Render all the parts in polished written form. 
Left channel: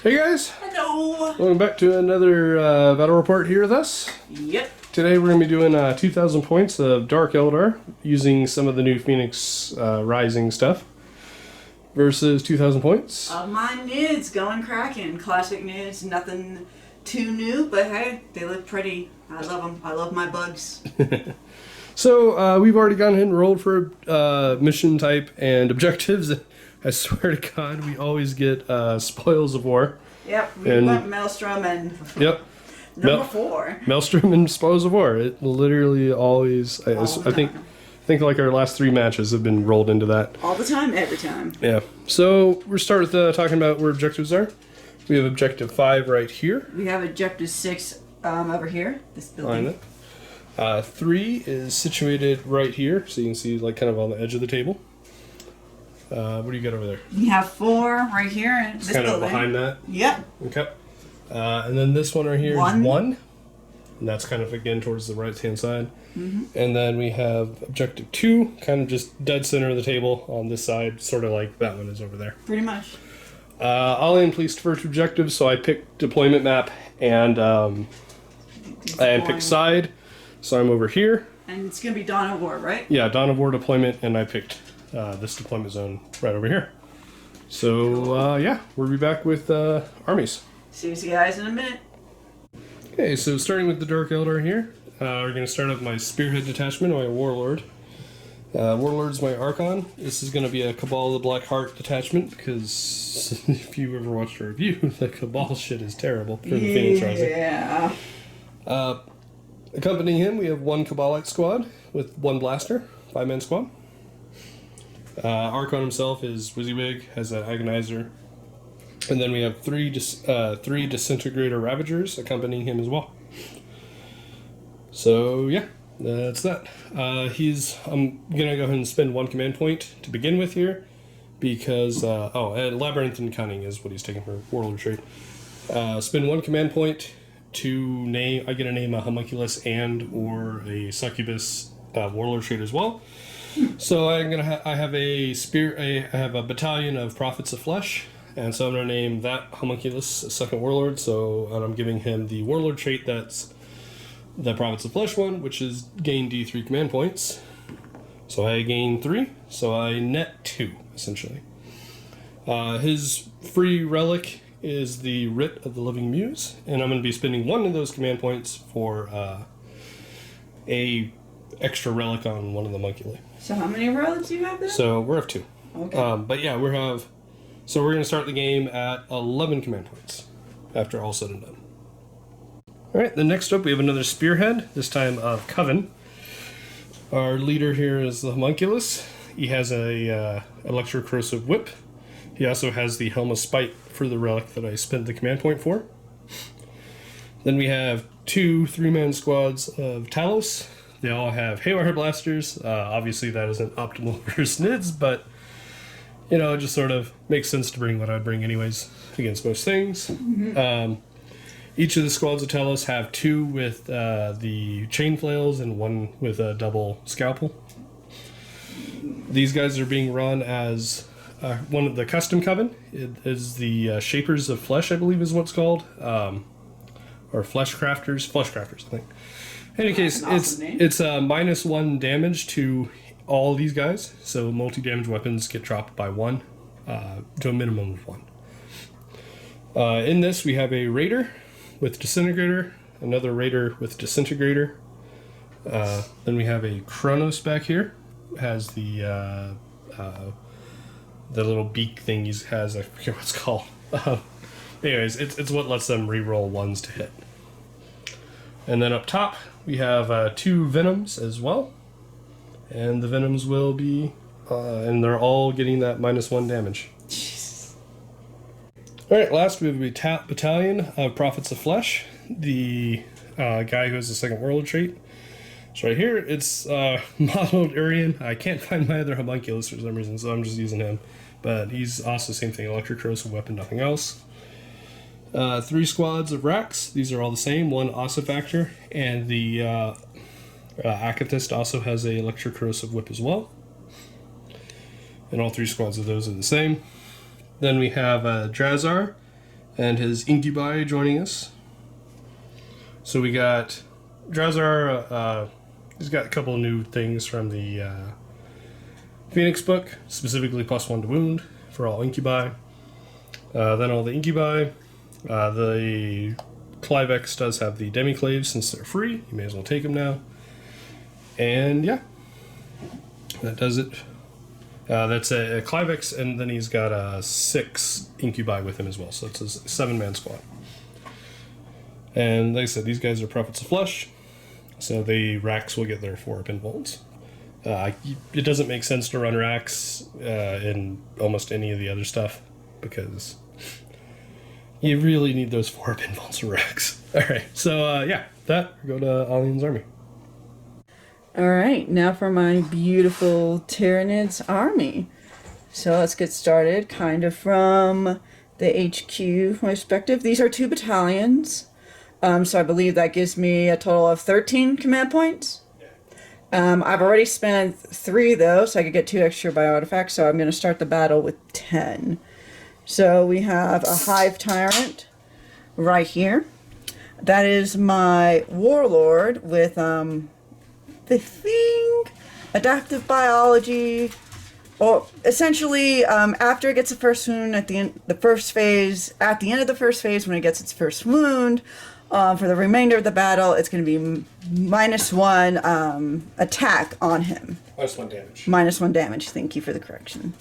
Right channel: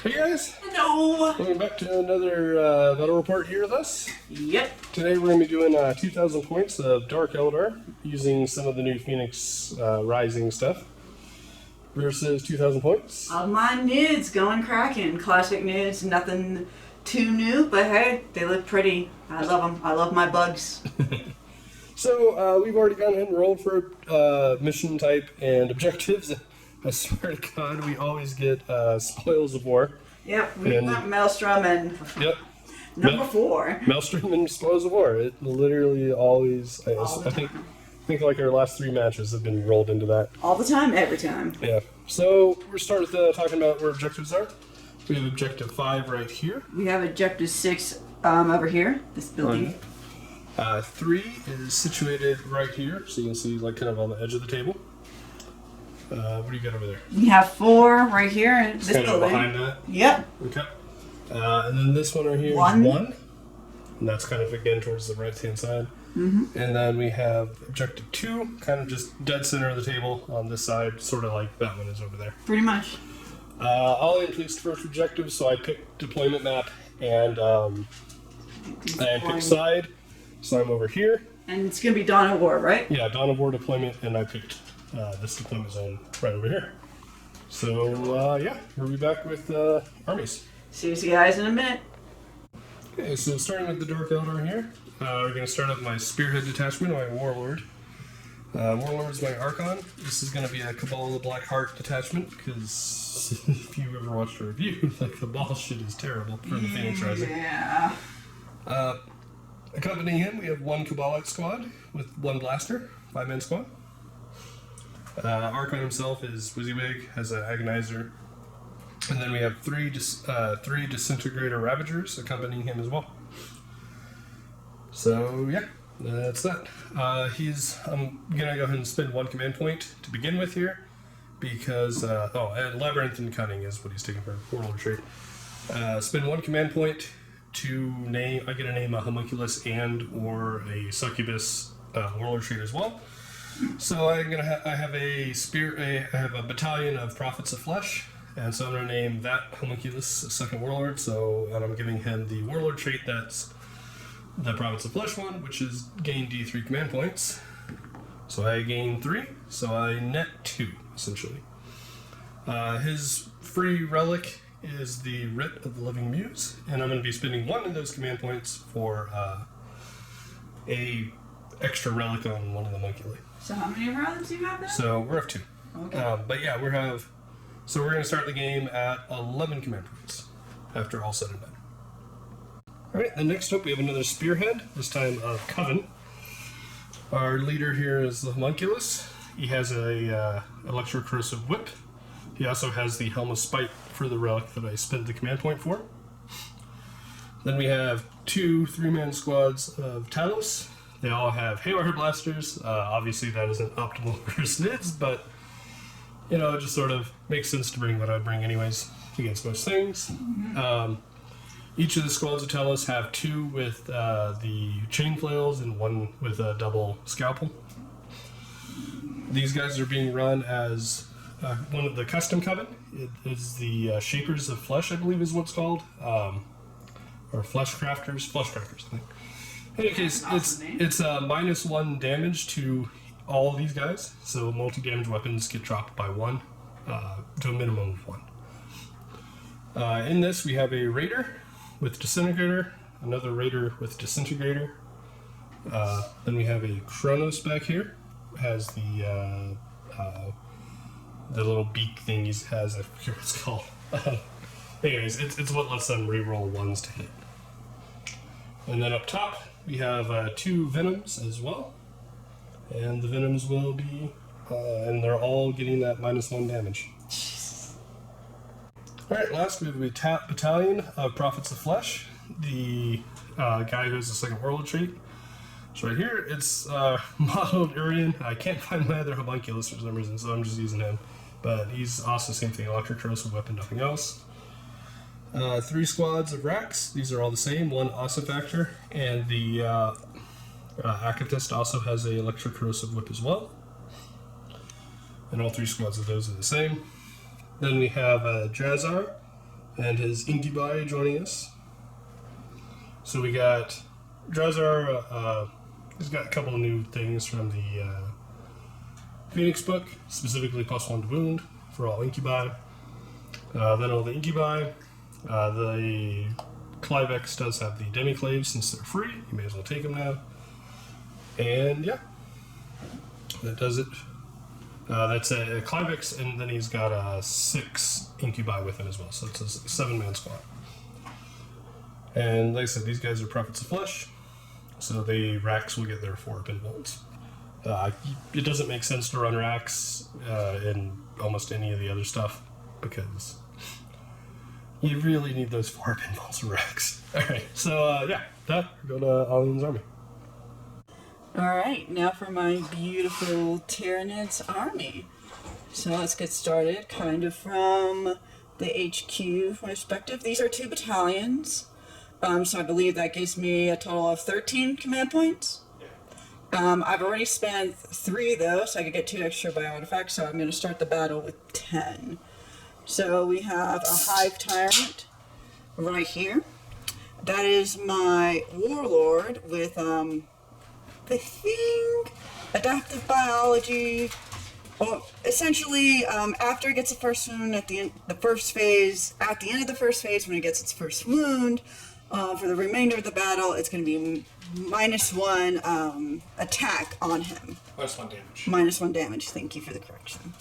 Hey guys! Hello! Welcome back to another battle report here with us. Yep. Today we're going to be doing 2,000 points of Dark Eldar using some of the new Phoenix Rising stuff versus 2,000 points. My nudes going cracking. Classic nudes, nothing too new, but hey, they look pretty. I love them. I love my bugs. So we've already gone ahead and rolled for mission type and objectives. I swear to God, we always get spoils of war. Yep, we went Maelstrom and yep. number 4. Maelstrom and spoils of war. It literally always. I think like our last 3 matches have been rolled into that. All the time, every time. Yeah. So we're starting with talking about where objectives are. We have objective 5 right here. We have objective 6 over here. This building. 3 is situated right here, so you can see like kind of on the edge of the table. What do you got over there? We have 4 right here in this kind building. of behind that. Yep. Okay. And then this one right here is 1. And that's kind of again towards the right hand side. Mm-hmm. And then we have objective 2, kind of just dead center of the table on this side, sort of like that one is over there. Pretty much. Alian placed first objective, so I picked deployment map and I picked side, so I'm over here. And it's going to be Dawn of War, right? Yeah, Dawn of War deployment, and I picked this deployment zone right over here. So, yeah, we'll be back with armies. See you guys in a minute. Okay, so starting with the Dark Eldar here, we're going to start with my Spearhead detachment, my Warlord. Warlord is my Archon. This is going to be a Cabal of the Black Heart detachment, because if you ever watched a review, the Cabal shit is terrible for the Phoenix Rising. Yeah. Accompanying him, we have 1 Cabalite squad with 1 blaster, 5-man squad. Archon himself is Wizzywig, has an Agonizer. And then we have 3 Disintegrator Ravagers accompanying him as well. So, yeah, that's that. I'm going to go ahead and spend 1 command point to begin with here. Because, and Labyrinth and Cunning is what he's taking for Warlord trait. Spend 1 command point to name, I get to name a Homunculus and or a Succubus Warlord trait as well. So I have a battalion of Prophets of Flesh, and so I'm gonna name that Homunculus a second Warlord. So I'm giving him the Warlord trait that's the Prophets of Flesh one, which is gain D3 command points. So I gain 3, so I net 2 essentially. His free relic is the Writ of the Living Muse, and I'm going to be spending 1 of those command points for a extra relic on one of the Homunculi. So how many relics do you have there? So we're at 2. Okay. But yeah, we're going to start the game at 11 command points after all said and done. Alright, then next up we have another Spearhead, this time of Coven. Our leader here is the Homunculus. He has a Electrocorrosive Whip. He also has the Helm of Spite for the relic that I spent the command point for. Then we have 2 3-man squads of Talos. They all have Haywire Blasters. Obviously that isn't optimal for Snids, but it just sort of makes sense to bring what I'd bring anyways against most things. Mm-hmm. Each of the squads of Talos have 2 with the Chain Flails and 1 with a double Scalpel. These guys are being run as one of the custom coven. It is the Shapers of Flesh, I believe is what it's called. Or Flesh Crafters, I think. In any case, it's a -1 damage to all these guys. So multi-damage weapons get dropped by 1 to a minimum of 1. In this, we have a Raider with Disintegrator, another Raider with Disintegrator. Then we have a Kronos back here. It has the little beak thing he has. I forget what it's called. Anyways, it's what lets them reroll 1s to hit. And then up top, we have 2 Venoms as well. And the Venoms will be, and they're all getting that -1 damage. Alright, last we have a battalion of Prophets of Flesh. The guy who has the second Warlord trait. So right here, it's modeled Urian. I can't find my other Homunculus for some reason, so I'm just using him. But he's also the same thing, Electrocorrosive Weapon, nothing else. 3 squads of Rex. These are all the same. 1 Ossifactor, and the Akathist also has a Electrocorrosive Whip as well. And all 3 squads of those are the same. Then we have Drazhar, and his Incubi joining us. So we got Drazhar. He's got a couple of new things from the Phoenix book, specifically +1 to wound for all Incubi. Then all the Incubi. The Clivex does have the Demiclaves since they're free. You may as well take them now. And yeah, that does it. That's a Clivex, and then he's got 6 Incubi with him as well, so it's a 7-man squad. And like I said, these guys are Prophets of Flesh, so the Racks will get their 4 pin bolts. It doesn't make sense to run Racks in almost any of the other stuff, because you really need those 4 pin bolts of Racks. Alright, so yeah, we go to Alian's army. Alright, now for my beautiful Tyranids army. So let's get started kind of from the HQ perspective. These are 2 battalions. So I believe that gives me a total of 13 command points. I've already spent 3 though, so I could get 2 extra by artifacts, so I'm going to start the battle with 10. So we have a Hive Tyrant right here. That is my Warlord with the thing, adaptive biology, or essentially after it gets a first wound at the end of the first phase, when it gets its first wound, for the remainder of the battle, it's going to be -1 attack on him. -1 damage. -1 damage. Thank you for the correction.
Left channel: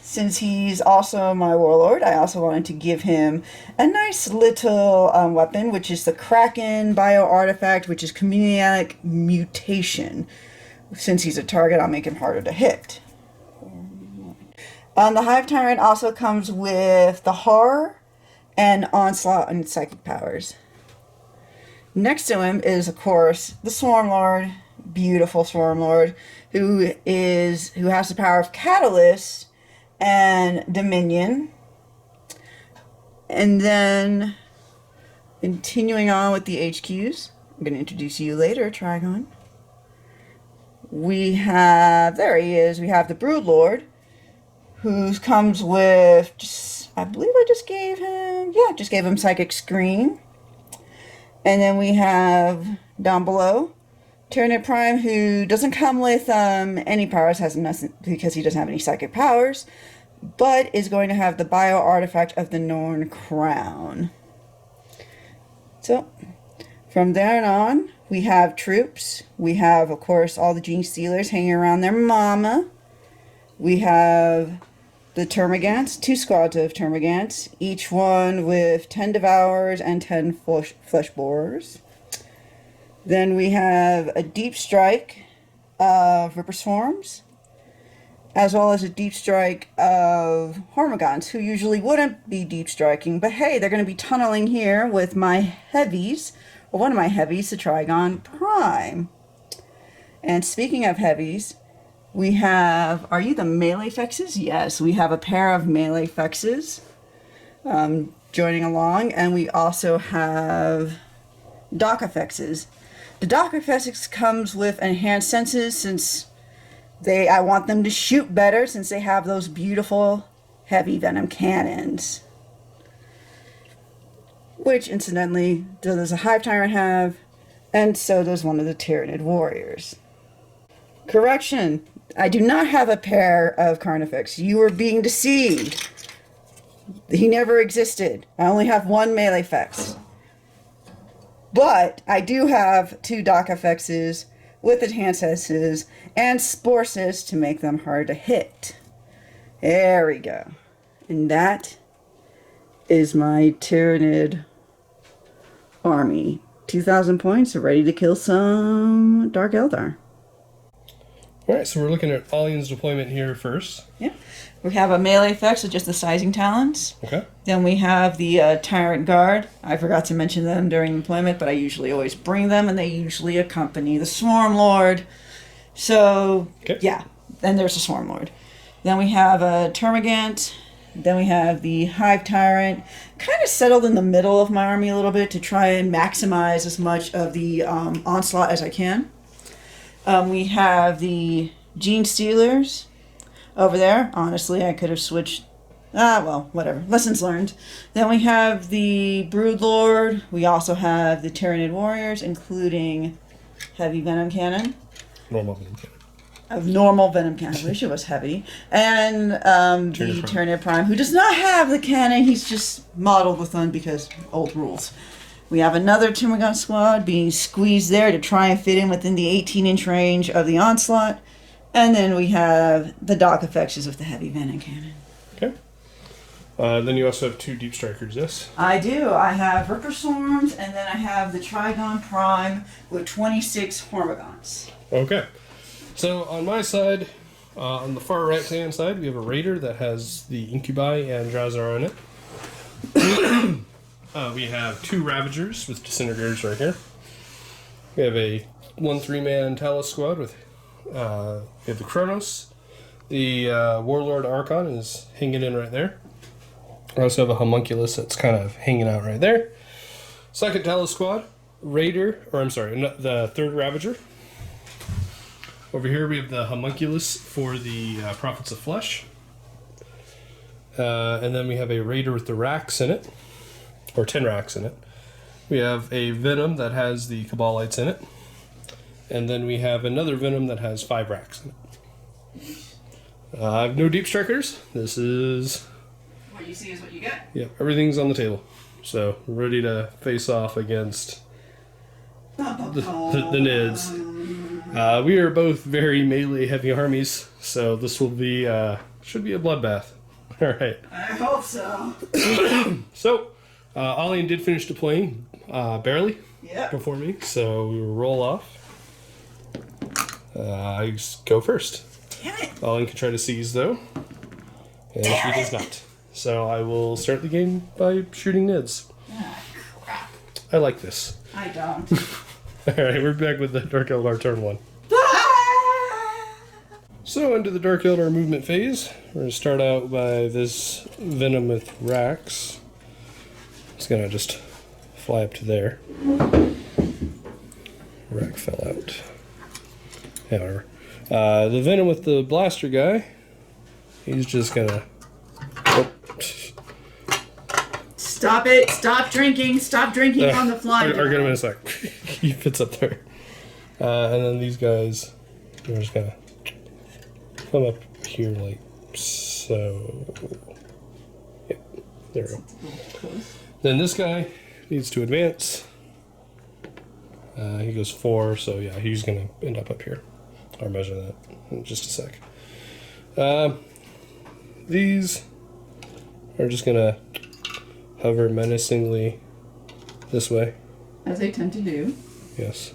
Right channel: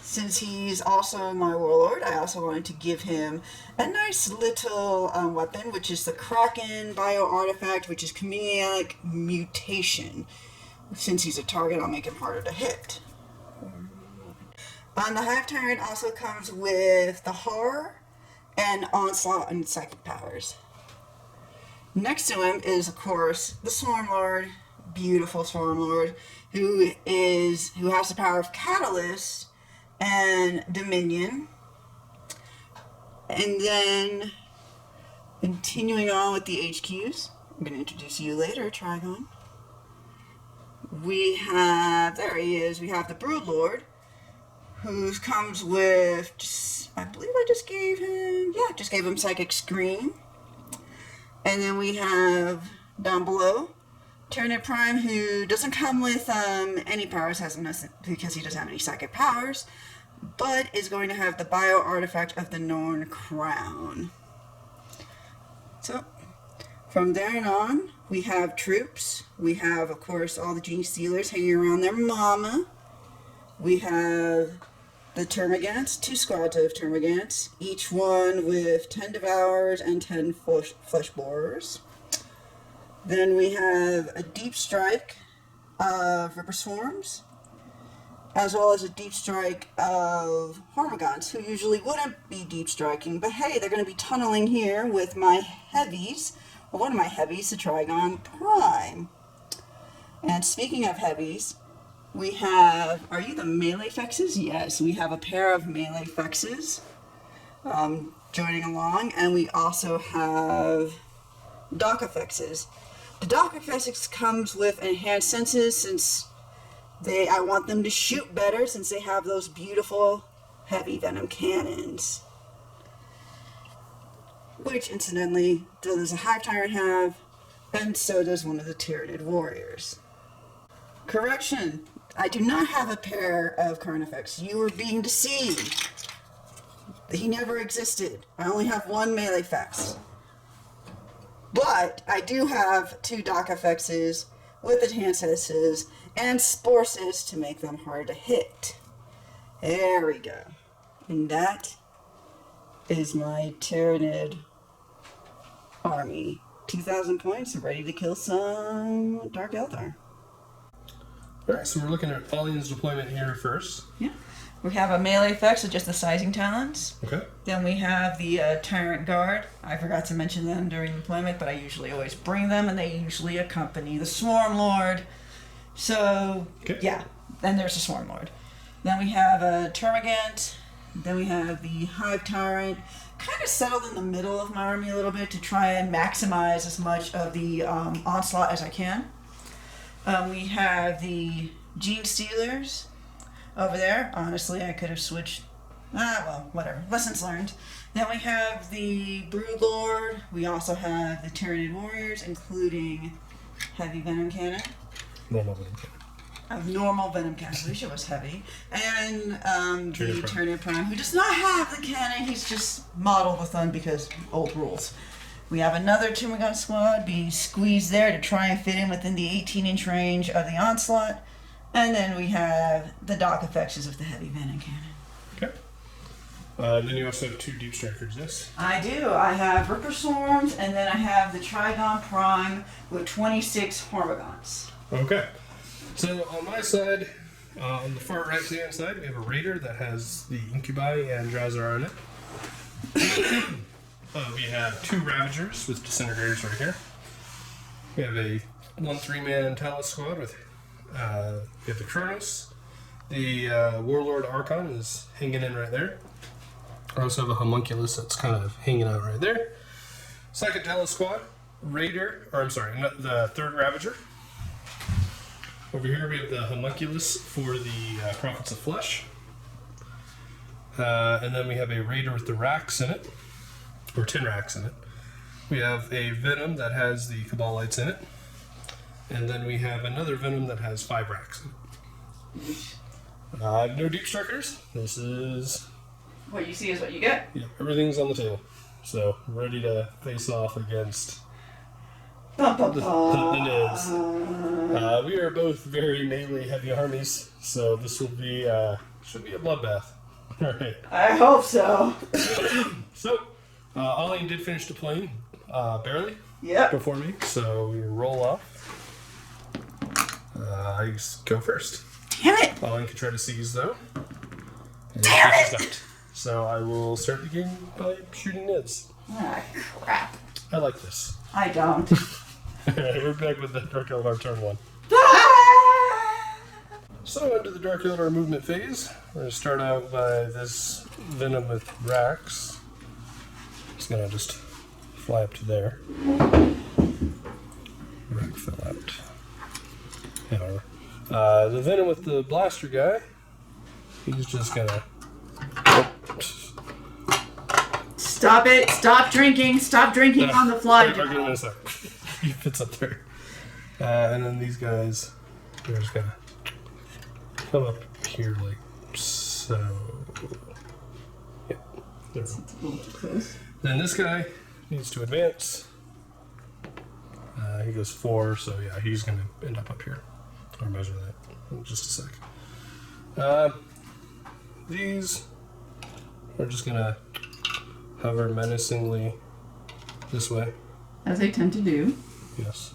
Since he's also my Warlord, I also wanted to give him a nice little weapon, which is the Kraken Bio Artifact, which is Chameleonic Mutation. Since he's a target, I'll make him harder to hit. The Hive Tyrant also comes with the Horror and Onslaught and Psychic powers. Next to him is, of course, the Swarm Lord, beautiful Swarm Lord, who has the power of Catalyst and Dominion. And then, continuing on with the HQs, I'm going to introduce you later, Trigon. We have the Brood Lord, who comes with, I believe I just gave him Psychic Scream. And then we have, down below, Tyranid Prime, who doesn't come with any powers, has nothing, because he doesn't have any psychic powers, but is going to have the Bio Artifact of the Norn Crown. So, from there on, we have troops. We have, of course, all the Gene Stealers hanging around their mama. We have the Termagants, 2 squads of Termagants, each one with 10 Devourers and 10 Flesh Borers. Then we have a Deep Strike of Ripper Swarms, as well as a Deep Strike of Hormigons, who usually wouldn't be Deep Striking, but hey, they're going to be tunneling here with my heavies, or one of my heavies, the Trigon Prime. And speaking of heavies, we have, are you the melee fexes? Yes, we have a pair of melee fexes joining along, and we also have Dock Effexes. The Dock Effects comes with enhanced senses, since I want them to shoot better, since they have those beautiful heavy venom cannons. Which, incidentally, does a Hive Tyrant have, and so does one of the Tyranid warriors. Correction, I do not have a pair of Carnifex. You are being deceived. He never existed. I only have 1 melee fex. But I do have 2 Dock Effexes with enhanced senses and Sporces to make them hard to hit. There we go. And that is my Tyranid army. 2,000 points, ready to kill some Dark Eldar. Alright, so we're looking at Alian's deployment here first. Yeah. We have a melee effect, so just the sizing talents. Okay. Then we have the Tyrant Guard. I forgot to mention them during deployment, but I usually always bring them, and they usually accompany the Swarm Lord. So, okay. Yeah. Then there's the Swarm Lord. Then we have a Termagant. Then we have the Hive Tyrant. Kind of settled in the middle of my army a little bit to try and maximize as much of the onslaught as I can. We have the Gene Stealers over there. Honestly, I could have switched Well, whatever. Lessons learned. Then we have the Broodlord. We also have the Tyranid warriors, including heavy venom cannon. Normal venom cannon. Of normal venom cannon. I wish it was heavy. And the Tyranid Prime, who does not have the cannon. He's just modeled with one because old rules. We have another Timbergun squad being squeezed there to try and fit in within the 18-inch range of the onslaught. And then we have the Dock Effects with the heavy venom cannon. Okay. And then you also have 2 Deep Strikers, yes? I do. I have Ripper Swarms, and then I have the Trigon Prime with 26 Hormigons. Okay. So on my side, on the far right-hand side, we have a Raider that has the Incubi and Drazhar on it. We have 2 Ravagers with Disintegrators right here. We have a 1-3-man Talus squad with we have the Kronos. The Warlord Archon is hanging in right there. We also have a Homunculus that's kind of hanging out right there. Second Talus squad, Raider, or I'm sorry, the 3rd Ravager. Over here we have the Homunculus for the Prophets of Flesh. And then we have a Raider with the racks in it, or 10 racks in it. We have a Venom that has the Cabalites in it. And then we have another Venom that has 5 racks in it. I have no Deep Strikers. This is... What you see is what you get. Yeah, everything's on the table. So, ready to face off against the Nids. We are both very melee heavy armies, so this will be should be a bloodbath. All right. I hope so. So, Alian did finish deploying barely before me, so we will roll off. I go first. Damn it! Alian can try to seize though, and he does not. So I will start the game by shooting Nids. Ah, crap. I like this. I don't. Alright, we're back with the Dark Eldar turn 1. So, into the Dark Eldar movement phase. We're going to start out by this Venom with racks. It's going to just fly up to there. Rack fell out. However, the Venom with the blaster guy, he's just going to... Oh. Stop it. Stop drinking. Stop drinking on the fly. I'll get him in a sec. He fits up there. And then these guys, they're just gonna come up here like so. Yep, there we go. Then this guy needs to advance. He goes 4, so yeah, he's gonna end up here. I'll measure that in just a sec. These are just gonna hover menacingly this way. As they tend to do. Yes.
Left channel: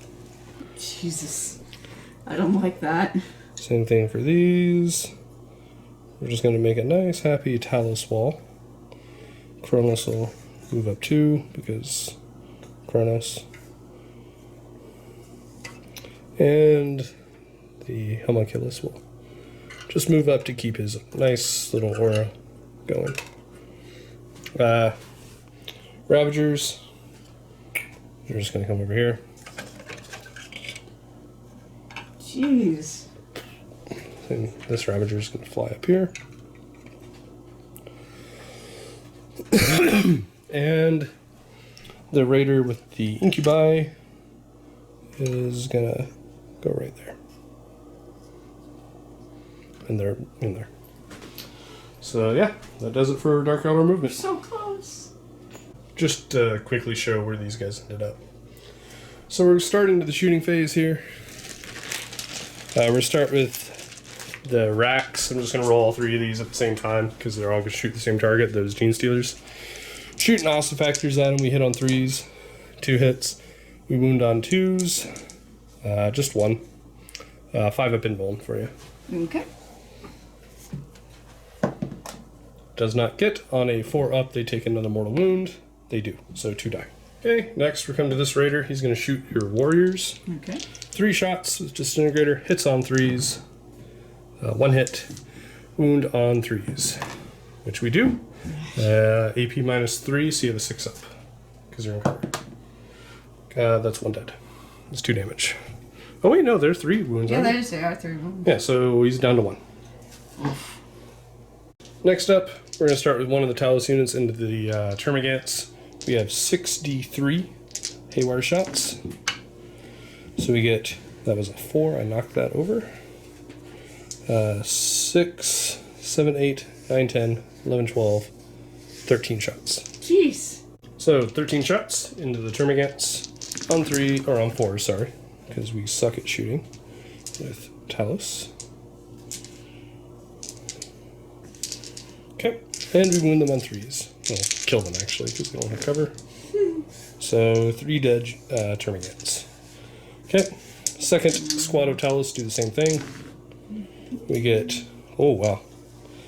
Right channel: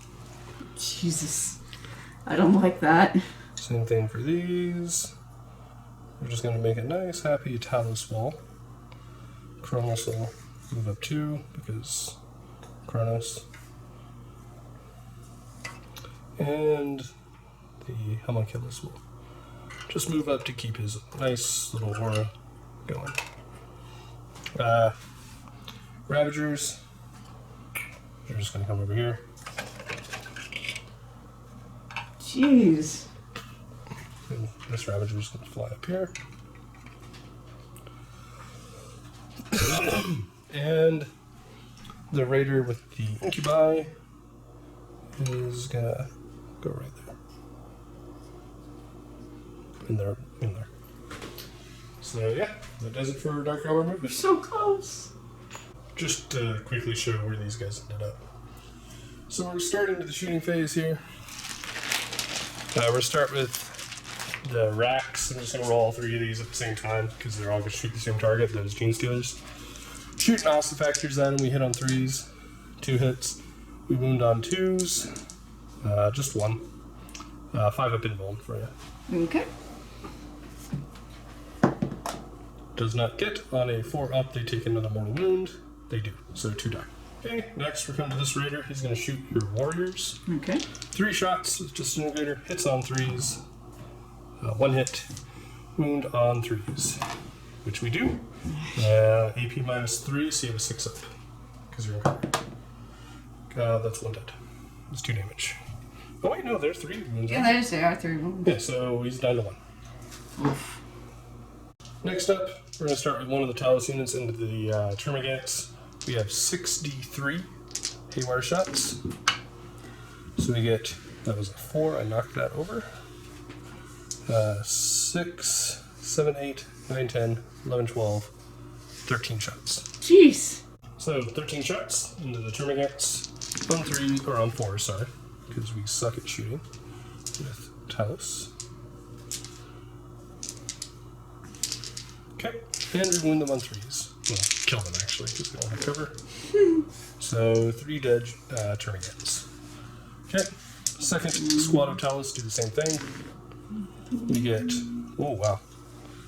Jesus. I don't like that. Same thing for these. We're just going to make a nice, happy Talus wall. Kronos will move up 2 because Kronos. And the Homunculus will just move up to keep his nice little aura going. Ravagers. They're just going to come over here. Jeez. And this Ravager is going to fly up here. And the Raider with the Incubi is going to go right there. And they're in there. So yeah, that does it for Dark Eldar movement. So close. Just to quickly show where these guys ended up. So we're starting to the shooting phase here. We're going to start with the racks. I'm just going to roll all 3 of these at the same time because they're all going to shoot the same target, those Gene Stealers. Shooting Ossifactors at them, we hit on 3s, 2 hits. We wound on 2s, just 1. 5 up invuln for you. Okay. Does not get on a 4 up, they take another mortal wound. They do, so 2 die. Okay, next we're coming to this Raider. He's going to shoot your warriors. Okay. 3 shots with Disintegrator, hits on 3s, 1 hit, wound on 3s, which we do. AP minus 3, so you have a 6 up, because you're in cover. That's 1 dead. That's 2 damage. Oh wait, no, there's 3 wounds. Yeah, they are 3 wounds. Yeah, so he's down to 1. Oof. Next up, we're going to start with one of the Talus units into the Termagants. We have 6d3 haywire shots. So we get, that was a 4, I knocked that over. 6, 7, 8, 9, 10, 11, 12, 13 shots. Jeez. So 13 shots into the Termagants on 3, or on 4, sorry, because we suck at shooting with Talus. Okay, and we win them on 3s. Well, kill them actually, because they won't have cover. So 3 dead Termagants. Okay, second squad of Talus do the same thing. We get, oh wow.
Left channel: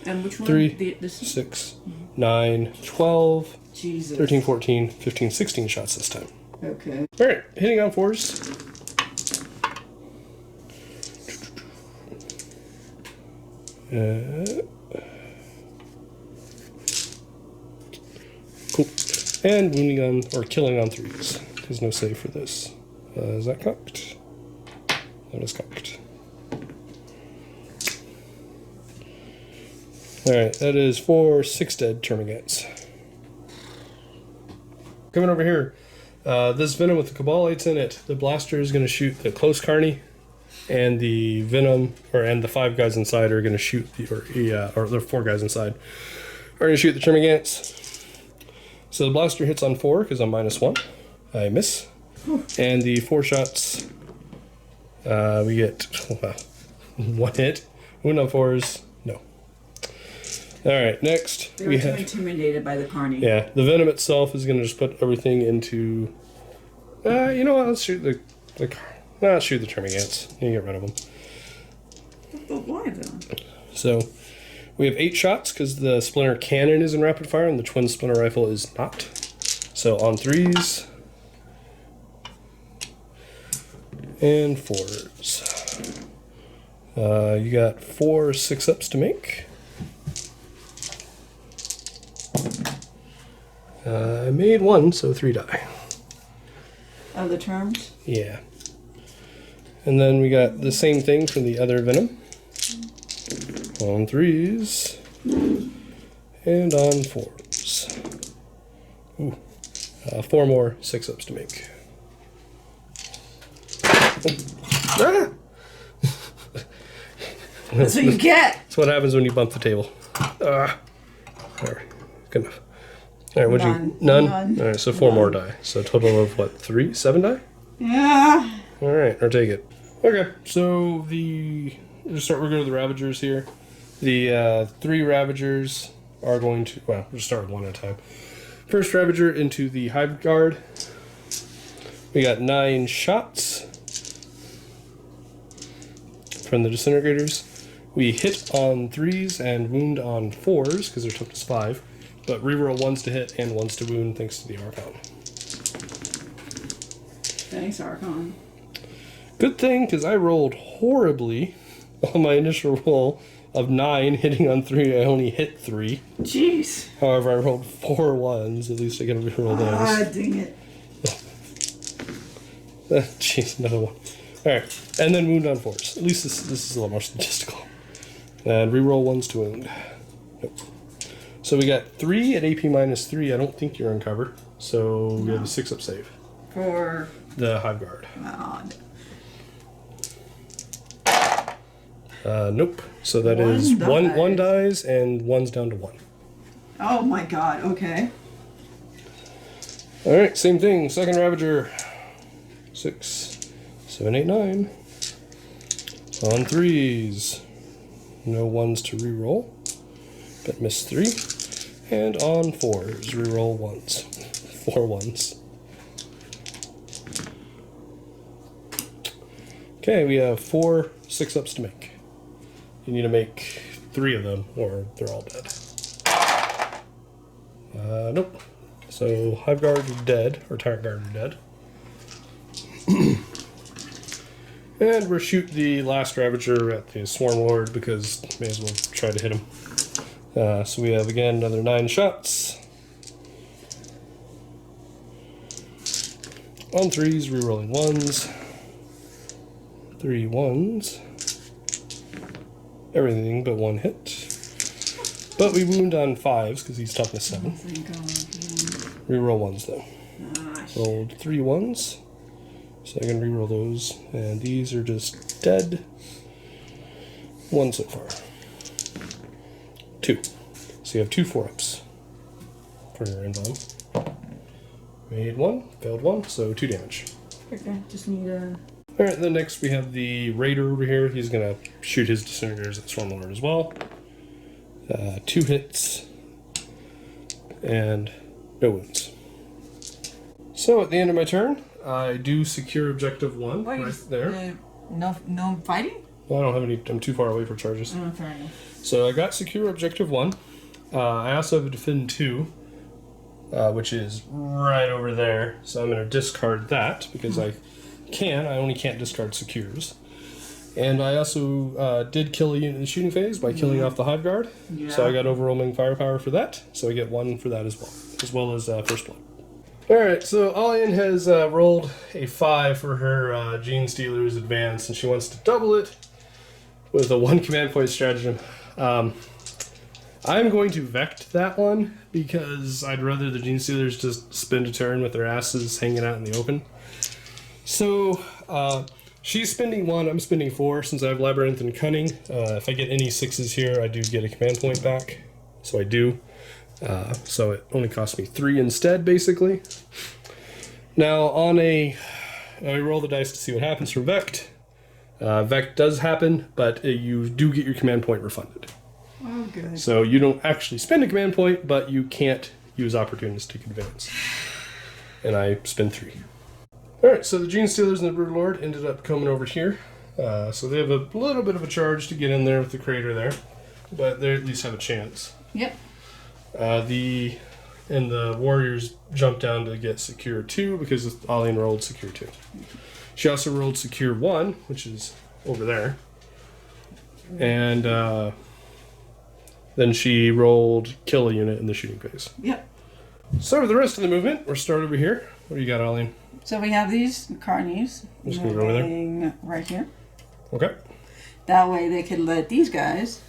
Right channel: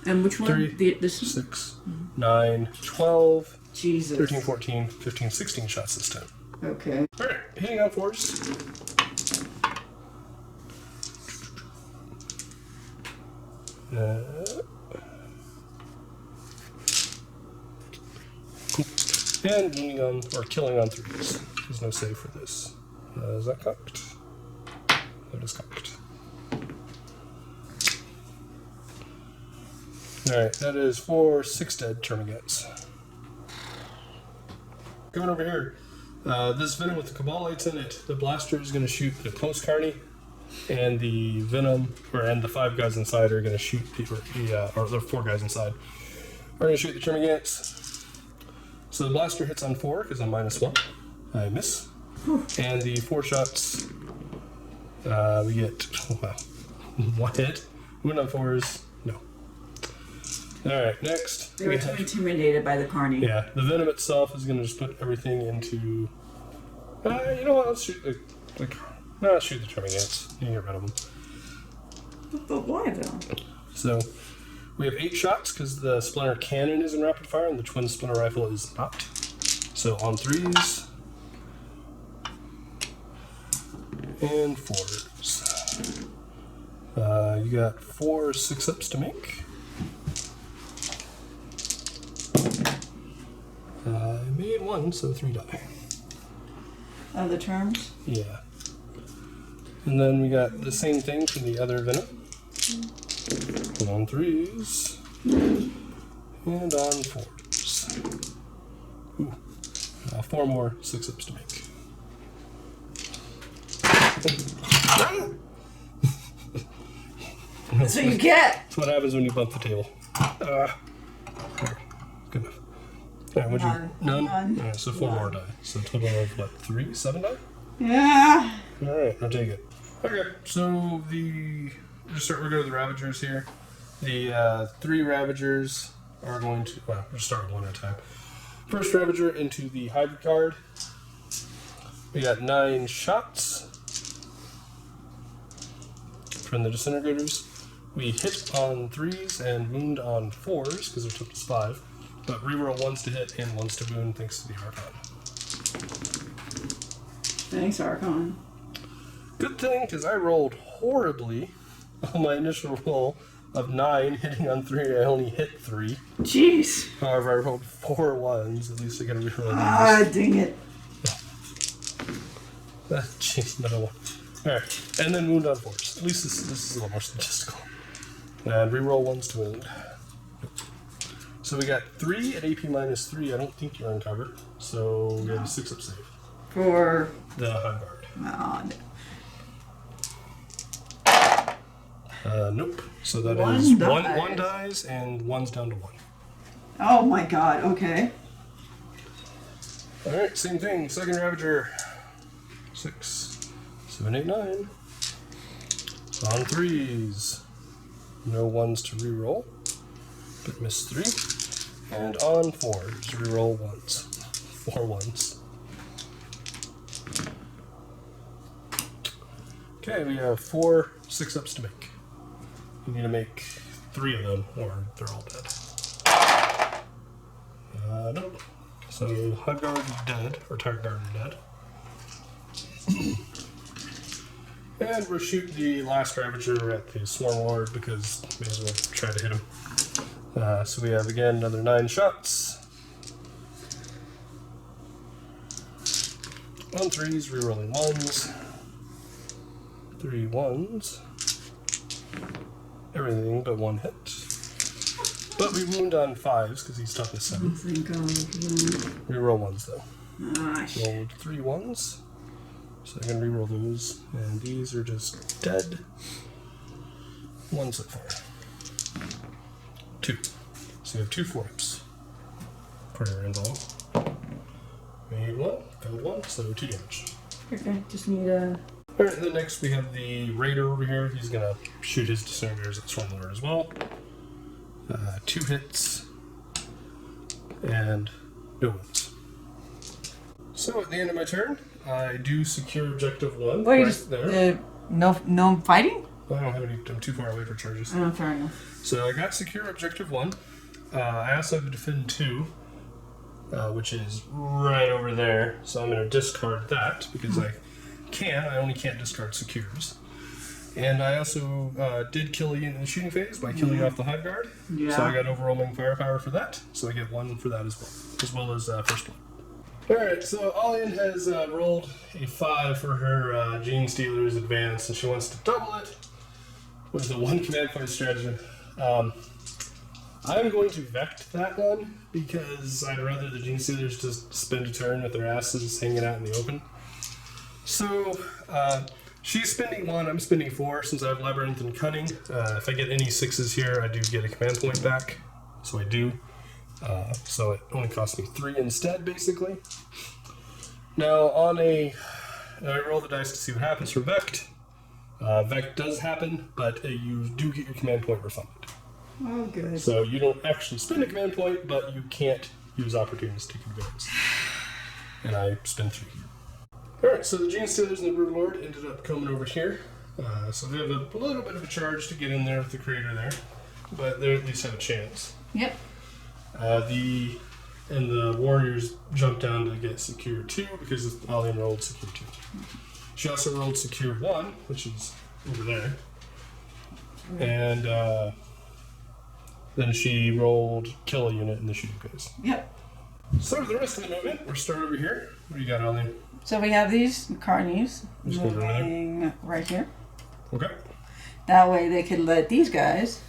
And which one? 3, 6, 9, 12, Jesus. 13, 14, 15, 16 shots this time. Okay. Alright, hitting on 4s. Cool. And wounding on, or killing on 3s. There's no save for this. Is that cocked? That is cocked. Alright, that is for 6 dead Termagants. Coming over here, this Venom with the Cabalites in it, the blaster is going to shoot the close carny, and the Venom, and the 5 guys inside are going to shoot the, or the 4 guys inside are going to shoot the Termagants. So the blaster hits on 4 because I'm -1. I miss. And the 4 shots, we get, well, 1 hit. Wound on 4s, no. Alright, next. They were too intimidated by the carny. Yeah, the Venom itself is going to just put everything into, you know what, let's shoot the, let's shoot the Termagants. You get rid of them. But why though? So, we have 8 shots because the Splinter Cannon is in rapid fire and the Twin Splinter Rifle is not. So on 3s. And 4s. You got 4 6-ups to make. I made 1, so 3 die. Of the terms? Yeah. And then we got the same thing for the other Venom. On 3s. And on 4s. Ooh. 4 more 6-ups to make. Ah! That's what you get! That's what happens when you bump the table. There. Good enough. Alright, what'd you... None? Alright, so 4 more die. So a total of what, 3? 7 die? Yeah. Alright, or take it. Okay, so we're going to the Ravagers here. The 3 Ravagers are going to, well, we'll start with 1 at a time. First Ravager into the Hive Guard. We got 9 shots from the Disintegrators. We hit on 3s and wound on 4s, because their total is 5. But reroll 1s to hit and 1s to wound thanks to the Archon. Thanks, Archon. Good thing, because I rolled horribly on my initial roll of 9, hitting on 3. I only hit 3. Jeez. However, I rolled 4 1s. At least I get rid of those. Ah, dang it. Jeez, another one. Alright, and then wound on 4s. At least this is a little more statistical. And reroll 1s to wound. Nope. So we got 3 at AP -3. I don't think you're on cover. So we have a 6-up save. For the Hive Guard. Nope. So that is one dies and 1's down to 1. Oh my god, okay. Alright, same thing. Second Ravager. 6, 7, 8, 9. On 3s. No 1s to reroll. But miss 3. And on 4s, reroll 1s. 4 1s. Okay, we have 4 6-ups to make. You need to make 3 of them, or they're all dead. Nope. So, Hive Guard is dead, or Tyrant Guard is dead. And we'll shoot the last Ravager at the Swarm Lord, because may as well try to hit him. So we have, again, another 9 shots. On 3s, rerolling 1s. 3 1s. Everything but 1 hit. But we wound on 5s because he's toughness 7. Thank God. Reroll 1s though. Rolled 3 1s. So I'm going to reroll those. And these are just dead. 1 so far. 2. So you have 2 4-ups for your emblem. Made 1, failed 1, so 2 damage. Okay, just need a... Alright, then next we have the Raider over here. He's going to shoot his Disintegrators at Swarmlord as well. 2 hits. And no wounds. So at the end of my turn, I do secure objective 1 there. No fighting? Well, I don't have any. I'm too far away for charges. Oh, fair enough. So I got secure objective 1. I also have a defend 2, which is right over there. So I'm going to discard that because I only can't discard secures. And I also did kill a unit in the shooting phase by killing off the Hive Guard. Yeah. So I got overwhelming firepower for that. So I get 1 for that as well as First Blood. Alright, so Alian has rolled a 5 for her Gene Stealer's advance, and she wants to double it with a 1 command point stratagem. I'm going to Vect that one because I'd rather the Gene Stealers just spend a turn with their asses hanging out in the open. So, she's spending 1, I'm spending 4 since I have Labyrinth and Cunning. If I get any 6s here, I do get a command point back. So I do. So it only costs me 3 instead, basically. Now, I roll the dice to see what happens for Vect. Vect does happen, but you do get your command point refunded. Oh, good. So you don't actually spend a command point, but you can't use opportunistic advance. And I spend 3. Alright, so the Gene Stealers and the Broodlord ended up coming over here. So they have a little bit of a charge to get in there with the crater there, but they at least have a chance. Yep. The Warriors jumped down to get Secure 2 because Alian rolled Secure 2. She also rolled Secure 1, which is over there. And then she rolled Kill a unit in the shooting phase. Yep. So the rest of the movement, we're started over here. What do you got, Alian? So we have these carnies Just gonna go over there. moving right here. Okay. That way they could let these guys...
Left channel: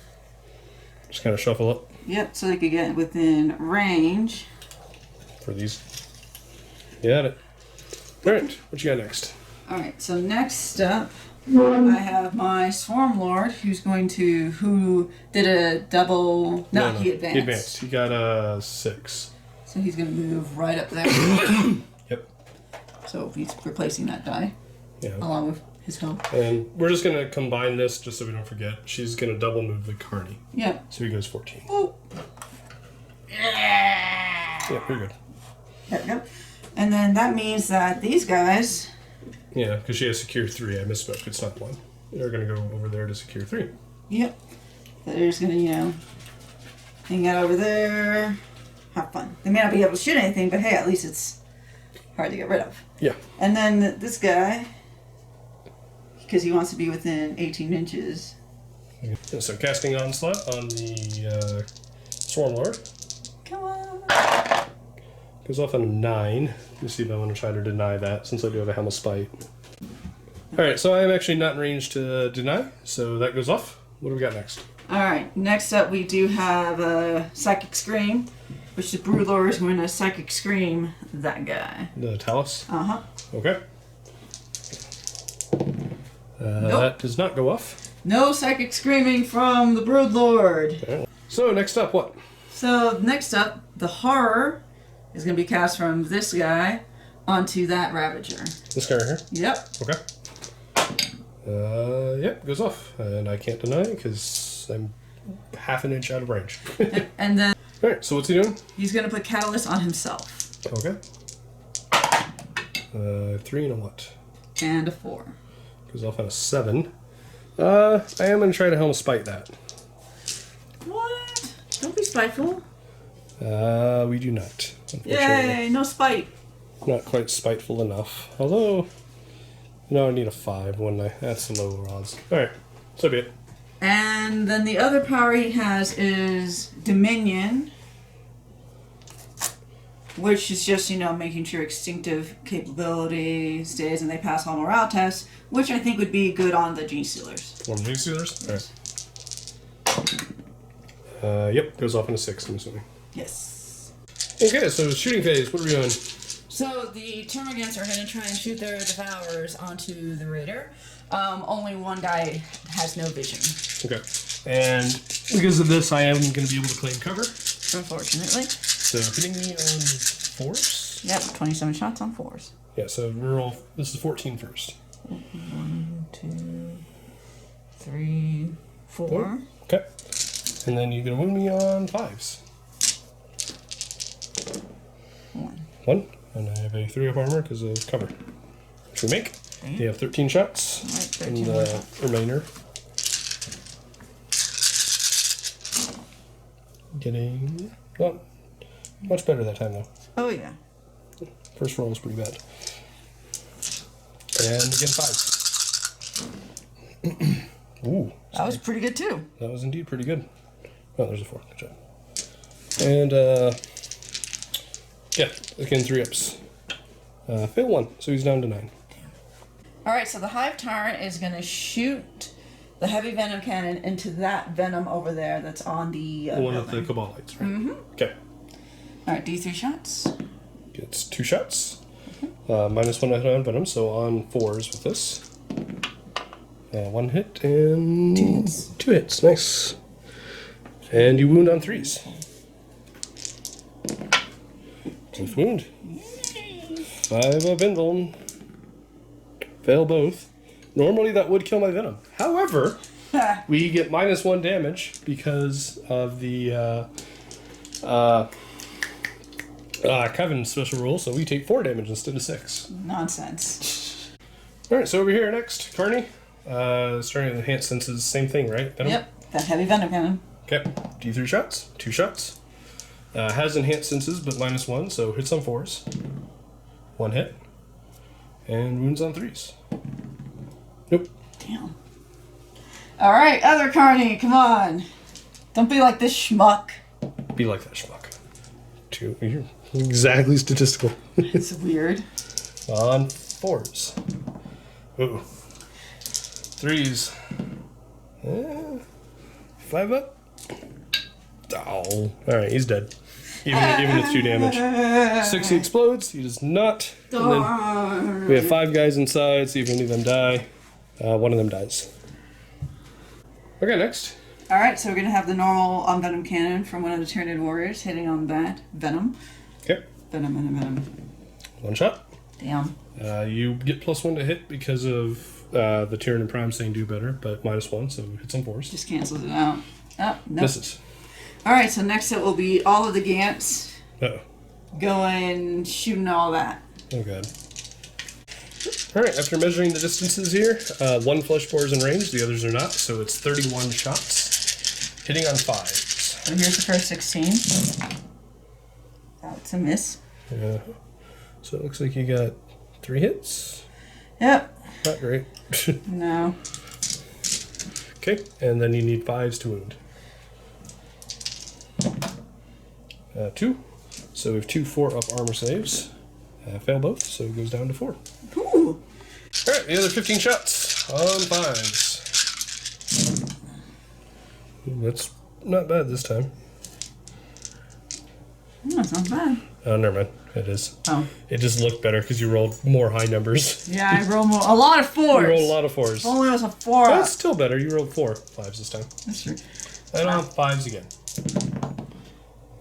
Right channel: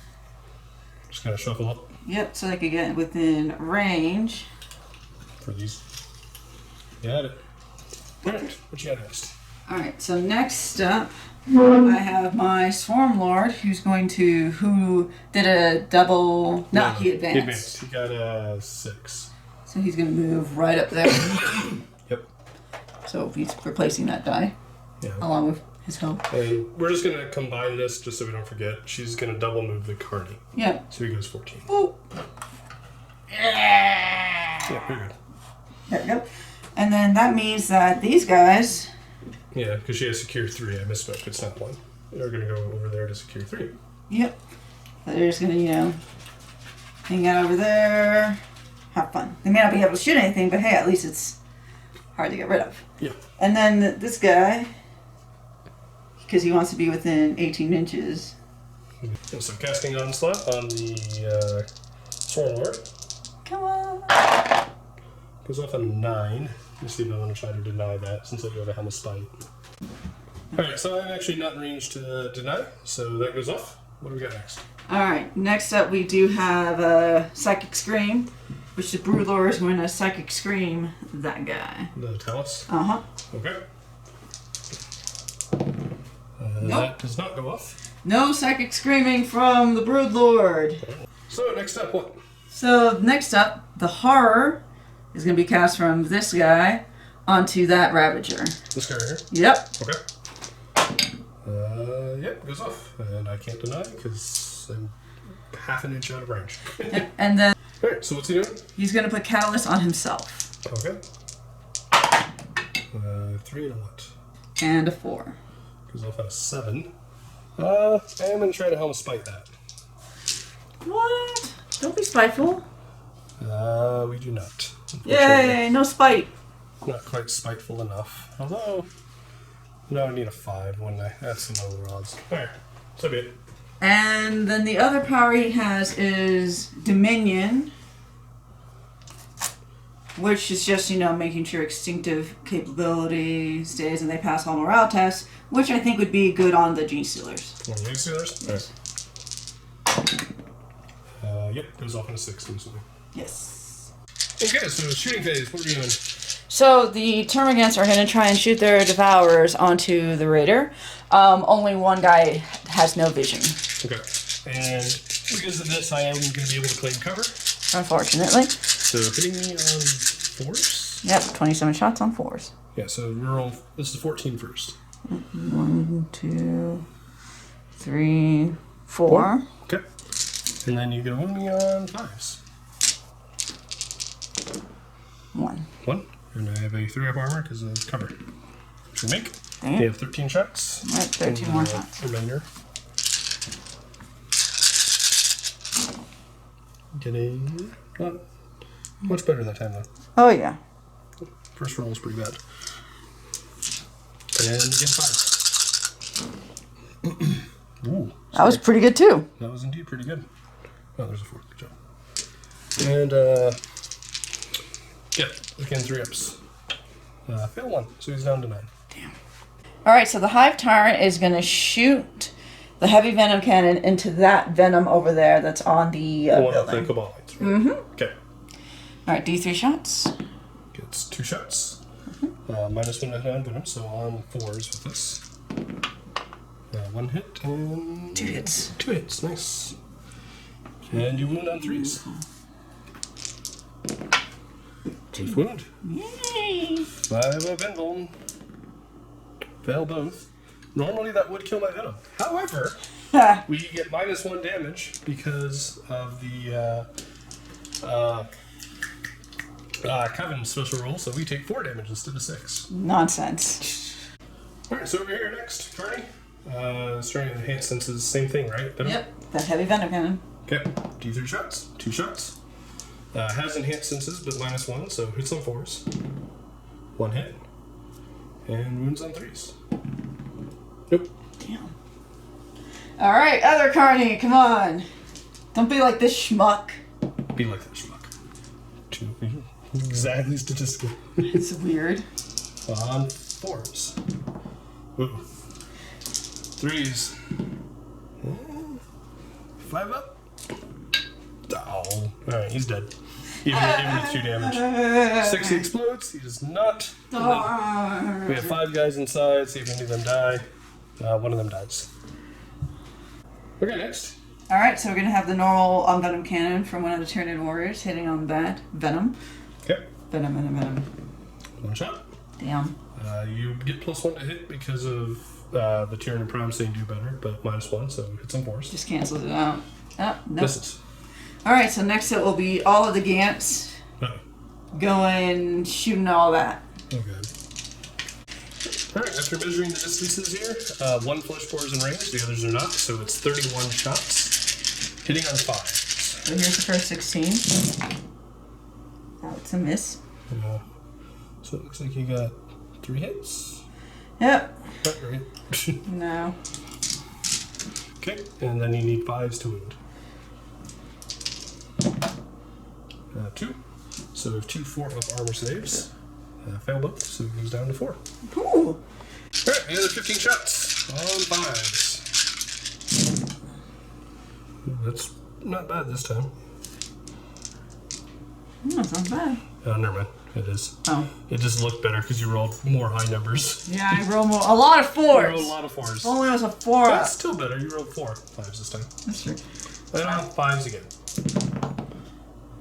Just kind of shuffle up. Yep, so they could get within range. For these. You got it. Alright, what you got next? Alright, so next up, I have my Swarm Lord, who did a double... No, he advanced. He advanced. He got a 6. So he's going to move right up there. Yep. So he's replacing that die. Yeah. Along with his help. And we're just going to combine this just so we don't forget. She's going to double move the Carney. Yep. So he goes 14. Ooh. Yeah, pretty good. There we go. And then that means that these guys... Yeah, because she has Secure 3. I misspoke. It's not 1. They're going to go over there to Secure 3. Yep. So they're just going to, hang out over there. Have fun. They may not be able to shoot anything, but hey, at least it's hard to get rid of. Yeah. And then this guy, because he wants to be within 18 inches. Yeah, so casting Onslaught on the Swarm Lord. Come on. Goes off on a 9. You see if I'm going to try to deny that, since I do have a Helm of Spite. Alright, so I'm actually not in range to deny, so that goes off. What do we got next? Alright, next up we do have a Psychic Scream, which the Broodlord is going to Psychic Scream that guy. The Talus? Uh-huh. Okay. Nope. That does not go off. No Psychic Screaming from the Broodlord. Okay. So, next up, what? So, next up, the Horror is going to be cast from this guy onto that Ravager. This guy right here? Yep. Okay. Yep, goes off. And I can't deny it because I'm half an inch out of range. and then... Alright, so what's he doing? He's going to put Catalyst on himself. Okay. 3 and a what? And a 4. Goes off on a 7. I am going to try to Helm of Spite that. What? Don't be spiteful. We do not. Yay, no spite. Not quite spiteful enough. Although, no, I need a 5, wouldn't I? That's the low rolls. Alright, so be it. And then the other power he has is Dominion, which is just, making sure extinctive capability stays and they pass all morale tests, which I think would be good on the Gene Stealers. One of the Gene Stealers? Alright. Yep, goes off in a 6, I'm assuming. Yes. Okay, so shooting phase, what are we doing? So the termagants are going to try and shoot their devourers onto the raider. Only one guy has no vision. Okay. And because of this, I am going to be able to claim cover. Unfortunately. So hitting me on 4s? Yep, 27 shots on 4s. Yeah, so this is 14 first. 1, 2, 3, 4. Okay. And then you're going to wound me on 5s. 1. 1. And I have a 3 up armor because of cover. Which we make. Damn. You have 13 shots. Right, 13 and, more shots. Remainder. Getting... Oh, much better that time, though. Oh, yeah. First roll was pretty bad. And again, 5. Ooh. That was pretty good, too. That was indeed pretty good. Oh, there's a 4. Good job. And, yeah, again, 3 ups. Failed 1, so he's down to 9. Damn. Alright, so the Hive Tyrant is going to shoot the heavy venom cannon into that venom over there that's on the one of building. the Commorites, right? Mm-hmm. Okay. Alright, D3 shots. Gets 2 shots. Minus 1 on venom, so on 4s with this. 1 hit and... 2 hits. 2 hits, nice. And you wound on 3s. Safe wound. Yay! 5 up venom. Fail both. Normally that would kill my venom. However, we get minus 1 damage because of the Coven special rule, so we take 4 damage instead of 6. Nonsense. Alright, so over here next, Carney. Starting with enhanced senses, same thing, right? Venom? Yep, that heavy venom cannon. Okay, D3 shots, 2 shots. Has enhanced senses, but minus 1, so hits on 4s. 1 hit. And wounds on 3s. Nope. Damn. Alright, other Carney, come on. Don't be like this schmuck. Be like that schmuck. 2. You're exactly statistical. It's weird. On 4s. Ooh. 3s. 5 up. Oh. Alright, he's dead. Even with 2 damage. 6 he explodes. He does not. And then we have 5 guys inside. See if any of them die. 1 of them dies. Okay, next. Alright, so we're going to have the normal venom cannon from one of the Tyranid warriors hitting on that venom. Okay. Venom. 1 shot. Damn. You get +1 to hit because of the Tyranid Prime saying do better, but minus 1, so hits on 4s. Just cancels it out. Oh, no. Misses. Alright, so next it will be all of the Gants Uh-oh. going shooting all that. Oh, God. Alright, after measuring the distances here, 1 flesh bore is in range, the others are not, so it's 31 shots, hitting on 5. So here's the first 16. That's a miss. So it looks like you got 3 hits. Yep. Not great. No. Okay, and then you need 5s to wound. 2. So we have 2 4-up armor saves. Fail both, so it goes down to 4. Ooh. Alright, another 15 shots on 5s. Ooh, that's not bad this time. That's not bad. Oh, never mind. It is. Oh. It just looked better because you rolled more high numbers. Yeah, I rolled a lot of 4s. You rolled a lot of 4s. If only it was a 4 That's still better. You rolled 4 5s this time. That's true. And on 5s again.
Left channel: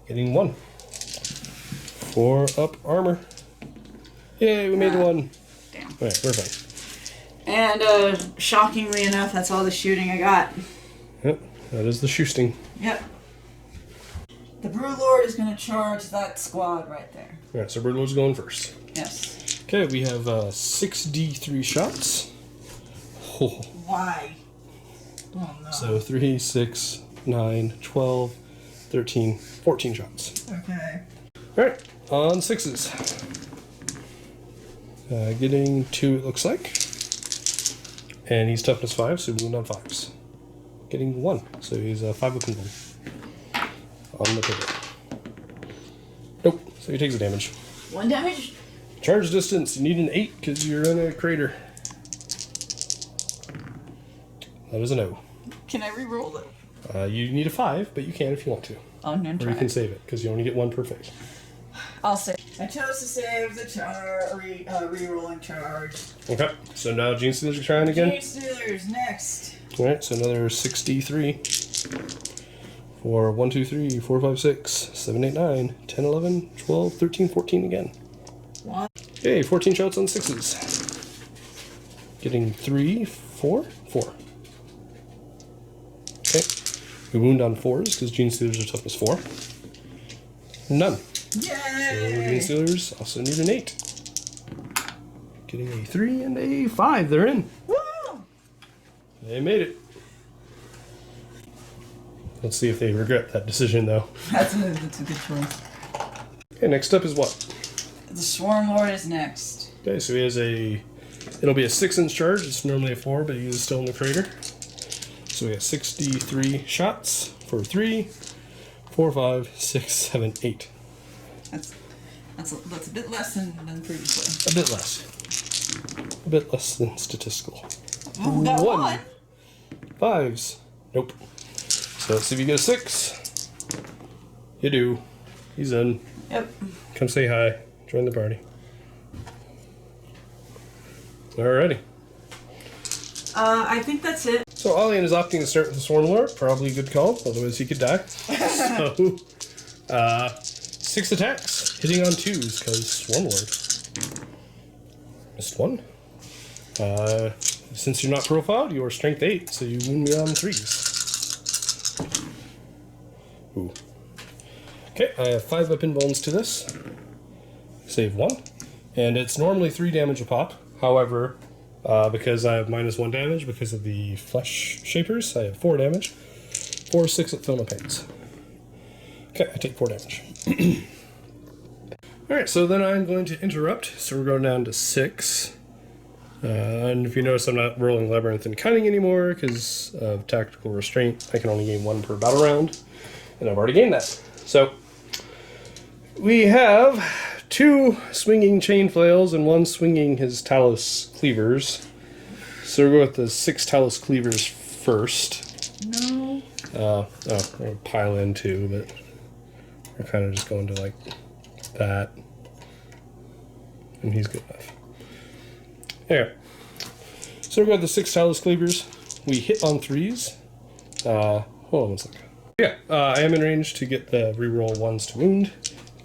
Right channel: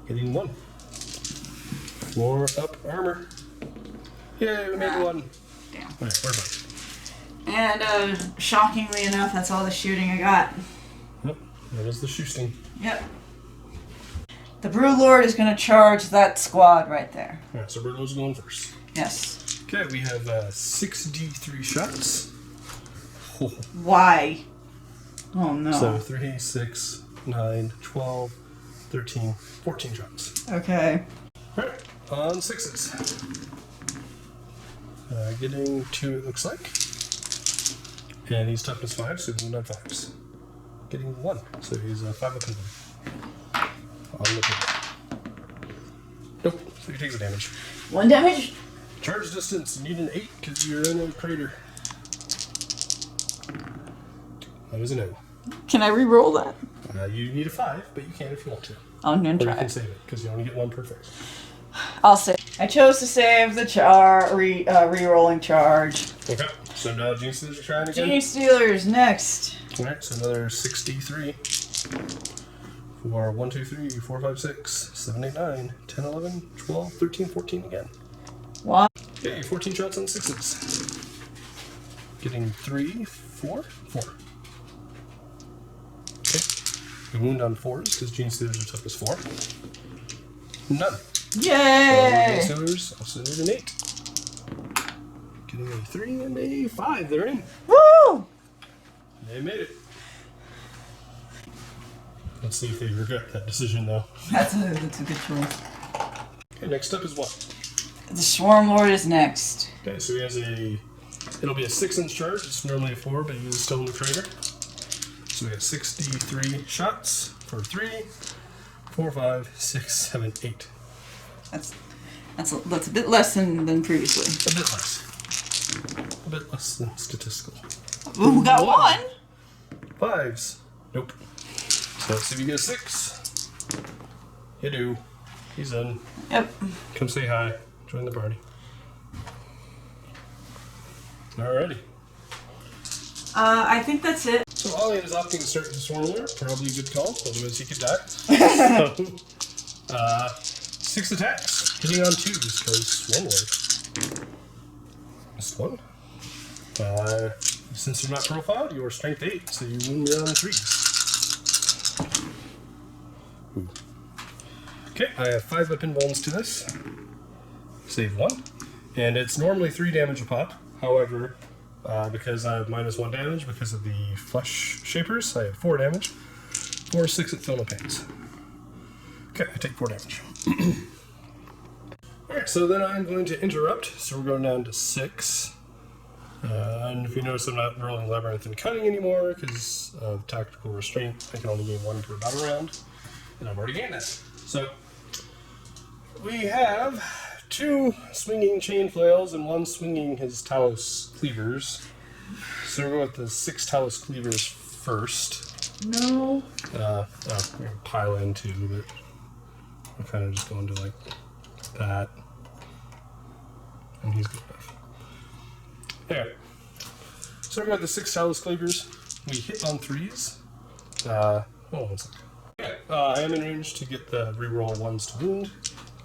Getting 1. 4-up armor. Yay, we made 1. Damn. Alright, we're fine. And shockingly enough, that's all the shooting I got. Yep, that is the shoosting. Yep. The Broodlord is going to charge that squad right there. Alright, so Birdlord's going first. Yes. Okay, we have 6d3 shots. Why? Oh no. So 3, 6, 9, 12, 13, 14 shots. Okay. Alright, on 6s. Getting 2, it looks like. And he's toughness 5, so wound on 5s. Getting 1, so he's 5 up and 1. On the table. Nope, so he takes the damage. 1 damage? Charge distance, you need an 8 because you're in a crater. That is a no. Can I re-roll that? You need a 5, but you can if you want to. I'm gonna Or try. you can save it, because you only get 1 per phase. I'll save. I chose to save the re-rolling charge. Okay, so now Gene Stealers are trying again. Gene Stealers next. Alright, so another 63. For 1, 2, 3, 4, 5, 6, 7, 8, 9, 10, 11, 12, 13, 14 again. 1. Okay, 14 shots on 6s. Getting 3, 4, 4. Okay. We wound on 4s because Gene Stealers are toughness 4. None. Yay! So Gene Stealers also need an 8. Getting a 3 and a 5. They're in. Woo! They made it. Let's see if they regret that decision, though. That's a good choice. Okay, next up is what? The Swarm Lord is next. Okay, so he has it'll be a 6-inch charge. It's normally a 4, but he is still in the crater. So we got 63 shots for 3, 4, 5, 6, 7, 8. That's a bit less than previously. A bit less. A bit less than statistical. Ooh, we got 1. 5s. Nope. So let's see if you get a 6. You do. He's in. Yep. Come say hi. Join the party. Alrighty. I think that's it. So Alian is opting to start the Swarm Lord. Probably a good call, otherwise he could die. So, 6 attacks. Hitting on 2s, because Swarm Lord. Missed 1. Since you're not profiled, you are strength 8, so you won't be on 3s. Ooh. Okay, I have 5 weapon bones to this. Save 1. And it's normally 3 damage a pop. However, because I have -1 damage because of the flesh shapers, I have 4 damage. 4, 6 at Film and Pains. Okay, I take 4 damage. Alright, so then I'm going to interrupt. So we're going down to 6. And if you notice, I'm not rolling Labyrinth and Cunning anymore because of Tactical Restraint. I can only gain 1 per battle round. And I've already gained that. So we have 2 swinging chain flails and 1 swinging his Talus cleavers. So we'll go with the 6 Talus cleavers first. No. We're gonna pile in 2, but we're kind of just going to like that. And he's good enough. Anyway, so we got the 6 Talus cleavers. We hit on 3s. Hold on one second. Yeah, I am in range to get the reroll 1s to wound.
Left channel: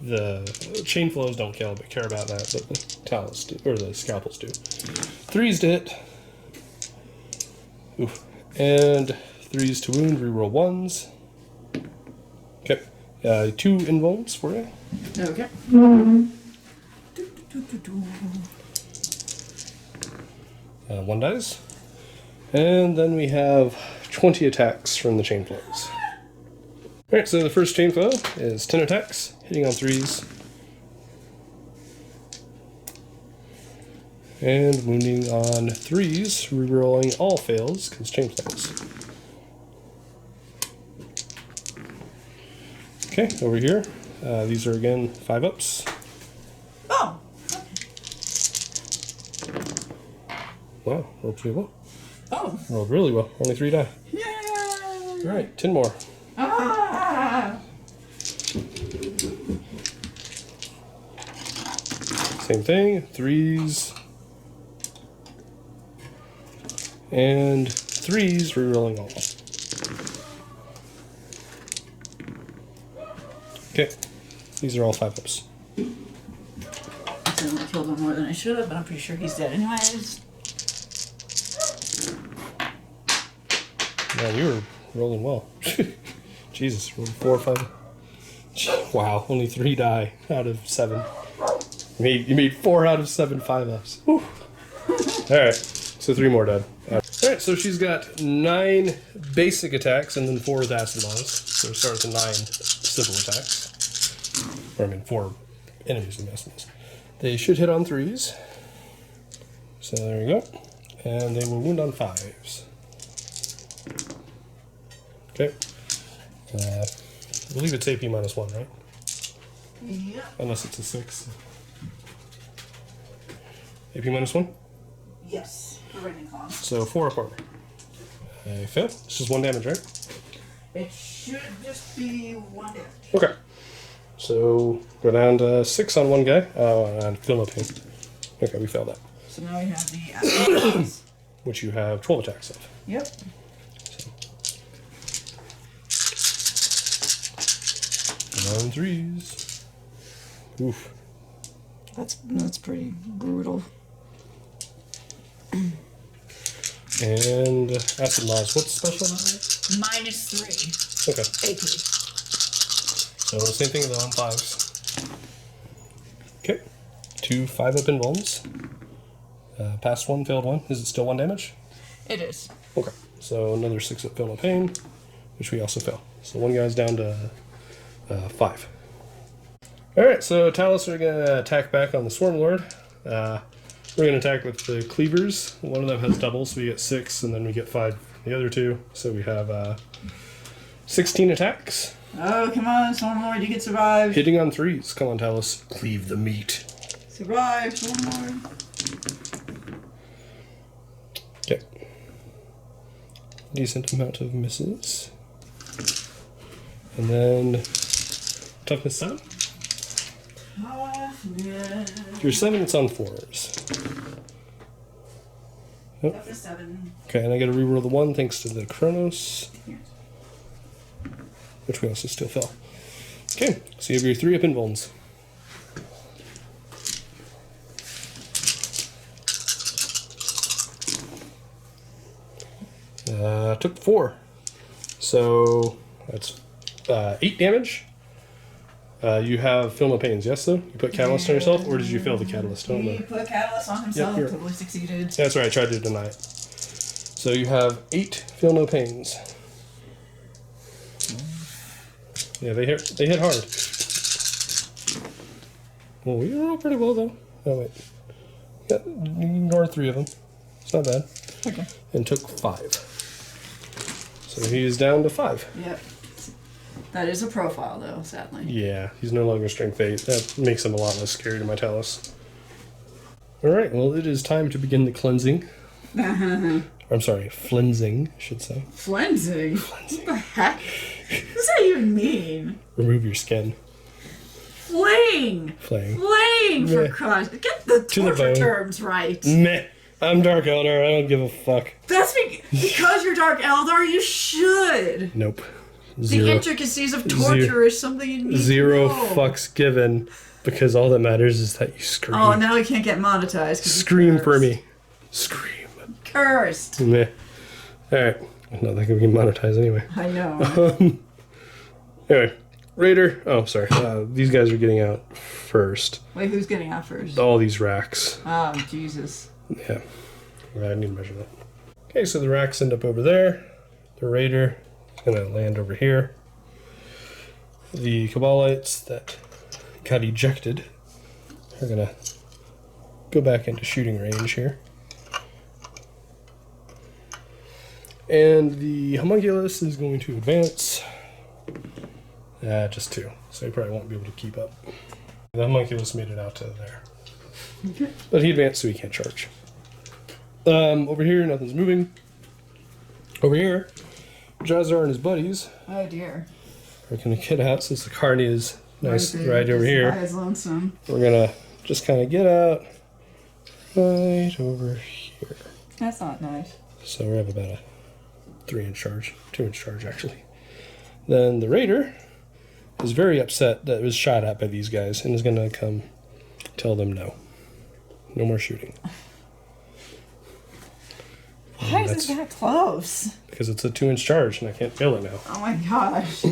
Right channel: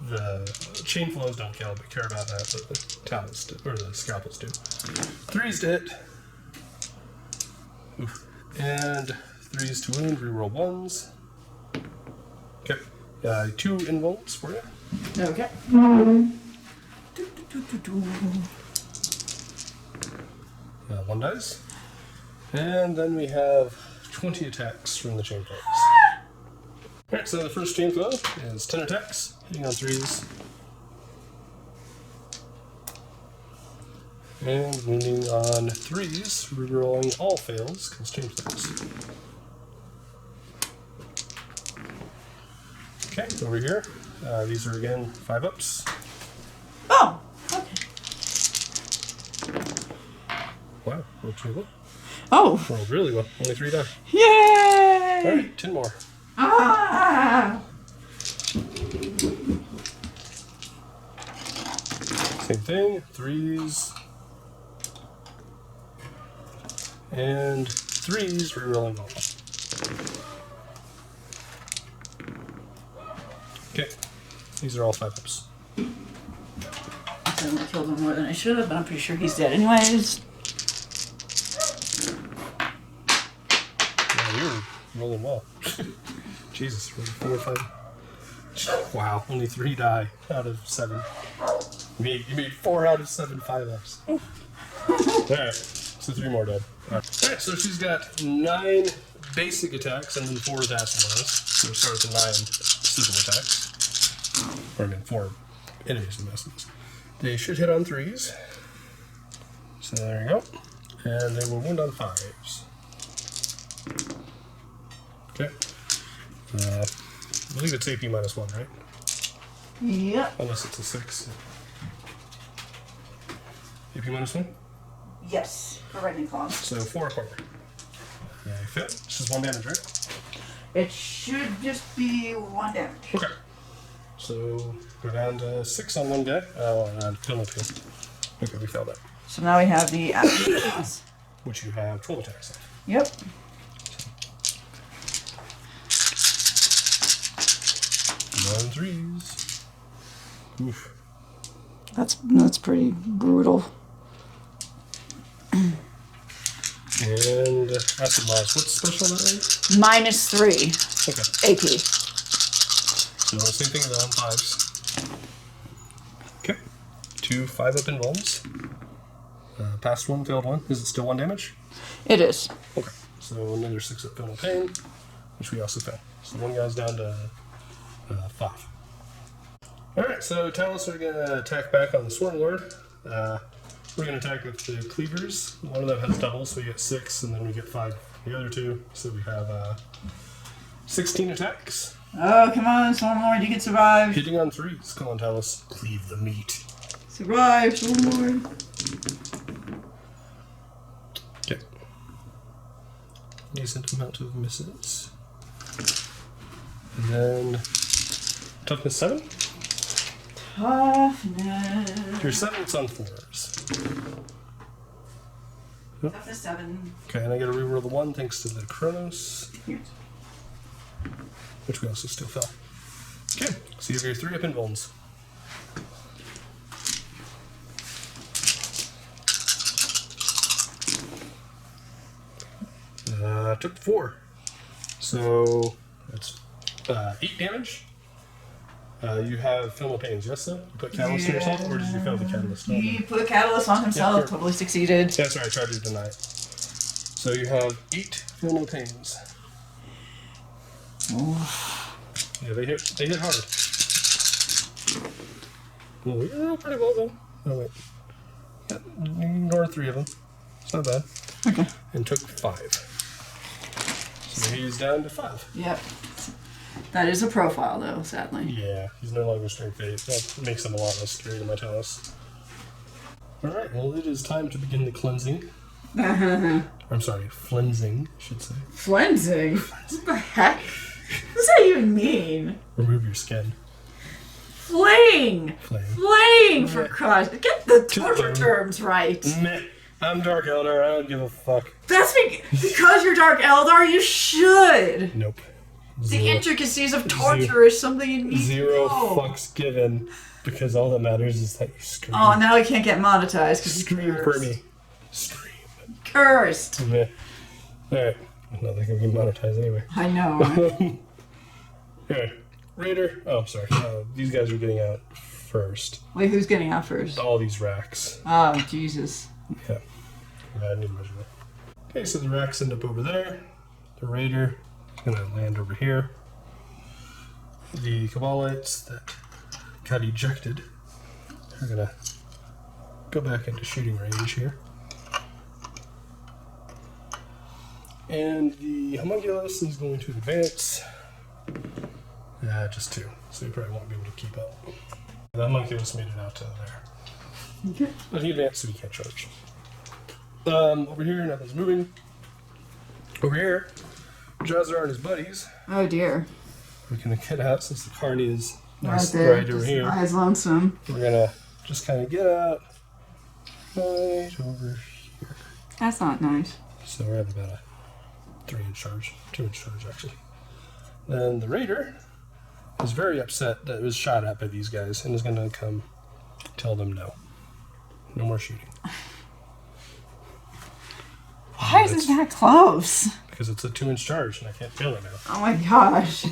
The chain flows don't care about that, but the talents do, or the scalpels do. 3s to hit. Oof. And 3s to wound, reroll 1s. Okay. 2 invulns for you. Okay. 1 dies. And then we have 20 attacks from the chain flows. Alright, so the first chain flow is 10 attacks, hitting on 3s. And wounding on 3s, rerolling all fails, because chain flows. Okay, over here, these are again 5-ups. Oh, okay. Wow, rolled pretty well. Oh. Rolled really well, only 3 die. Yay! Alright, 10 more. Ah! Same thing, 3s. And 3s, rerolling all. Okay, these are all 5-ups. I certainly killed one more than I should have, but I'm pretty sure he's dead anyways. Wow, you're rolling well. Jesus, rolled 4 or 5. Wow, only 3 die out of 7. You made 4 out of 7 5-ups. Alright, so 3 more died. Alright, so she's got 9 basic attacks and then 4 acid blasts. So we start with 9 civil attacks. Or 4 enemies and bastards. They should hit on 3s. So there you go. And they will wound on 5s. Okay. I believe it's AP -1, right? Yep. Unless it's a 6. AP -1? Yes. For Lightning Claws. So 4 apart. They fail. It's just 1 damage, right? It should just be 1 damage. Okay. So go down to 6 on one guy. Oh, and fill up him. Okay, we failed that. So now we have the actions. Which you have 12 attacks of. Yep. On 3s. Oof. That's pretty brutal. And acid loss. What's special on that? -3 Okay. AP. So same thing as on 5s. Okay. 2 5-up invulns. Passed 1, failed 1. Is it still 1 damage? It is. Okay. So another 6-up failed pain, which we also fail. So one guy's down to 5. Alright, so Talus are going to attack back on the Swarm Lord. We're going to attack with the Cleavers. One of them has double, so we get 6, and then we get 5 the other 2. So we have 16 attacks. Oh, come on, Swarm Lord, you can survive. Hitting on 3s. Come on, Talus. Cleave the meat. Survive, Swarm Lord. Okay. Decent amount of misses. And then toughness 7. Toughness. If you're 7, it's on 4s. Oh. Toughness 7. Okay, and I gotta reroll the 1 thanks to the Chronos, which we also still fill. Okay, so you have your 3-up invulns. Took 4. So that's 8 damage. You have Film of Pains, yes, though? You put Catalyst on yourself, or did you fail the Catalyst? He put Catalyst on himself, Yep, totally succeeded. Yeah, that's right, I tried to deny. So you have 8 Feel No Pains. Oh. Yeah, they hit hard. Well, we rolled pretty well, then. Oh, wait. Yeah, you ignored 3 of them. It's not bad. Okay. And took 5. So he's down to 5. Yep. That is a profile, though, sadly. Yeah, he's no longer strength 8. That makes him a lot less scary to my Talus. Alright, well, it is time to begin the cleansing. I'm sorry, flensing, I should say. Flensing? What the heck? What does that even mean? Remove your skin. Flaying! Flame. Flaying, for Yeah. Christ. Get the To the torture bone. terms right. Meh. I'm Dark Eldar, I don't give a fuck. That's because you're Dark Eldar, you should! Nope. The Zero. intricacies of torture is something you need Zero to know. fucks given, because all that matters is that you scream. Oh, now he can't get monetized. 'Cause Scream he's for cursed. me. Scream. Cursed. Meh. Alright. Not that can be monetized anyway. I know. Anyway. Raider. Oh, sorry. These guys are getting out first. Wait, who's getting out first? All these racks. Oh, Jesus. Yeah. I need to measure that. Okay, so the racks end up over there. The Raider is going to land over here. The Cabalites that got ejected are going to go back into shooting range here. And the Homunculus is going to advance. Just 2, so he probably won't be able to keep up. The Homunculus made it out to there. Okay. But he advanced, so he can't charge. Over here, nothing's moving. Over here, Drazhar and his buddies Oh, dear. are going to get out since the card is nice there, right over just here. by his lonesome. We're going to just kind of get out right over here. That's not nice. So we're at about a 3-inch charge, 2-inch charge actually. Then the Raider is very upset that it was shot at by these guys and is going to come tell them no. No more shooting. Why is it that close? Because it's a 2-inch charge and I can't fail it now. Oh my gosh.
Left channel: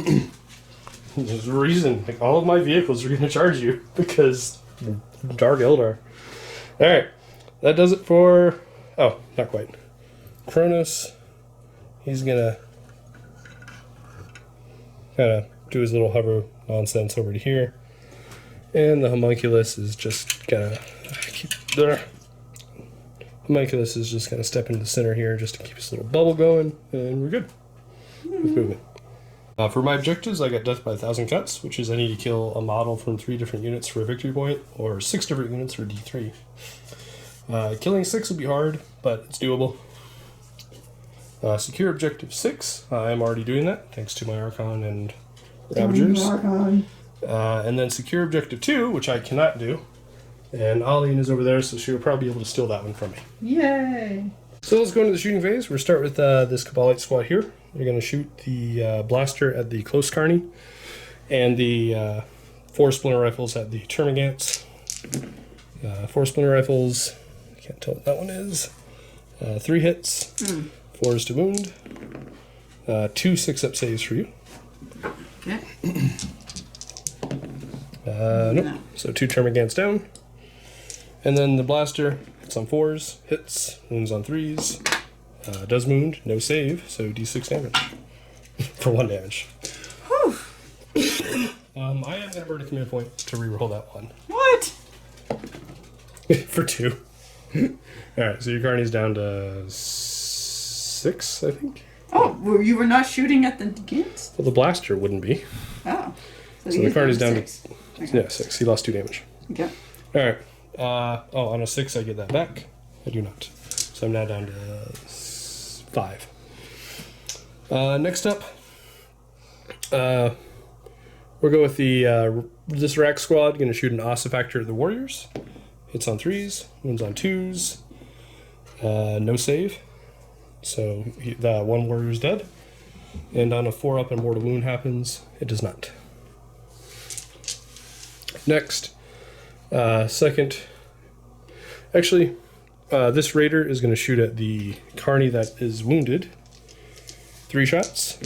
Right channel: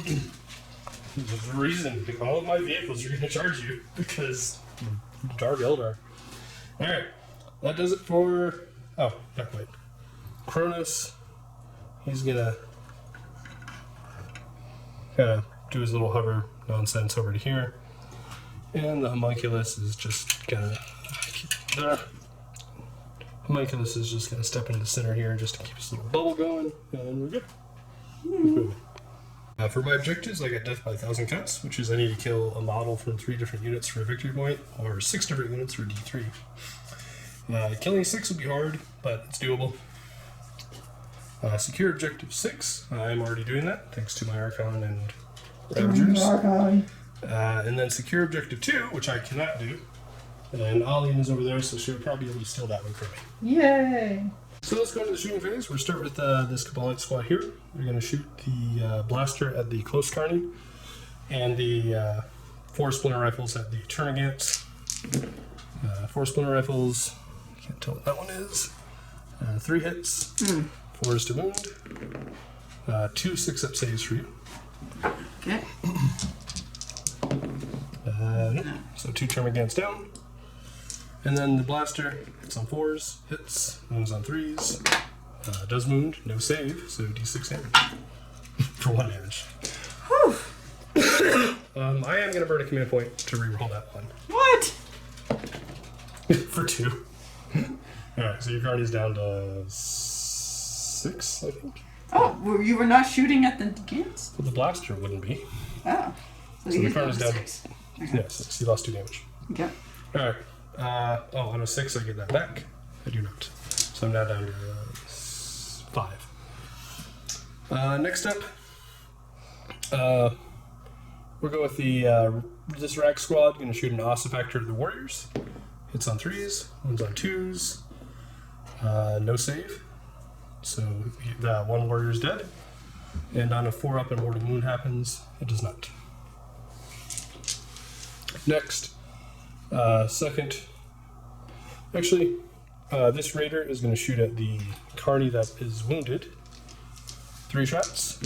There's a reason. Like, all of my vehicles are going to charge you because Dark Eldar. Alright. That does it for... Oh, not quite. Cronus. He's going to kind of do his little hover nonsense over to here. And the Homunculus is just going to... Homunculus is just going to step into the center here just to keep his little bubble going. And we're good. With movement. For my objectives, I got Death by 1,000 Cuts, which is I need to kill a model from 3 different units for a victory point, or 6 different units for D3. Killing 6 would be hard, but it's doable. Secure objective 6. I'm already doing that, thanks to my Archon and Ravagers. And then secure objective 2, which I cannot do. And Alian is over there, so she'll probably be able to steal that one from me. Yay! So let's go into the shooting phase. We'll start with this Commorite squad here. We're going to shoot the blaster at the close carny and the 4 splinter rifles at the termagants. 4 splinter rifles, I can't tell what that one is. 3 hits, 4 is to wound, 2 6-up saves for you. Okay. Nope. So 2 termagants down. And then the blaster hits on 4s, hits, wounds on 3s, does wound, no save, so d6 damage for 1 damage. Whew. I am going to burn a command point to reroll that one. What? For 2. Alright, so your Carney's down to 6, I think. Oh, you were not shooting at the Gants? Well, the blaster wouldn't be. Oh. So the Carney's down 6. to... Yeah, 6. He lost 2 damage. Okay. Alright. On a 6, I get that back. I do not. So I'm now down to 5. Next up, we'll go with the this rack squad. Going to shoot an ossifactor at the warriors. Hits on 3s, wounds on 2s. No save. So the 1 warrior is dead. And on a 4-up and mortal wound happens, it does not. Next. Second, actually, this raider is going to shoot at the carny that is wounded. 3 shots.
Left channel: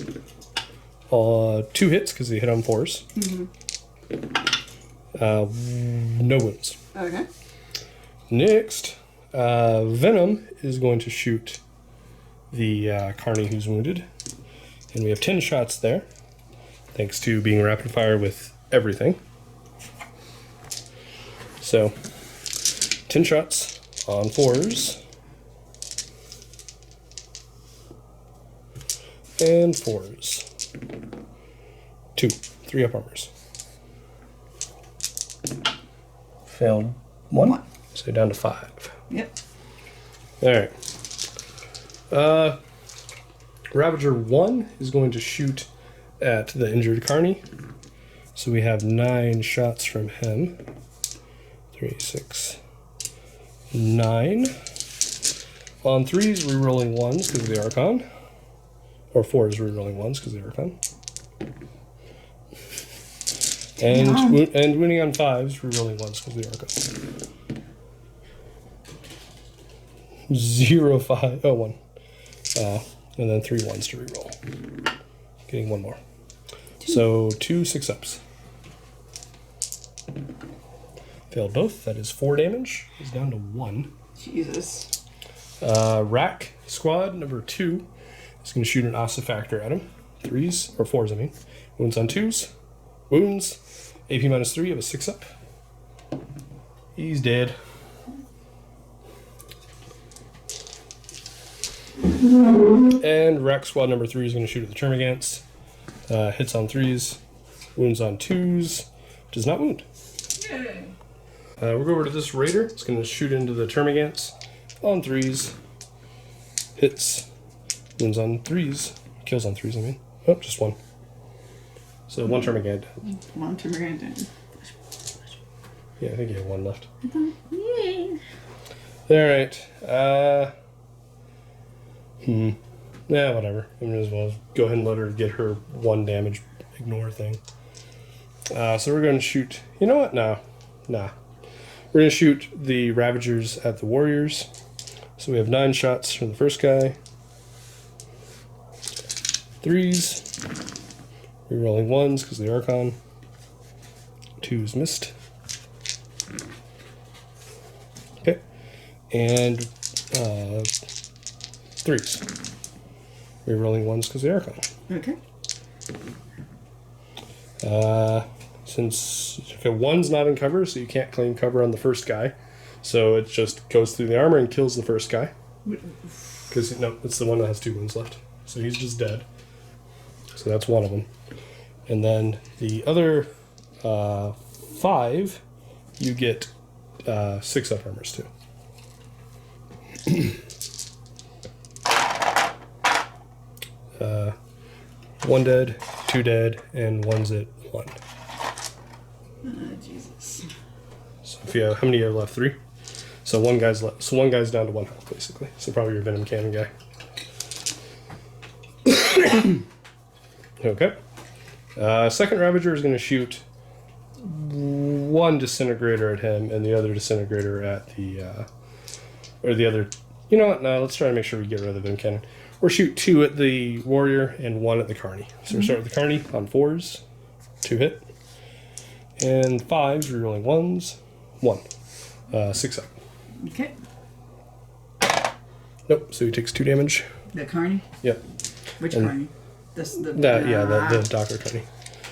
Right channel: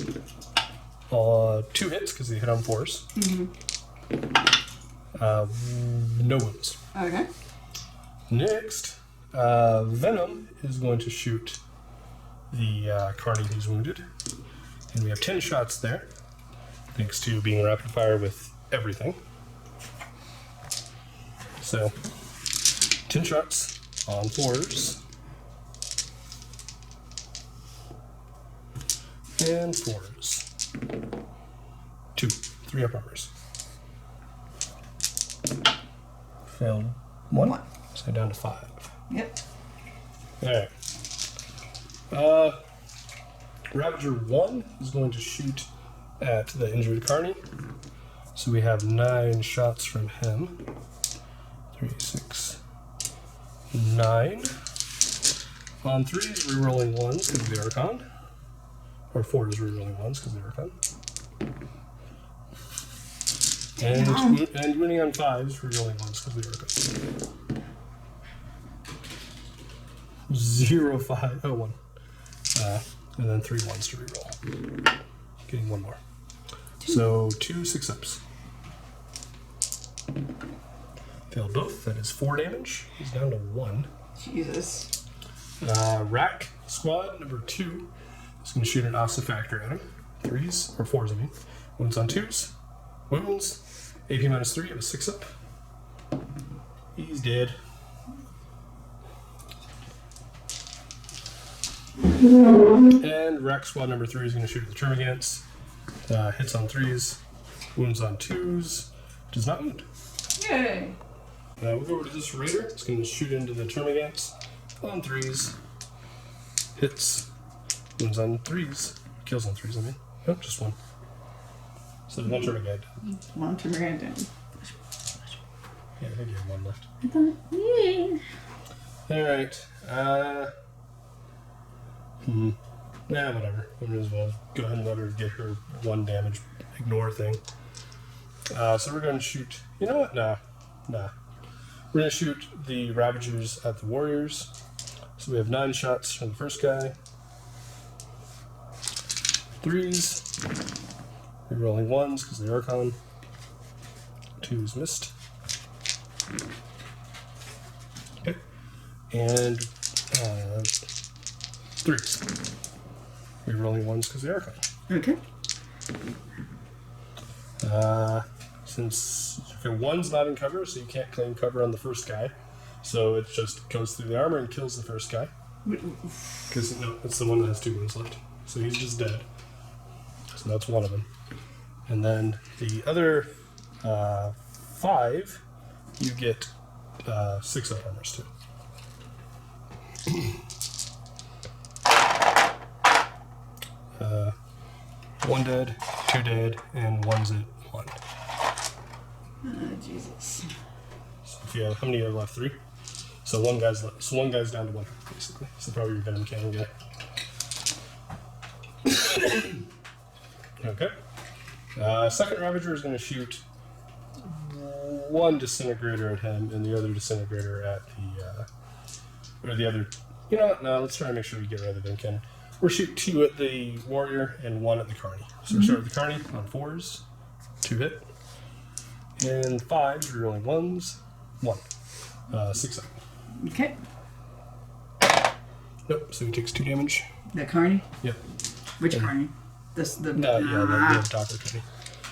2 hits because they hit on 4s. No wounds. Okay. Next, Venom is going to shoot the carny who's wounded. And we have 10 shots there, thanks to being rapid fire with everything. So, 10 shots on 4s. And 4s. 2. 3 up armors. Failed 1. So down to 5. Yep. Alright. Ravager 1 is going to shoot at the injured carny. So we have 9 shots from him. 3, 6, 9. On 3s, we're rolling 1s because of the Archon. Or 4s, we're rolling 1s because of the Archon. And winning on 5s, we're rolling 1s because of the Archon. 0, 5, oh, 1. And then 3 1s to reroll. Getting 1 more. So 2 6-ups. Failed both. That is 4 damage. He's down to 1. Jesus. Rack squad number 2 is going to shoot an ossifactor at him. 3s, or 4s, I mean. Wounds on 2s. Wounds. AP -3 of a 6-up. He's dead. And Rack squad number 3 is going to shoot at the termagants. Hits on 3s. Wounds on 2s. Does not wound. Yay. We'll go over to this raider. It's going to shoot into the termagants on 3s. Hits. Wounds on 3s. Kills on 3s, I mean. Oh, just 1. So 1 termagant. 1 termagant. Yeah, I think you have 1 left. Yay. Alright. Yeah, whatever. We might as well go ahead and let her get her 1 damage ignore thing. So we're going to shoot... You know what? No. Nah. We're going to shoot the Ravagers at the Warriors. So we have 9 shots for the first guy. 3s. Rerolling 1s because of the Archon. 2s missed. Okay. And 3s. Rerolling 1s because of the Archon. Okay. Since 1's not in cover, so you can't claim cover on the first guy. So it just goes through the armor and kills the first guy. Because, no, it's the one that has 2 wounds left. So he's just dead. So that's 1 of them. And then the other 5, you get 6 up armors too. 1 dead, 2 dead, and 1's at 1. Jesus. So if you have, how many are left? 3? So one guy's left. So one guy's down to 1 health, basically. So probably your Venom Cannon guy. Okay. Second Ravager is going to shoot 1 disintegrator at him and the other disintegrator at the, or the other. You know what? No, let's try to make sure we get rid of the Venom Cannon. Or shoot 2 at the warrior and 1 at the carny. So we start with the carny on 4s, 2 hit, and 5s rerolling 1s, 1, 6 up. Okay. Nope. So he takes 2 damage. The carny? Yep. Which And- carny? This the The Docker carny.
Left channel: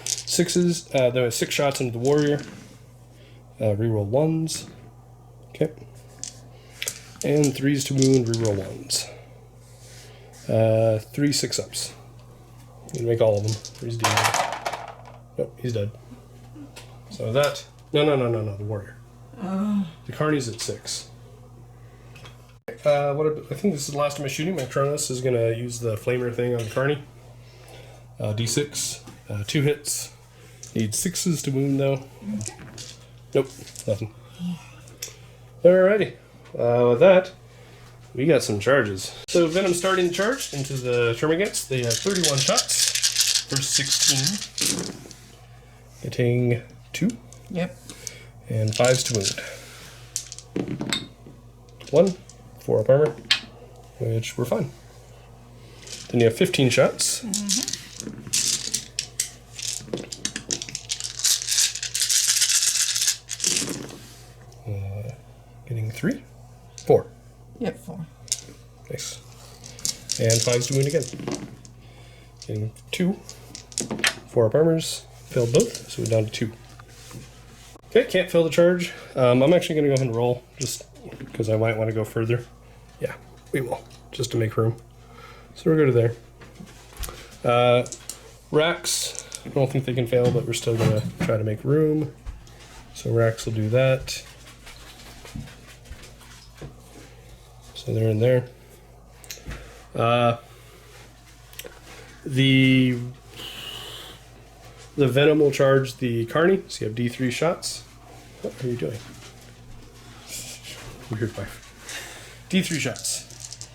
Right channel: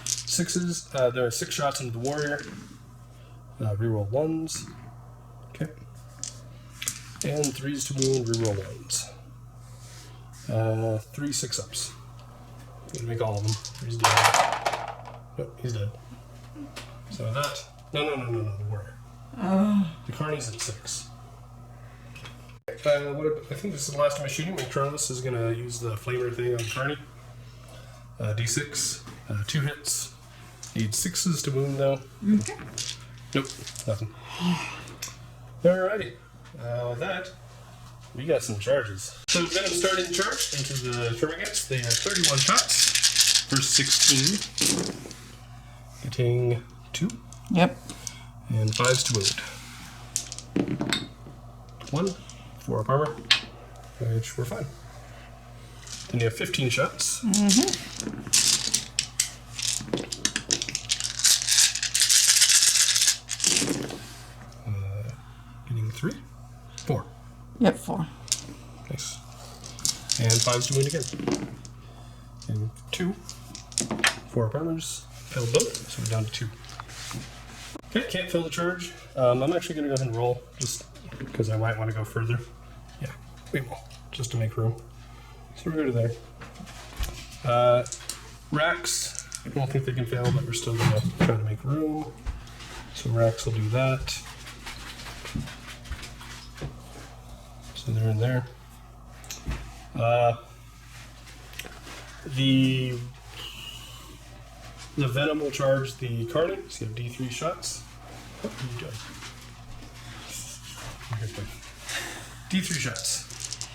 6s. There was 6 shots into the warrior. Reroll 1s. Okay. And 3s to wound. Reroll 1s. 3 6-ups. Gonna make all of them. He's dead. Nope, he's dead. So that. No, the warrior. The carny's at 6. I think this is the last of my shooting. My Kronos is gonna use the flamer thing on the carny. D6. 2 hits. Need 6s to wound though. Okay. Nope, nothing. Alrighty. With that, we got some charges. So Venom starting charge into the Termagants. They are 31 shots. First 16. Getting 2. Yep. And 5s to wound. 1. 4 up armor. Which we're fine. Then you have 15 shots. Getting 3. 4. Yep, 4. Nice. And 5's doing it again. Getting 2. 4 up armors. Failed both, so we're down to 2. Okay, can't fail the charge. I'm actually going to go ahead and roll, just because I might want to go further. Yeah, we will, just to make room. So we're going to there. Racks, I don't think they can fail, but we're still going to try to make room. So Racks will do that. So they're in there. The Venom will charge the Carney, so you have D3 shots. What are you doing? Weird boy. D3 shots.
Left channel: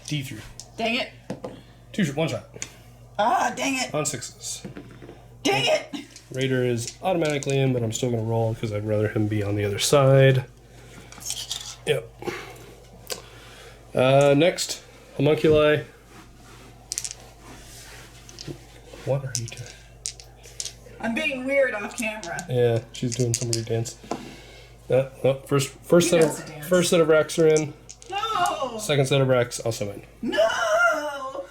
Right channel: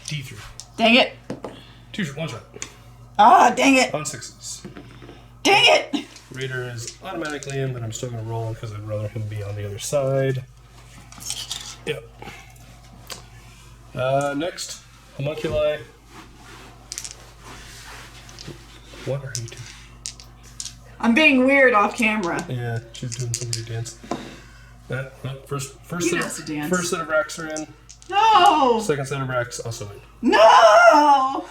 D3. Dang it. 1 shot. Ah, dang it. On 6s. Dang it. Raider is automatically in, but I'm still going to roll because I'd rather him be on the other side. Yep. Next, Homunculi. What are you doing? I'm being weird off camera. Yeah, she's doing some weird dance. Well, first He set knows to dance. of racks are in. No! Second set of racks also in. No!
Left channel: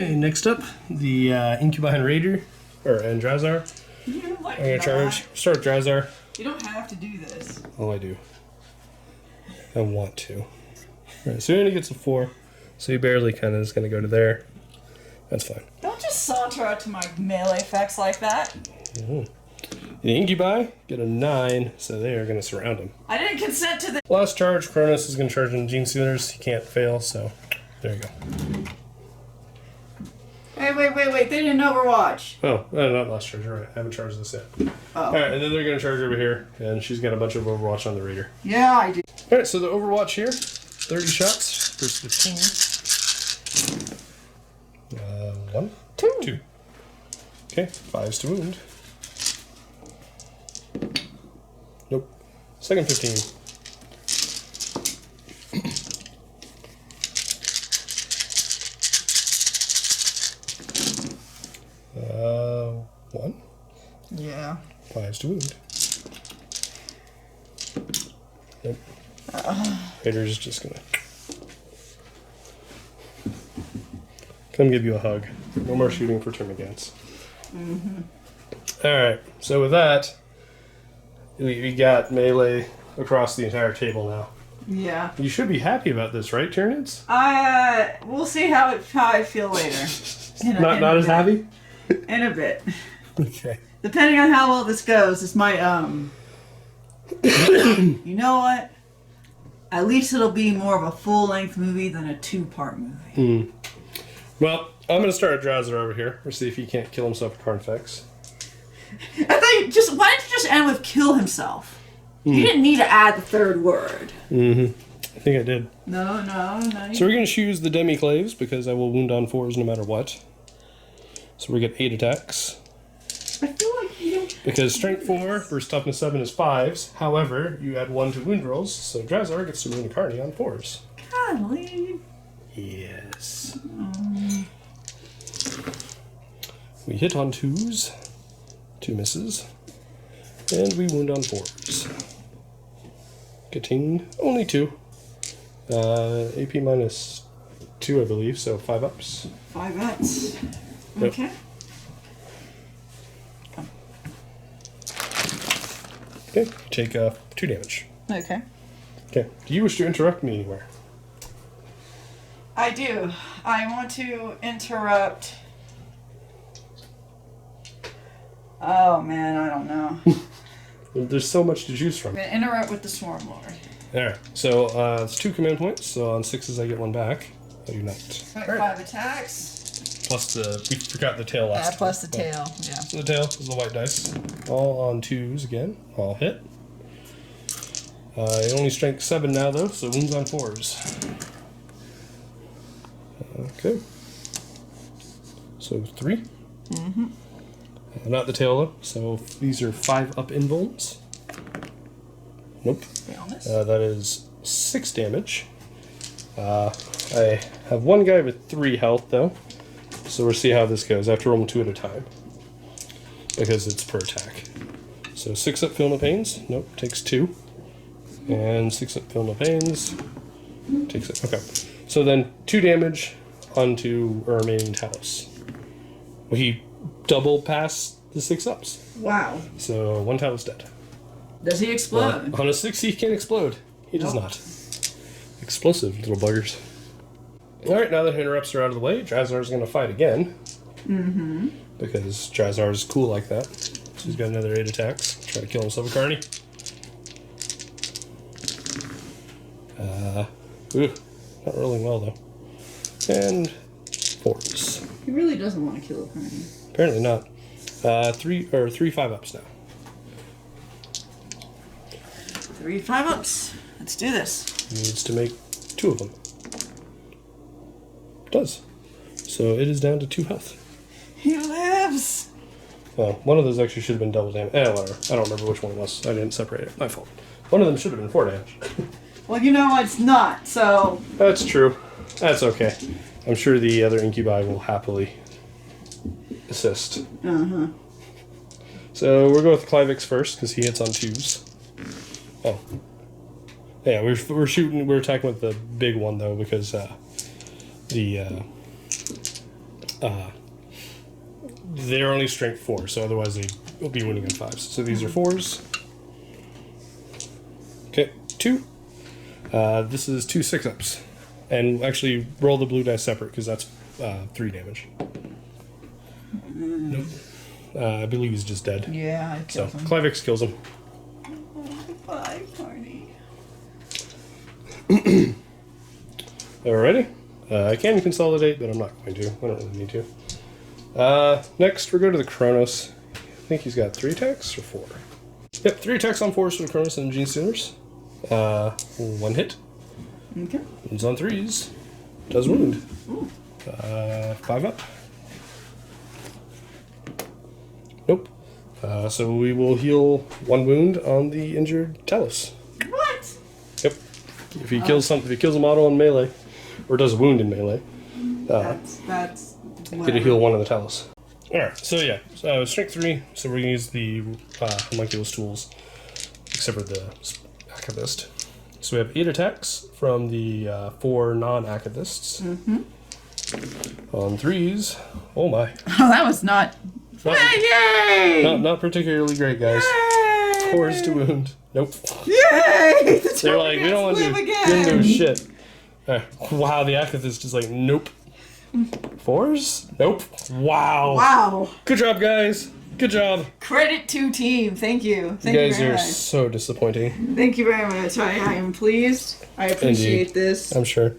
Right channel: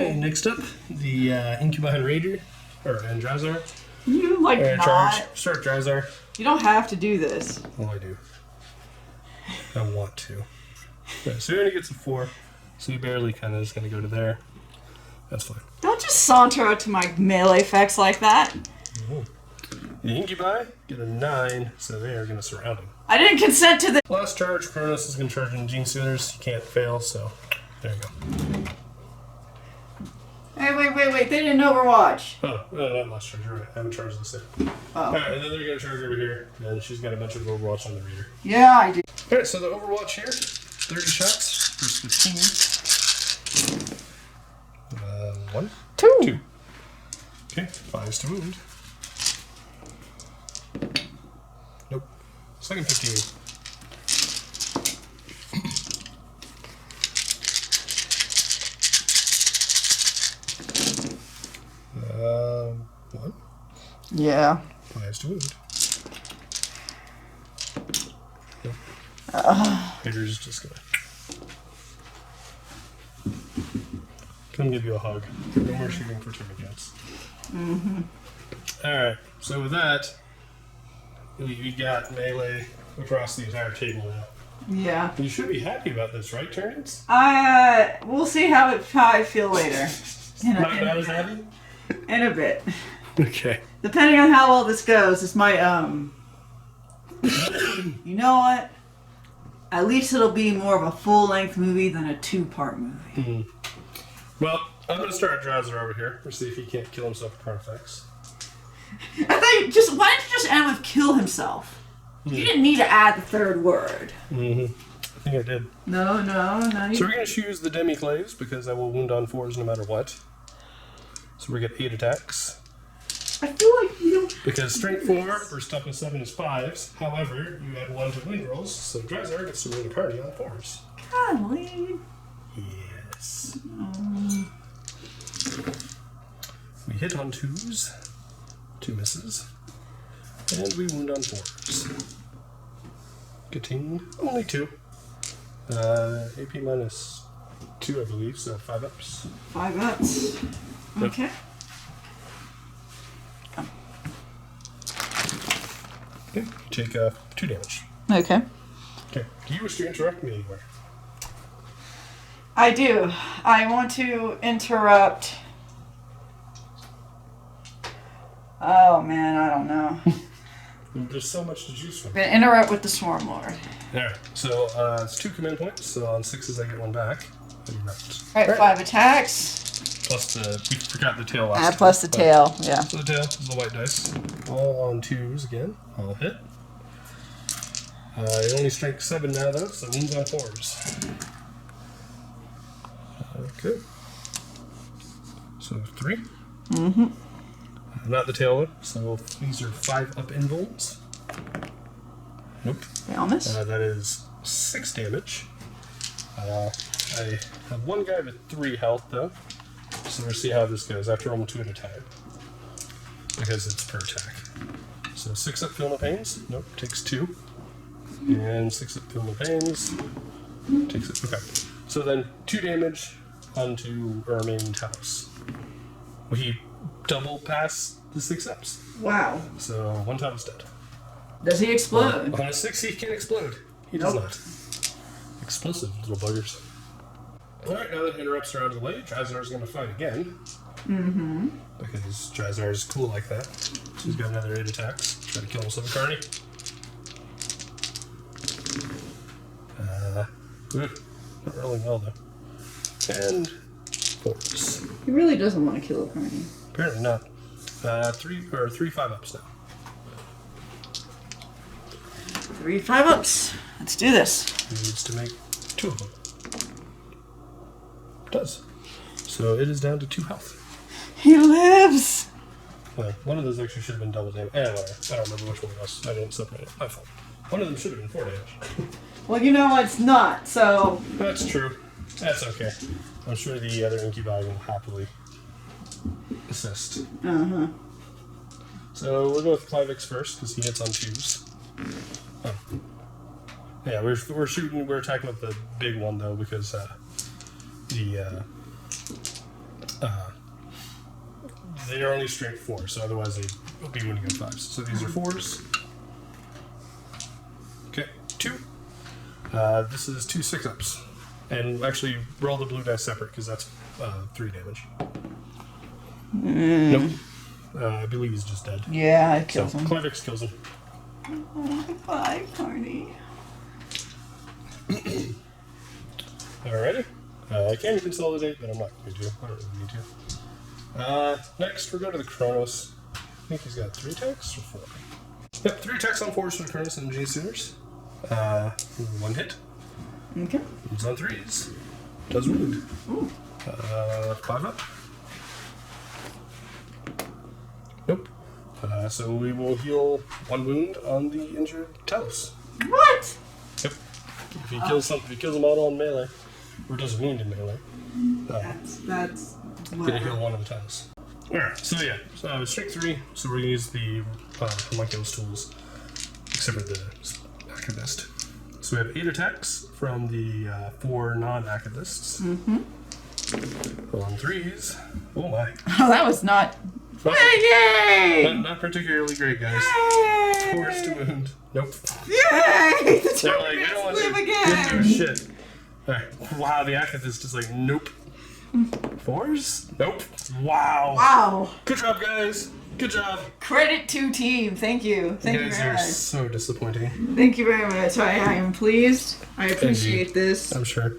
Okay, next up, the Commorite Raider, and Drazhar. You like I'm gonna not. charge. Start with Drazhar. You don't have to do this. Oh, I do. I want to. Right, so he already gets a 4, so he barely kind of is going to go to there. That's fine. Don't just saunter out to my melee effects like that. The Incubi get a 9, so they are going to surround him. I didn't consent to the. Last charge, Kronos is going to charge in Gene Stealers. He can't fail, so there you go. Hey, wait. They didn't Overwatch. Oh, not last charge. You're right. I haven't charged this yet. Oh. Alright, and then they're going to charge over here, and she's got a bunch of Overwatch on the Raider. Yeah, I do. Alright, so the Overwatch here, 30 shots, first 15. 1. 2. Okay, 5's to wound. Nope. Second 15. One. Yeah. 5's to wound. Nope. Raider's just gonna come give you a hug. No more shooting for Termagants. Alright, so with that, we got melee across the entire table now. Yeah. You should be happy about this, right, Tyranids? We'll see how I feel later. Not as happy? In a bit. Okay. Depending on how well this goes, this might, you know what? At least it'll be more of a full-length movie than a 2-part movie. Well, I'm going to start a Drazhar over here. We'll see if he can't kill himself with Carnifex. I thought you just, why didn't you just end with kill himself? You didn't need to add the third word. Mm-hmm. I think I did. No. So we're going to choose the Demiclaves because I will wound on 4s no matter what. So we get 8 attacks. I feel like you don't... Because strength 4 versus toughness 7 is 5s. However, you add 1 to wound rolls, so Drazhar gets to wound a Carney on 4s. Golly. Yes. We hit on 2s. 2 misses. And we wound on 4s. Getting only 2. AP minus 2, I believe, so 5 ups. 5 ups. Yep. Okay. Okay, take 2 damage. Okay. Okay, do you wish to interrupt me anywhere? I do. I want to interrupt... Oh, man, I don't know. There's so much to choose from. I'm going to interrupt with the Swarm Lord. Alright, so it's 2 command points, so on 6s I get 1 back. I do not. Alright, 5 attacks. Plus we forgot the tail list. Plus the tail, yeah. So the tail is the white dice. All on 2s again. All hit. Only strength 7 now though, so wounds on 4s. Okay. So 3. Mm-hmm. Not the tail though, so these are 5 up invulns. Nope. Realness. That is 6 damage. I have 1 guy with 3 health though, so we'll see how this goes. I have to roll 2 at a time because it's per attack. So 6 up Film of Pains. Nope, takes 2. And 6 up Film of Pains. Takes it. Okay. So then 2 damage onto our remaining Talos. We double pass the 6 ups. Wow. So 1 Talos dead. Does he explode? On a 6 he can't explode. He does Nope. not. Explosive little buggers. Alright, now that interrupts are out of the way, Drazhar's going to fight again. Mm-hmm. Because Drazhar's cool like that. So he's got another 8 attacks. Try to kill himself with Carney. Not really well though. And 4s. He really doesn't want to kill a Carney. Apparently not. 3 5-ups now. 3 5-ups. Let's do this. He needs to make 2 of them. Does. So it is down to 2 health. He lives! Well, one of those actually should have been double damage. I don't remember which one it was. I didn't separate it. My fault. One of them should have been 4 damage. Well, you know it's not, so... That's true. That's okay. I'm sure the other incubi will happily assist. Uh-huh. So we'll go with Clivix first, because he hits on 2s. Oh. Yeah, we're attacking with the big one, though, because they're only strength 4, so otherwise they will be winning in 5s. So these are 4s. Okay, 2. This is 2 6-ups. And actually, roll the blue dice separate, because that's 3 damage. Nope. I believe he's just dead. Yeah, I killed him. Clivix kills him. Oh, bye, Carney. Alrighty. I can consolidate, but I'm not going to. I don't really need to. Next, we'll go to the Kronos. I think he's got 3 attacks or 4. Yep, 3 attacks on 4s for the Kronos and G-Stealers. 1 hit. Okay. Wounds on 3s. Does wound. Ooh. 5 up. Nope. So we will heal 1 wound on the injured Talos. What? Yep. If he kills if he kills a model in melee, or does wound in melee, That's get a whatever. heal 1 of the Talos. Alright, so yeah, so strength 3, so we're gonna use the homunculus tools, except for the Akavist. So we have 8 attacks from the 4 non-Akavists. Mm-hmm. On 3s. Oh my. Oh, that was not... Yay! Not particularly great, guys. Yay! 4s to wound. Nope. Yay! The They're like, we don't want live to again! do shit. Alright, wow, the Akavist is like, nope. 4s? Nope. Wow. Wow. Good job, guys. Good job. Credit to team. Thank you. Thank You you guys very are much. so disappointing. Thank you very much. I am pleased. I appreciate this. I'm sure.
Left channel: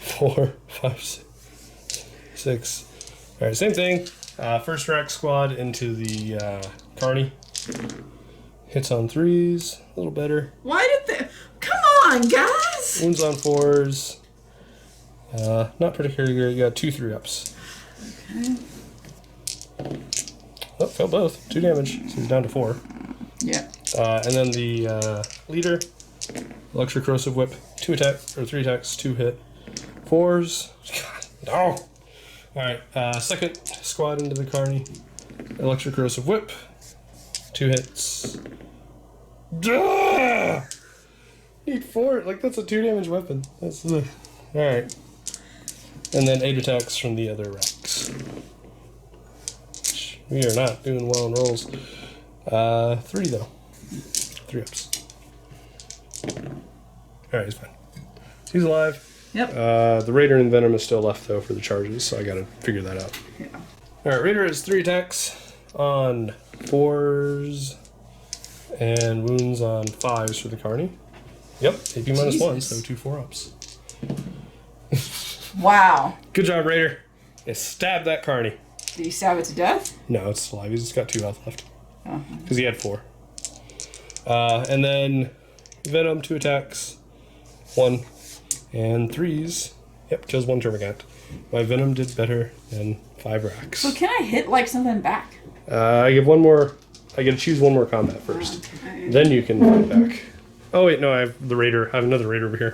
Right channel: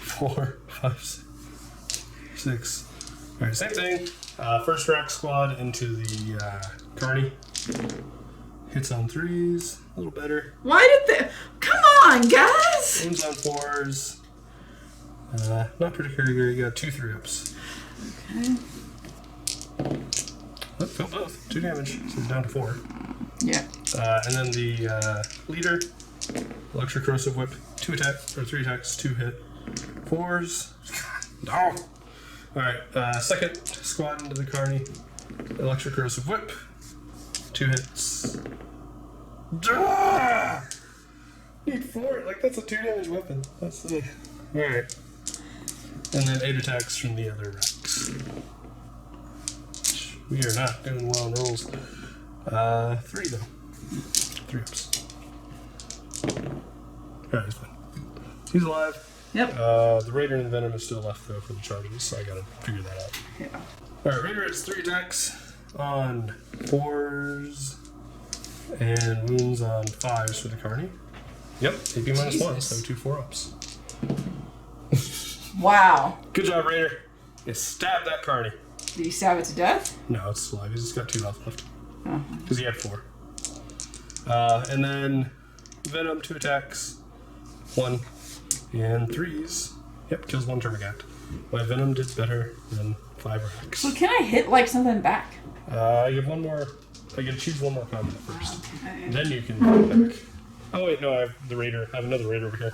4, 5, 6, 6. Alright, same thing. First rack squad into the Carney. Hits on 3s, a little better. Why did they... Come on, guys! One's on 4s. Not particularly great. You got 2 3-ups. Okay. Oh, felt both. 2 damage. So he's down to 4. Yeah. And then the leader, Electric Corrosive Whip, 2 attacks, or 3 attacks, 2 hit. 4s. God, no. Alright, second squad into the Carney. Electric Corrosive Whip, 2 hits. Duh! Need 4. Like, that's a 2 damage weapon. That's like. Alright. And then 8 attacks from the other racks. We are not doing well on rolls. 3 though. 3 ups. Alright, he's fine. He's alive. Yep. The Raider and Venom is still left though for the charges, so I gotta figure that out. Yeah. Alright, Raider has 3 attacks on 4s and wounds on 5s for the Carney. Yep, AP minus 1, so 2 4-ups. Wow. Good job, Raider. You stabbed that Carney. Did you stab it to death? No, it's alive. He's just got 2 health left. Oh. Because he had 4. And then Venom, 2 attacks. 1 and 3s. Yep, kills 1 Termagant. My Venom did better than 5 racks. So can I hit like something back? I give 1 more. I get to choose 1 more combat first. Okay. Then you can fight back. Oh wait, no, I have the Raider. I have another Raider over here.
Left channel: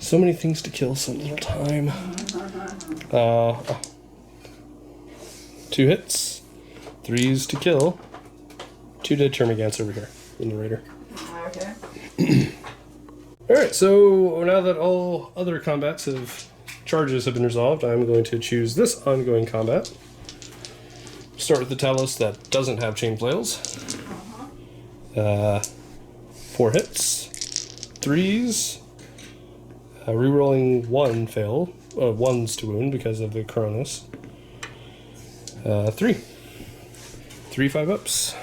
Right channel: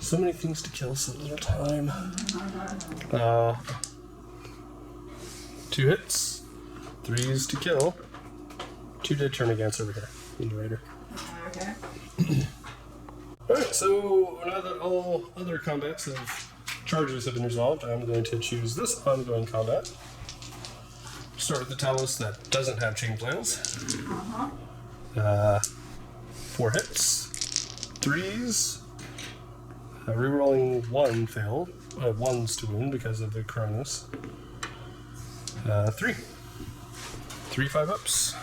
So many things to kill, so little time. 2 hits, 3s to kill, 2 dead Termagants over here in the Raider. Okay. Alright, so now that all other combats charges have been resolved, I'm going to choose this ongoing combat. Start with the Talos that doesn't have chain flails. 4 hits, 3s, rerolling 1 fail, 1s to wound because of the Cronus. 3 5-ups.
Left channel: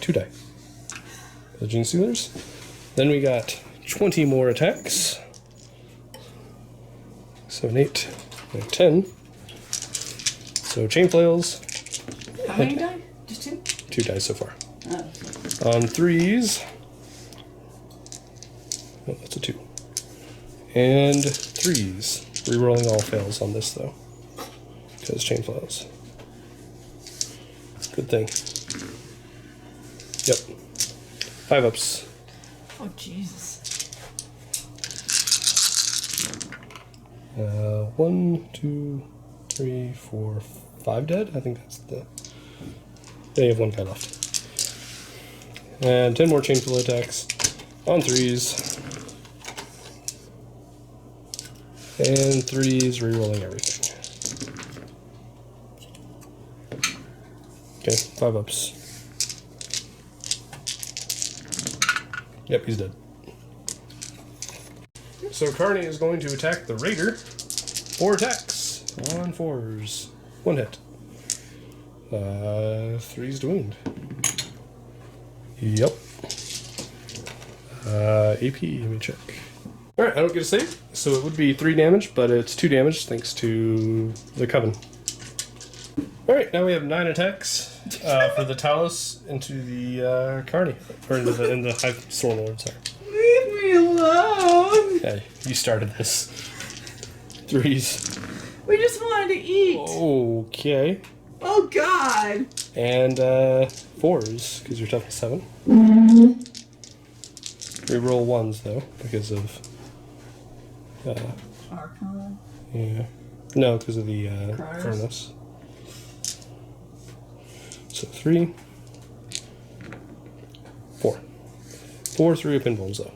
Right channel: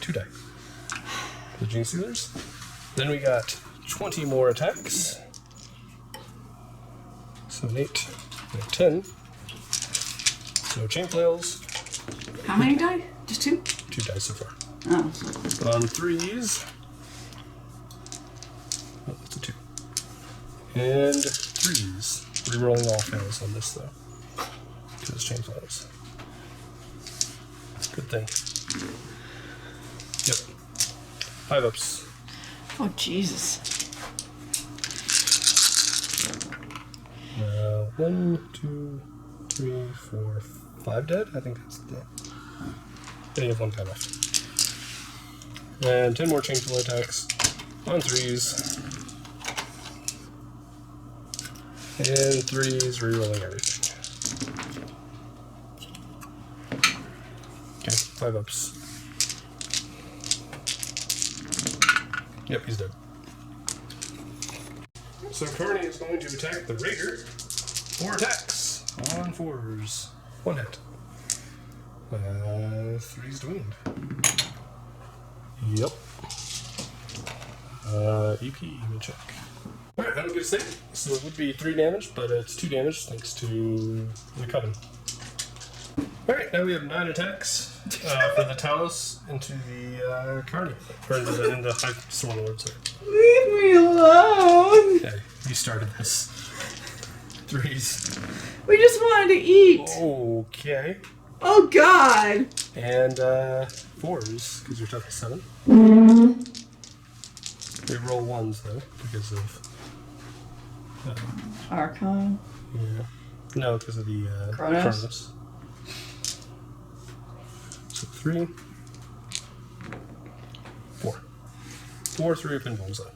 2 die. The Gene Sealers. Then we got 20 more attacks. So an 8, and 10. So chain flails. How many die? Just 2? 2 dice so far. Oh. On 3s. Oh, that's a 2. And 3s. Rerolling all fails on this though. Because chain flails. Good thing. Yep. 5-ups. Oh, Jesus. 1, 2, 3, 4, 5 dead? I think that's the... They have 1 guy left. And 10 more chain flail attacks. On 3s. And 3s rerolling everything. Okay, 5-ups. Yep, he's dead. So Carney is going to attack the Raider. 4 attacks on 4s. 1 hit. 3s to wound. Yep. AP, let me check. Alright, I don't get a save, so it would be 3 damage, but it's 2 damage thanks to the Coven. Alright, now we have 9 attacks for the Talos into the Carney. Or in the High Sword Lord, sorry. Leave me alone. Okay, you started this. 3s. We just wanted to eat. Okay. Oh, God. And 4s, because you're tough at 7. Reroll 1s, though, because of... Archon. Yeah. No, because of the Kronos? Kronos. So 3. 4. 4 3 pinballs, though.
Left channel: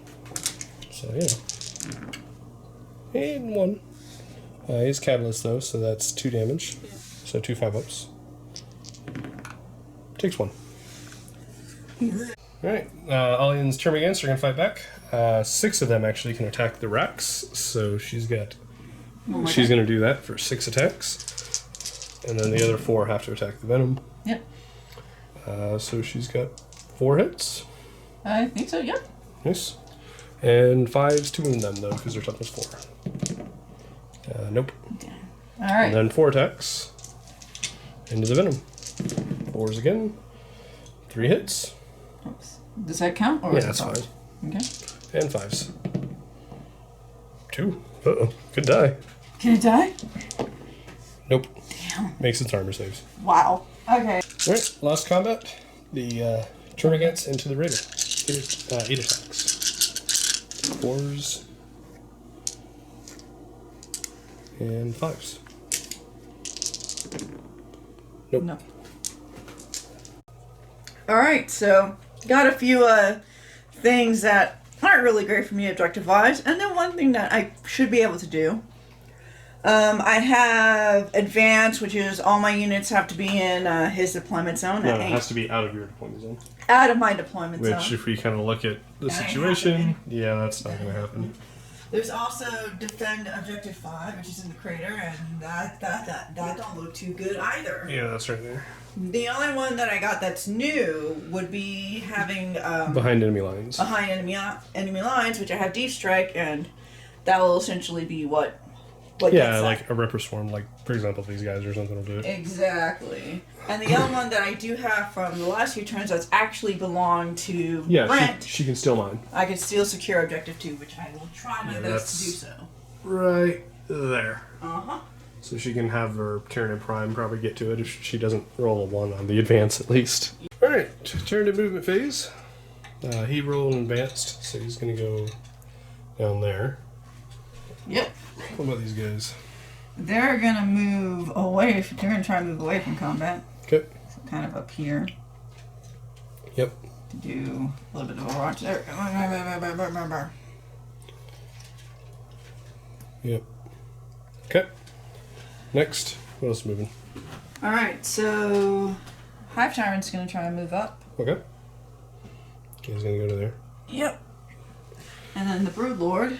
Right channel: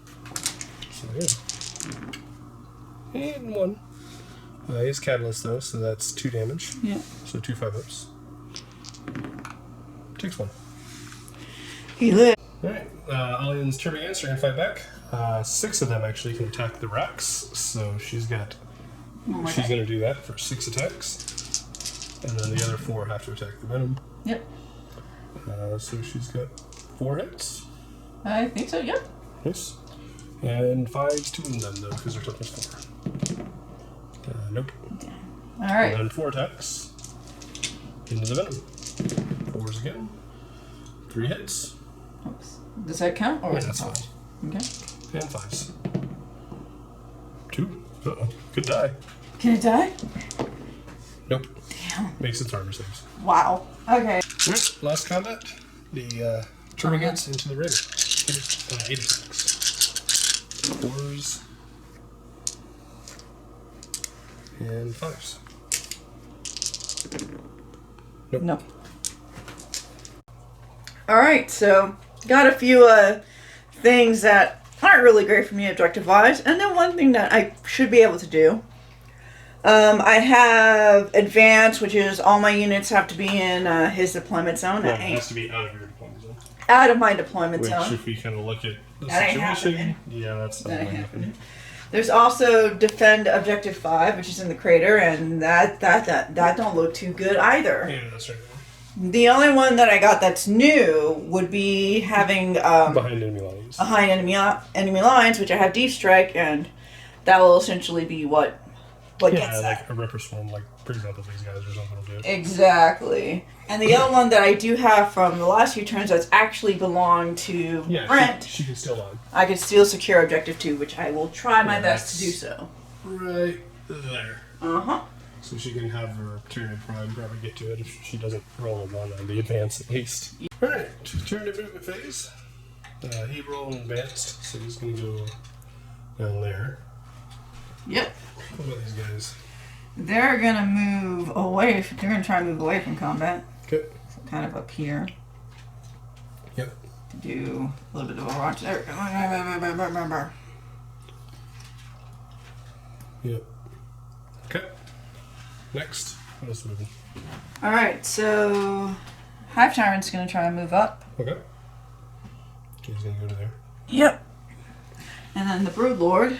So, yeah. And 1. He's Catalyst, though, so that's 2 damage. Yeah. So 2 5-ups. Takes 1. He lived. Alright, Alian's Termagants are going to fight back. 6 of them actually can attack the racks, so she's got... she's going to do that for 6 attacks. And then the other 4 have to attack the Venom. Yep. So she's got 4 hits. I think so, yep. Nice. And 5s, 2 of them though, because they're toughness 4. Nope. Okay. All right. And then 4 attacks. Into the venom. 4s again. 3 hits. Oops. Does that count? Or Yeah, is it that's fine. Okay. And 5s. 2. Uh-oh. Good die. Can it die? Nope. Damn. Makes its armor saves. Wow. Okay. Alright, last combat. The Tyranids into the Raider. 8 attacks. 4s. And 5s. Nope. No. All right, so got a few things that aren't really great for me objective-wise, and then one thing that I should be able to do. I have advanced, which is all my units have to be in his deployment zone. No, it has to be out of your deployment zone. Out of my deployment Which, zone. if we kind of look at the That ain't situation, happening. yeah, that's not That going ain't to happen. happening. There's also defend objective 5, which is in the crater, and that don't look too good either. Yeah, that's right there. The only one that I got that's new would be having Behind enemy lines. behind enemy lines, which I have deep strike, and that will essentially be what Yeah, gets like that. a Ripper Swarm, like, for example, these guys or something will do it. Exactly. And the other one that I do have from the last few turns that's actually belonged to Yeah, Brent, she can still mine. I can still secure objective 2, which I will try my Yeah, best to do that's- so. Right there. Uh-huh. So she can have her Tyranid Prime probably get to it if she doesn't roll a 1 on the advance at least. Alright, Tyranid movement phase. He rolled advanced, so he's going to go down there. Yep. What about these guys? They're gonna move away. They're gonna try and move away from combat. Okay. So kind of up here. Yep. Do a little bit of a watch there. Yep. Okay. Next. What else is moving? All right. So Hive Tyrant's gonna try and move up. Okay. He's going to go to there. Yep. And then the Brood Lord.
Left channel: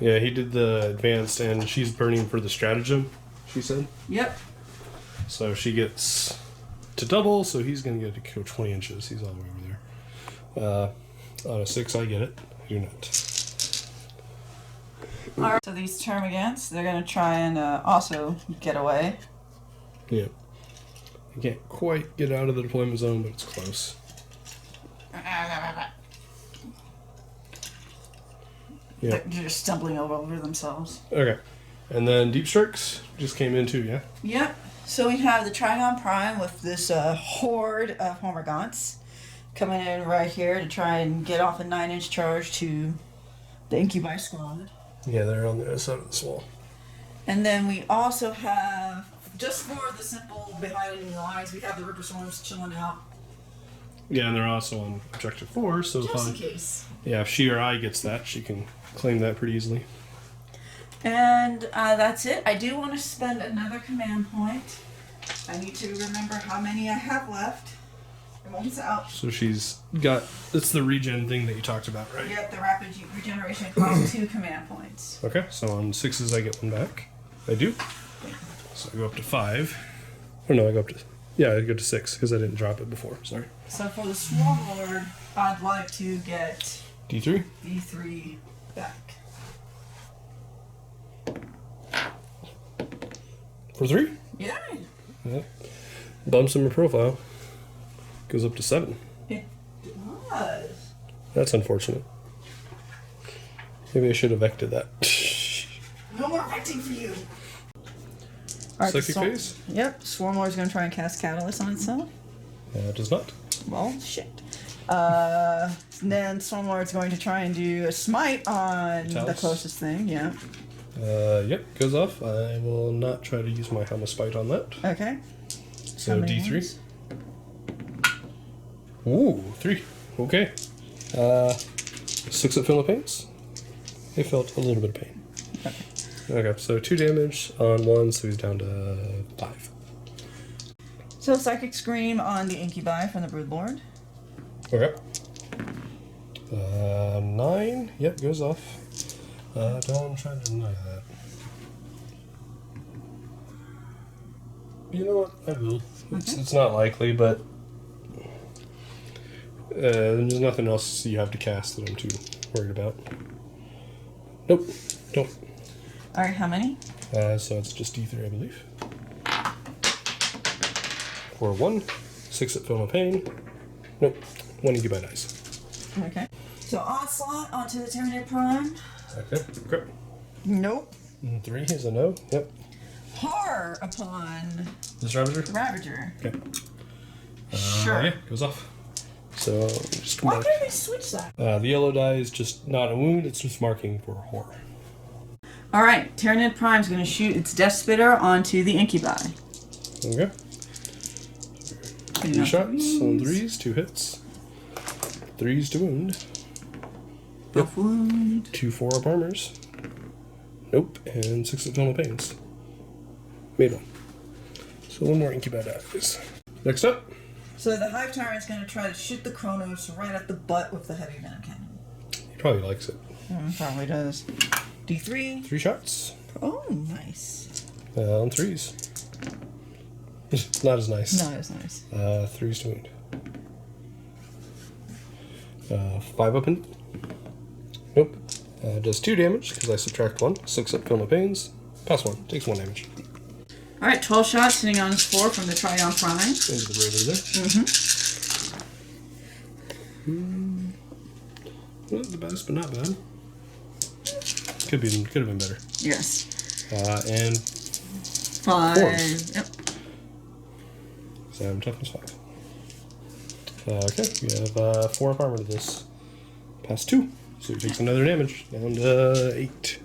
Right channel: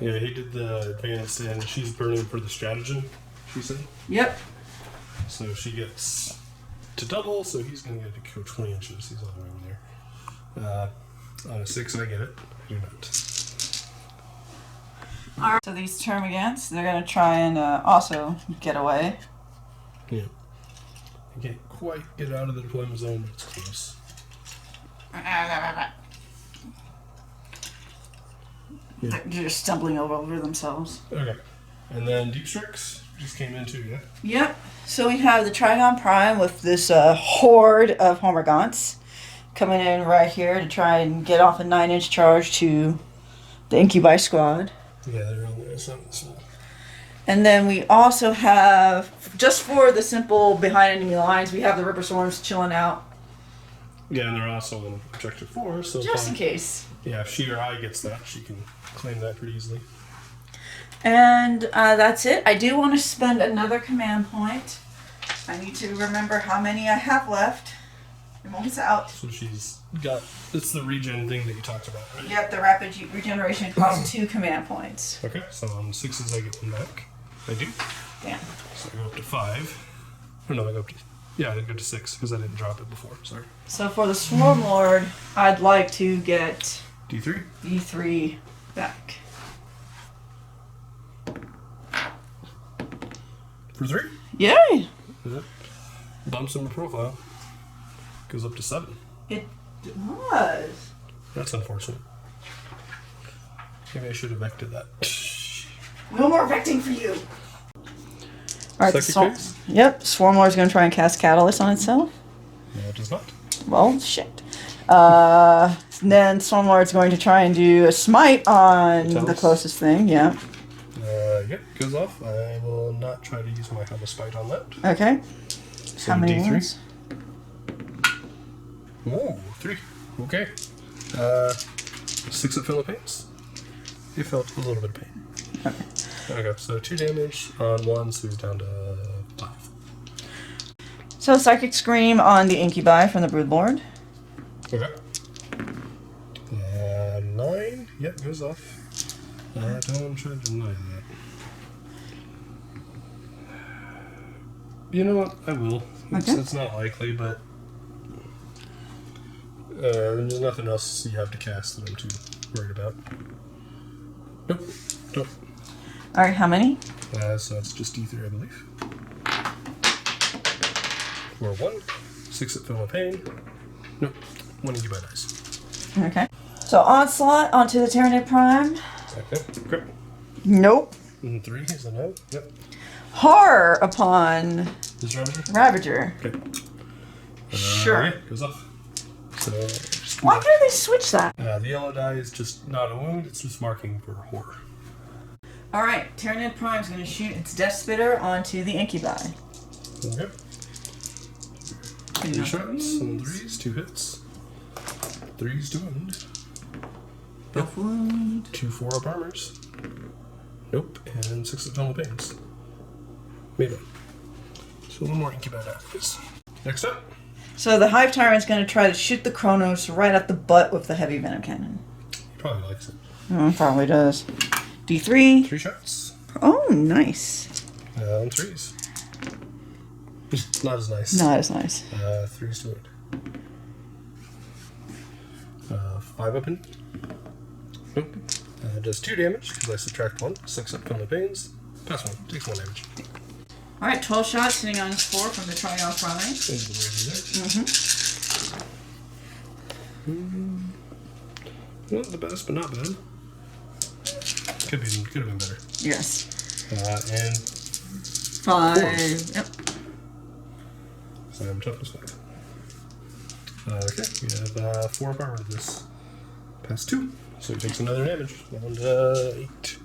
Yeah, he did the advanced, and she's burning for the stratagem, she said. Yep. So she gets to double, so he's going to get to go 20 inches. He's all the way over there. On a 6, I get it. I do not. All right. So these termagants, they're gonna try and also get away. Yeah. I can't quite get out of the deployment zone, but it's close. Yeah. They're just stumbling over themselves. Okay. And then Deep Strikes just came in too, yeah? Yep. So we have the Trigon Prime with this horde of Hormagaunts coming in right here to try and get off a 9-inch charge to the Incubi squad. Yeah, they're on the other side of the wall. And then we also have, just for the simple behind enemy lines, we have the Ripper Swarms chilling out. Yeah, and they're also on Objective 4, so Just in case. yeah, if she or I gets that, she can claim that pretty easily. And that's it. I do want to spend another command point. I need to remember how many I have left. It won't out. So she's got, it's the regen thing that you talked about, right? Yep, the rapid regeneration costs 2 command points. Okay, so on 6s I get 1 back. I do. Damn. So I go up to 5. Or no, I go up to, yeah, I go to 6 because I didn't drop it before, sorry. So for the Swarm Lord, I'd like to get D3? D3 back. For 3? Yay! That bumps in my profile. Goes up to 7. It does. That's unfortunate. Maybe I should have vected that. No more vecting for you. Alright, Psychic phase? Yep, Swarm Lord's gonna try and cast Catalyst on itself. It does not. Well, shit. Then Swarm Lord's going to try and do a smite on the Talus? closest thing, yeah. Yep, goes off. I will not try to use my Helm of Spite on that. Okay. So How many D3. wounds? Ooh, 3. Okay. 6 at Philippines. They felt a little bit of pain. Okay. Okay, so 2 damage on 1, so he's down to 5. So Psychic Scream on the Incubi from the Broodlord. Okay. 9. Yep, goes off. Don't try to deny that. You know what? I will. Okay. It's not likely, but There's nothing else you have to cast that I'm too worried about. Nope. Nope. All right, how many? So it's just D3, I believe. Or 1. 6 at Film of Pain. Nope. 1 Incubi dice. Okay. So Onslaught onto the Tyranid Prime. Okay. Grip. Nope. And 3 is a no. Yep. Horror upon This Ravager? Ravager. Okay. Sure. Yeah, goes off. So just Why mark. can't they switch that? The yellow die is just not a wound, it's just marking for horror. All right, Tyranid Prime's going to shoot its Death Spitter onto the Incubi. Okay. 3 shots on 3s, 2 hits. 3s to wound. Buff wound. 2 4-up armors. Nope, and 6 additional pains. Made 1. So 1 more Incubi dies. Next up. So the Hive Tyrant's going to try to shoot the Kronos right at the butt with the heavy venom cannon. He probably likes it. Probably does. D3. 3 shots. Oh, nice. On 3s. Not as nice. Not as nice. 3s to wound. 5 up in. Nope. Does 2 damage because I subtract 1. 6 up Film of Pains. Pass 1. Takes 1 damage. All right, 12 shots sitting on his floor from the Tryon Prime. Into the Raider there. Not the best, but not bad. Could have been better. Yes. And 5. Fours. Yep. so I'm toughness 5. Okay, we have 4 up armor to this. Pass 2, so he takes another damage. Down to 8.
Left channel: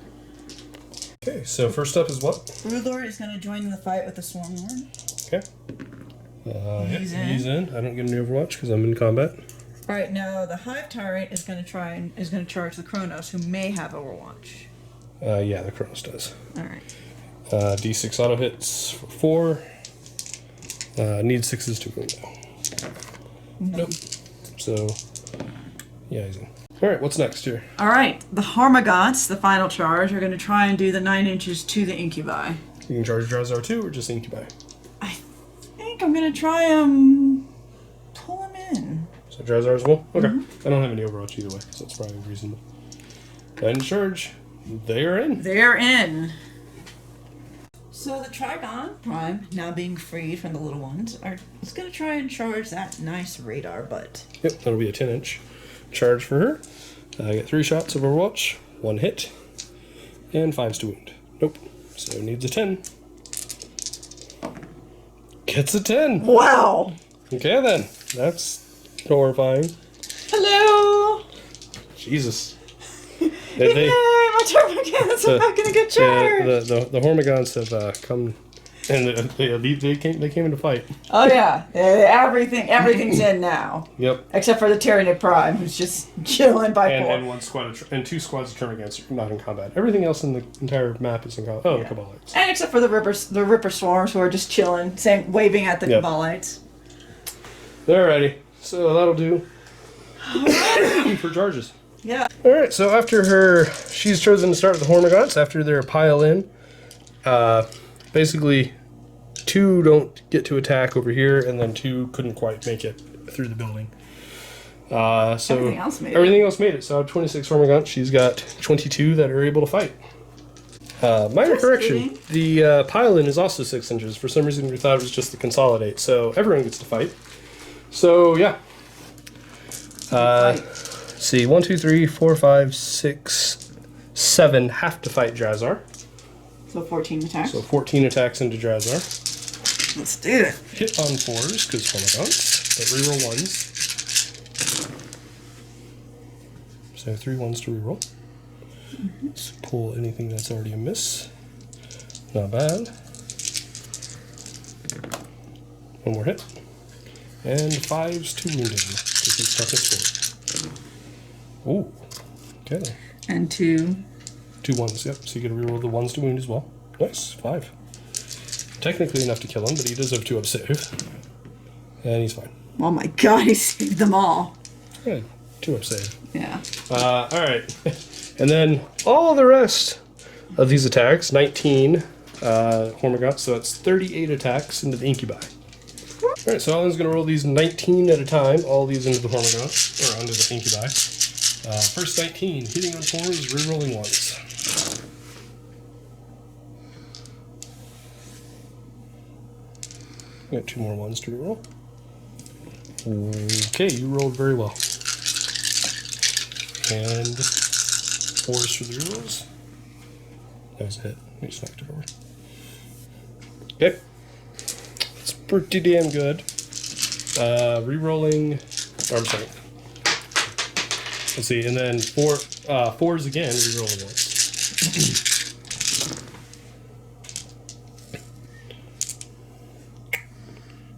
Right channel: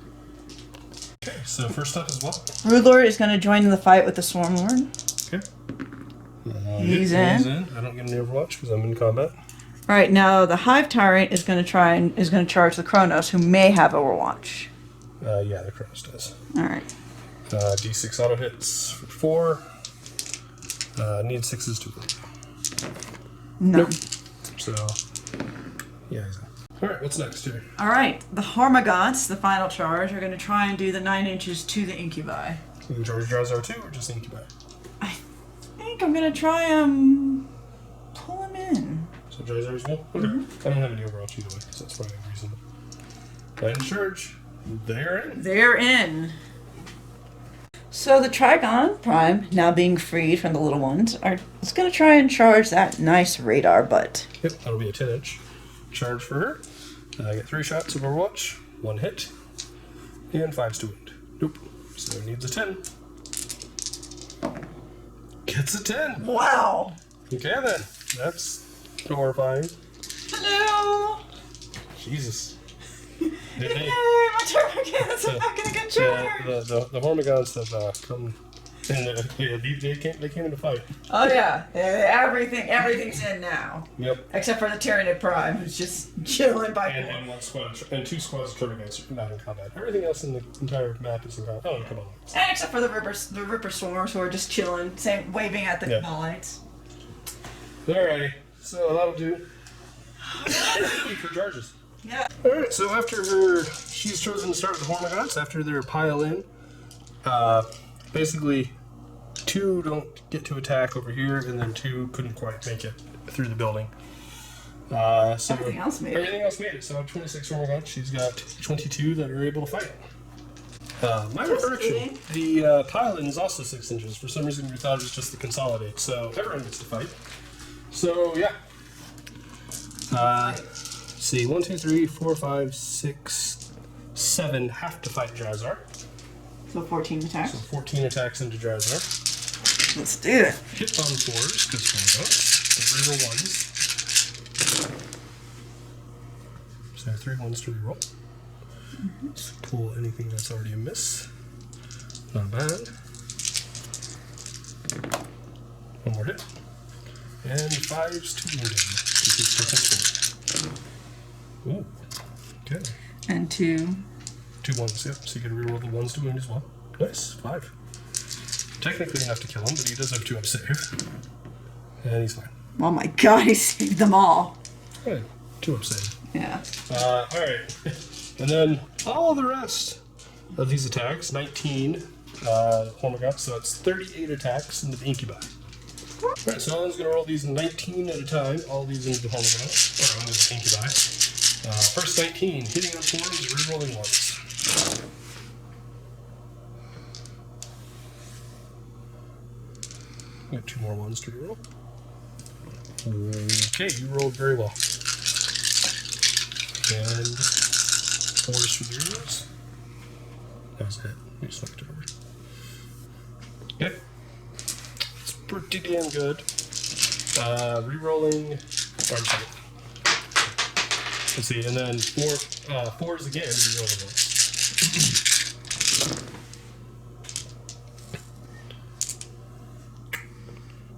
Okay, so first up is what? Broodlord is going to join in the fight with the Swarmlord. Okay. He's yeah, in. He's in. I don't get an Overwatch because I'm in combat. All right, now the Hive Tyrant is going to charge the Kronos, who may have Overwatch. Yeah, the Kronos does. All right. D6 auto hits for 4. Need 6s to win though. No. Nope. So, yeah, he's in. Alright, what's next here? All right, the Harmagots, the final charge, are going to try and do the 9 inches to the Incubi. You can charge Drazhar too, or just Incubi? I think I'm going to try pull him in. So Drazhar as well? Okay. I don't have any Overwatch either way, so that's probably reasonable. 9 charge. They're in. They're in. So the Trigon Prime, now being freed from the little ones, is going to try and charge that nice radar butt. Yep, that'll be a 10-inch charge for her. I get 3 shots of Overwatch, 1 hit, and 5s to wound. Nope. So needs a 10. Gets a 10. Wow. Okay then. That's horrifying. Hello. Jesus. Yay, my turbo cannons are not going to get charged. The Hormigons have come, and they came in to fight. Oh yeah, everything's in now. Yep. Except for the Tyranid Prime, who's just chilling by four. And 1 squad and 2 squads of Termagants are not in combat. Everything else in the entire map is in combat. Oh, Yeah. Commorites. And except for the Ripper Swarms, who are just chilling, waving at the Yep. Commorites. They're ready. So that'll do. For charges. Yeah. Alright, so after she's chosen to start with the Hormigons, after they're a pile in, basically 2 don't get to attack over here, and then 2 couldn't quite make it through the building. So Everything else made it. So 26 Hormigons, she's got 22 that are able to fight. Minor correction, the pile in is also 6 inches. For some reason we thought it was just the consolidate, so everyone gets to fight. So yeah. See, 1, 2, 3, 4, 5, 6, 7 have to fight Drazhar. So 14 attacks. So 14 attacks into Drazhar. Let's do it. Hit on 4s, because Hormigons, but reroll 1s. So 3 1s to reroll. Let's pull anything that's already a miss. Not bad. 1 more hit. And 5s to wound him. This is toughness 4. Ooh. Okay. And 2. 2 1s, yep. So you get to reroll the 1s to wound as well. Nice. 5. Technically enough to kill him, but he does have 2 up save. And he's fine. Oh my god, he saved them all. Yeah, 2 up save. Yeah. Alright. And then all the rest of these attacks, 19 Hormigons, so it's 38 attacks into the Incubi. Alright, so Alan's going to roll these 19 at a time, all these into the hormone, or onto the incubi. First 19, hitting on 4s, rerolling 1s. Got 2 more 1s to reroll. Okay, you rolled very well. And 4s for the rerolls. That was a hit. You just knocked it over. Okay. It's pretty damn good. Rerolling. Oh, I'm sorry. Let's see, and then 4s again, rerolling once.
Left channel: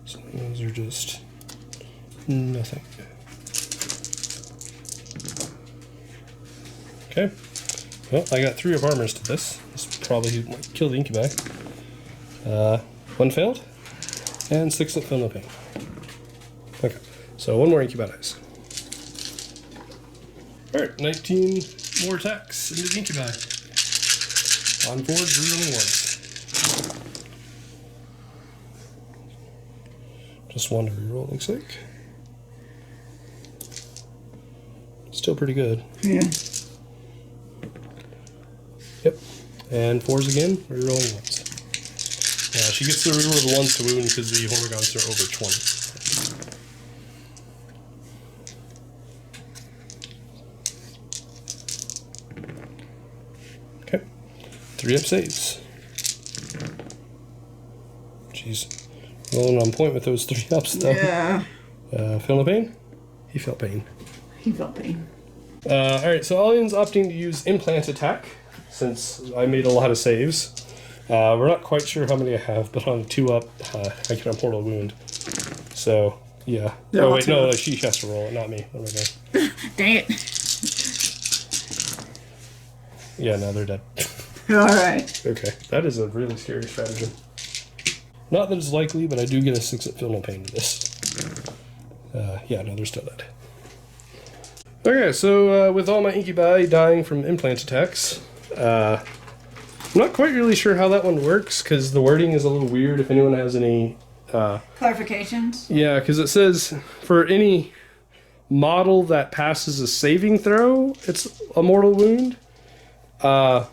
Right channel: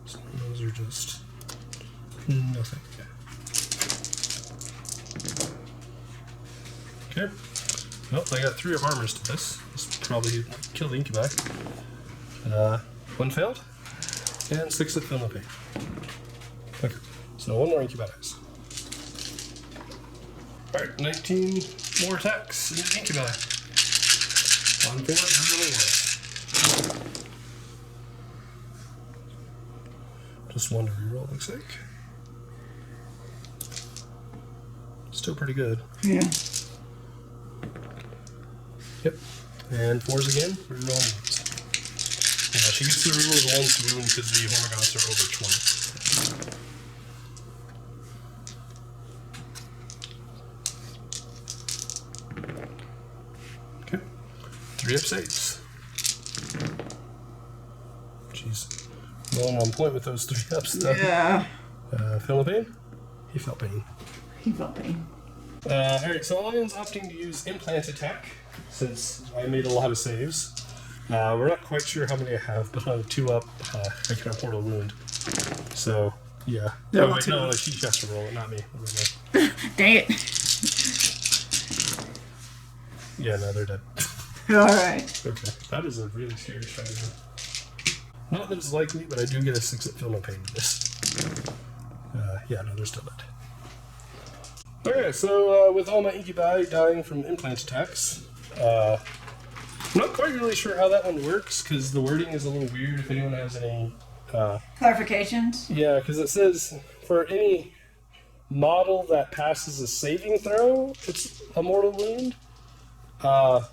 So those are just nothing. Okay. Well, I got 3 of armors to this. This probably kill the incubi. 1 failed, and 6 that feel no pain. Okay, so 1 more incubi dice. Alright, 19 more attacks into the incubi. On 4, rerolling once. Just 1 to reroll, looks like. Still pretty good. Yeah. Yep. And 4s again, rerolling once. Yeah, she gets the reroll of 1s to wound because the Hormigons are over 20. Okay. 3 up saves. Jeez. Rolling on point with those 3 ups though. Yeah. Feel no pain? He felt pain. He felt pain. Alright, so Alian's opting to use implant attack since I made a lot of saves. We're not quite sure how many I have, but on 2 up, I can have mortal wound. So, yeah. They're Oh, all wait, 2 no, up. she has to roll it, not me. What am I doing? Dang it. Yeah, no, they're dead. Alright. Okay, that is a really scary strategy. Not that it's likely, but I do get a 6 at feel no pain to this. Yeah, no, they're still dead. Okay, so with all my incubi dying from implant attacks, I'm not quite really sure how that one works, because the wording is a little weird if anyone has any... Clarifications? Yeah, because it says, for any model that passes a saving throw, it's a mortal wound. I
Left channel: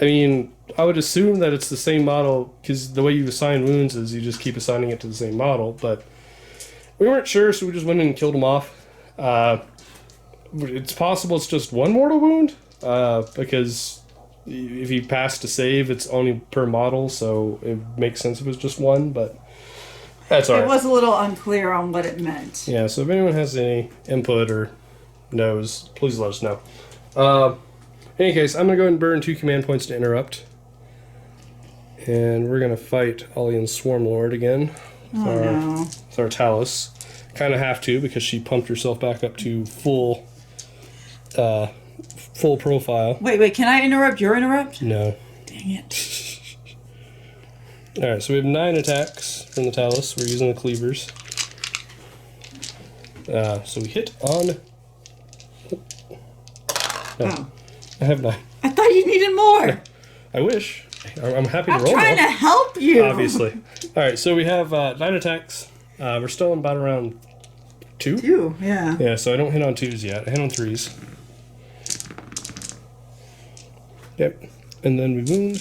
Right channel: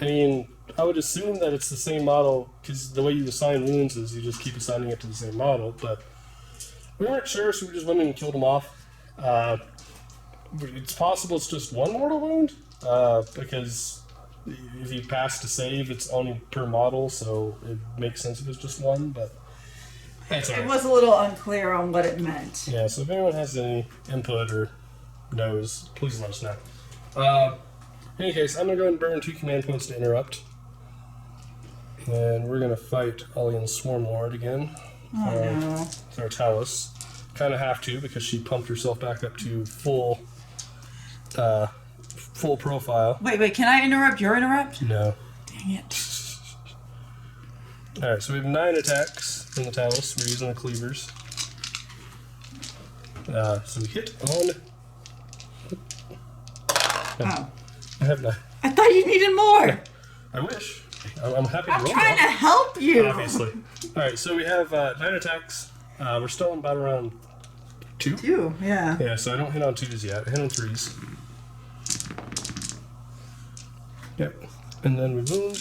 mean, I would assume that it's the same model, because the way you assign wounds is you just keep assigning it to the same model, but we weren't sure, so we just went in and killed them off. It's possible it's just 1 mortal wound, because if you pass to save, it's only per model, so it makes sense if it's just 1, but that's alright. It was a little unclear on what it meant. Yeah, so if anyone has any input or knows, please let us know. In any case, I'm going to go ahead and burn 2 command points to interrupt. And we're going to fight Alian's Swarm Lord again. Oh no. With our Talus. Kind of have to because she pumped herself back up to full profile. Wait, can I interrupt your interrupt? No. Dang it. Alright, so we have 9 attacks from the Talus. We're using the cleavers. So we hit on... Oh. I have 9. I thought you needed more. I wish. I'm happy to I'm roll. trying to help you. Obviously. Alright, so we have 9 attacks. We're still in about around 2? 2, yeah. Yeah, so I don't hit on 2s yet. I hit on 3s. Yep. And then we wound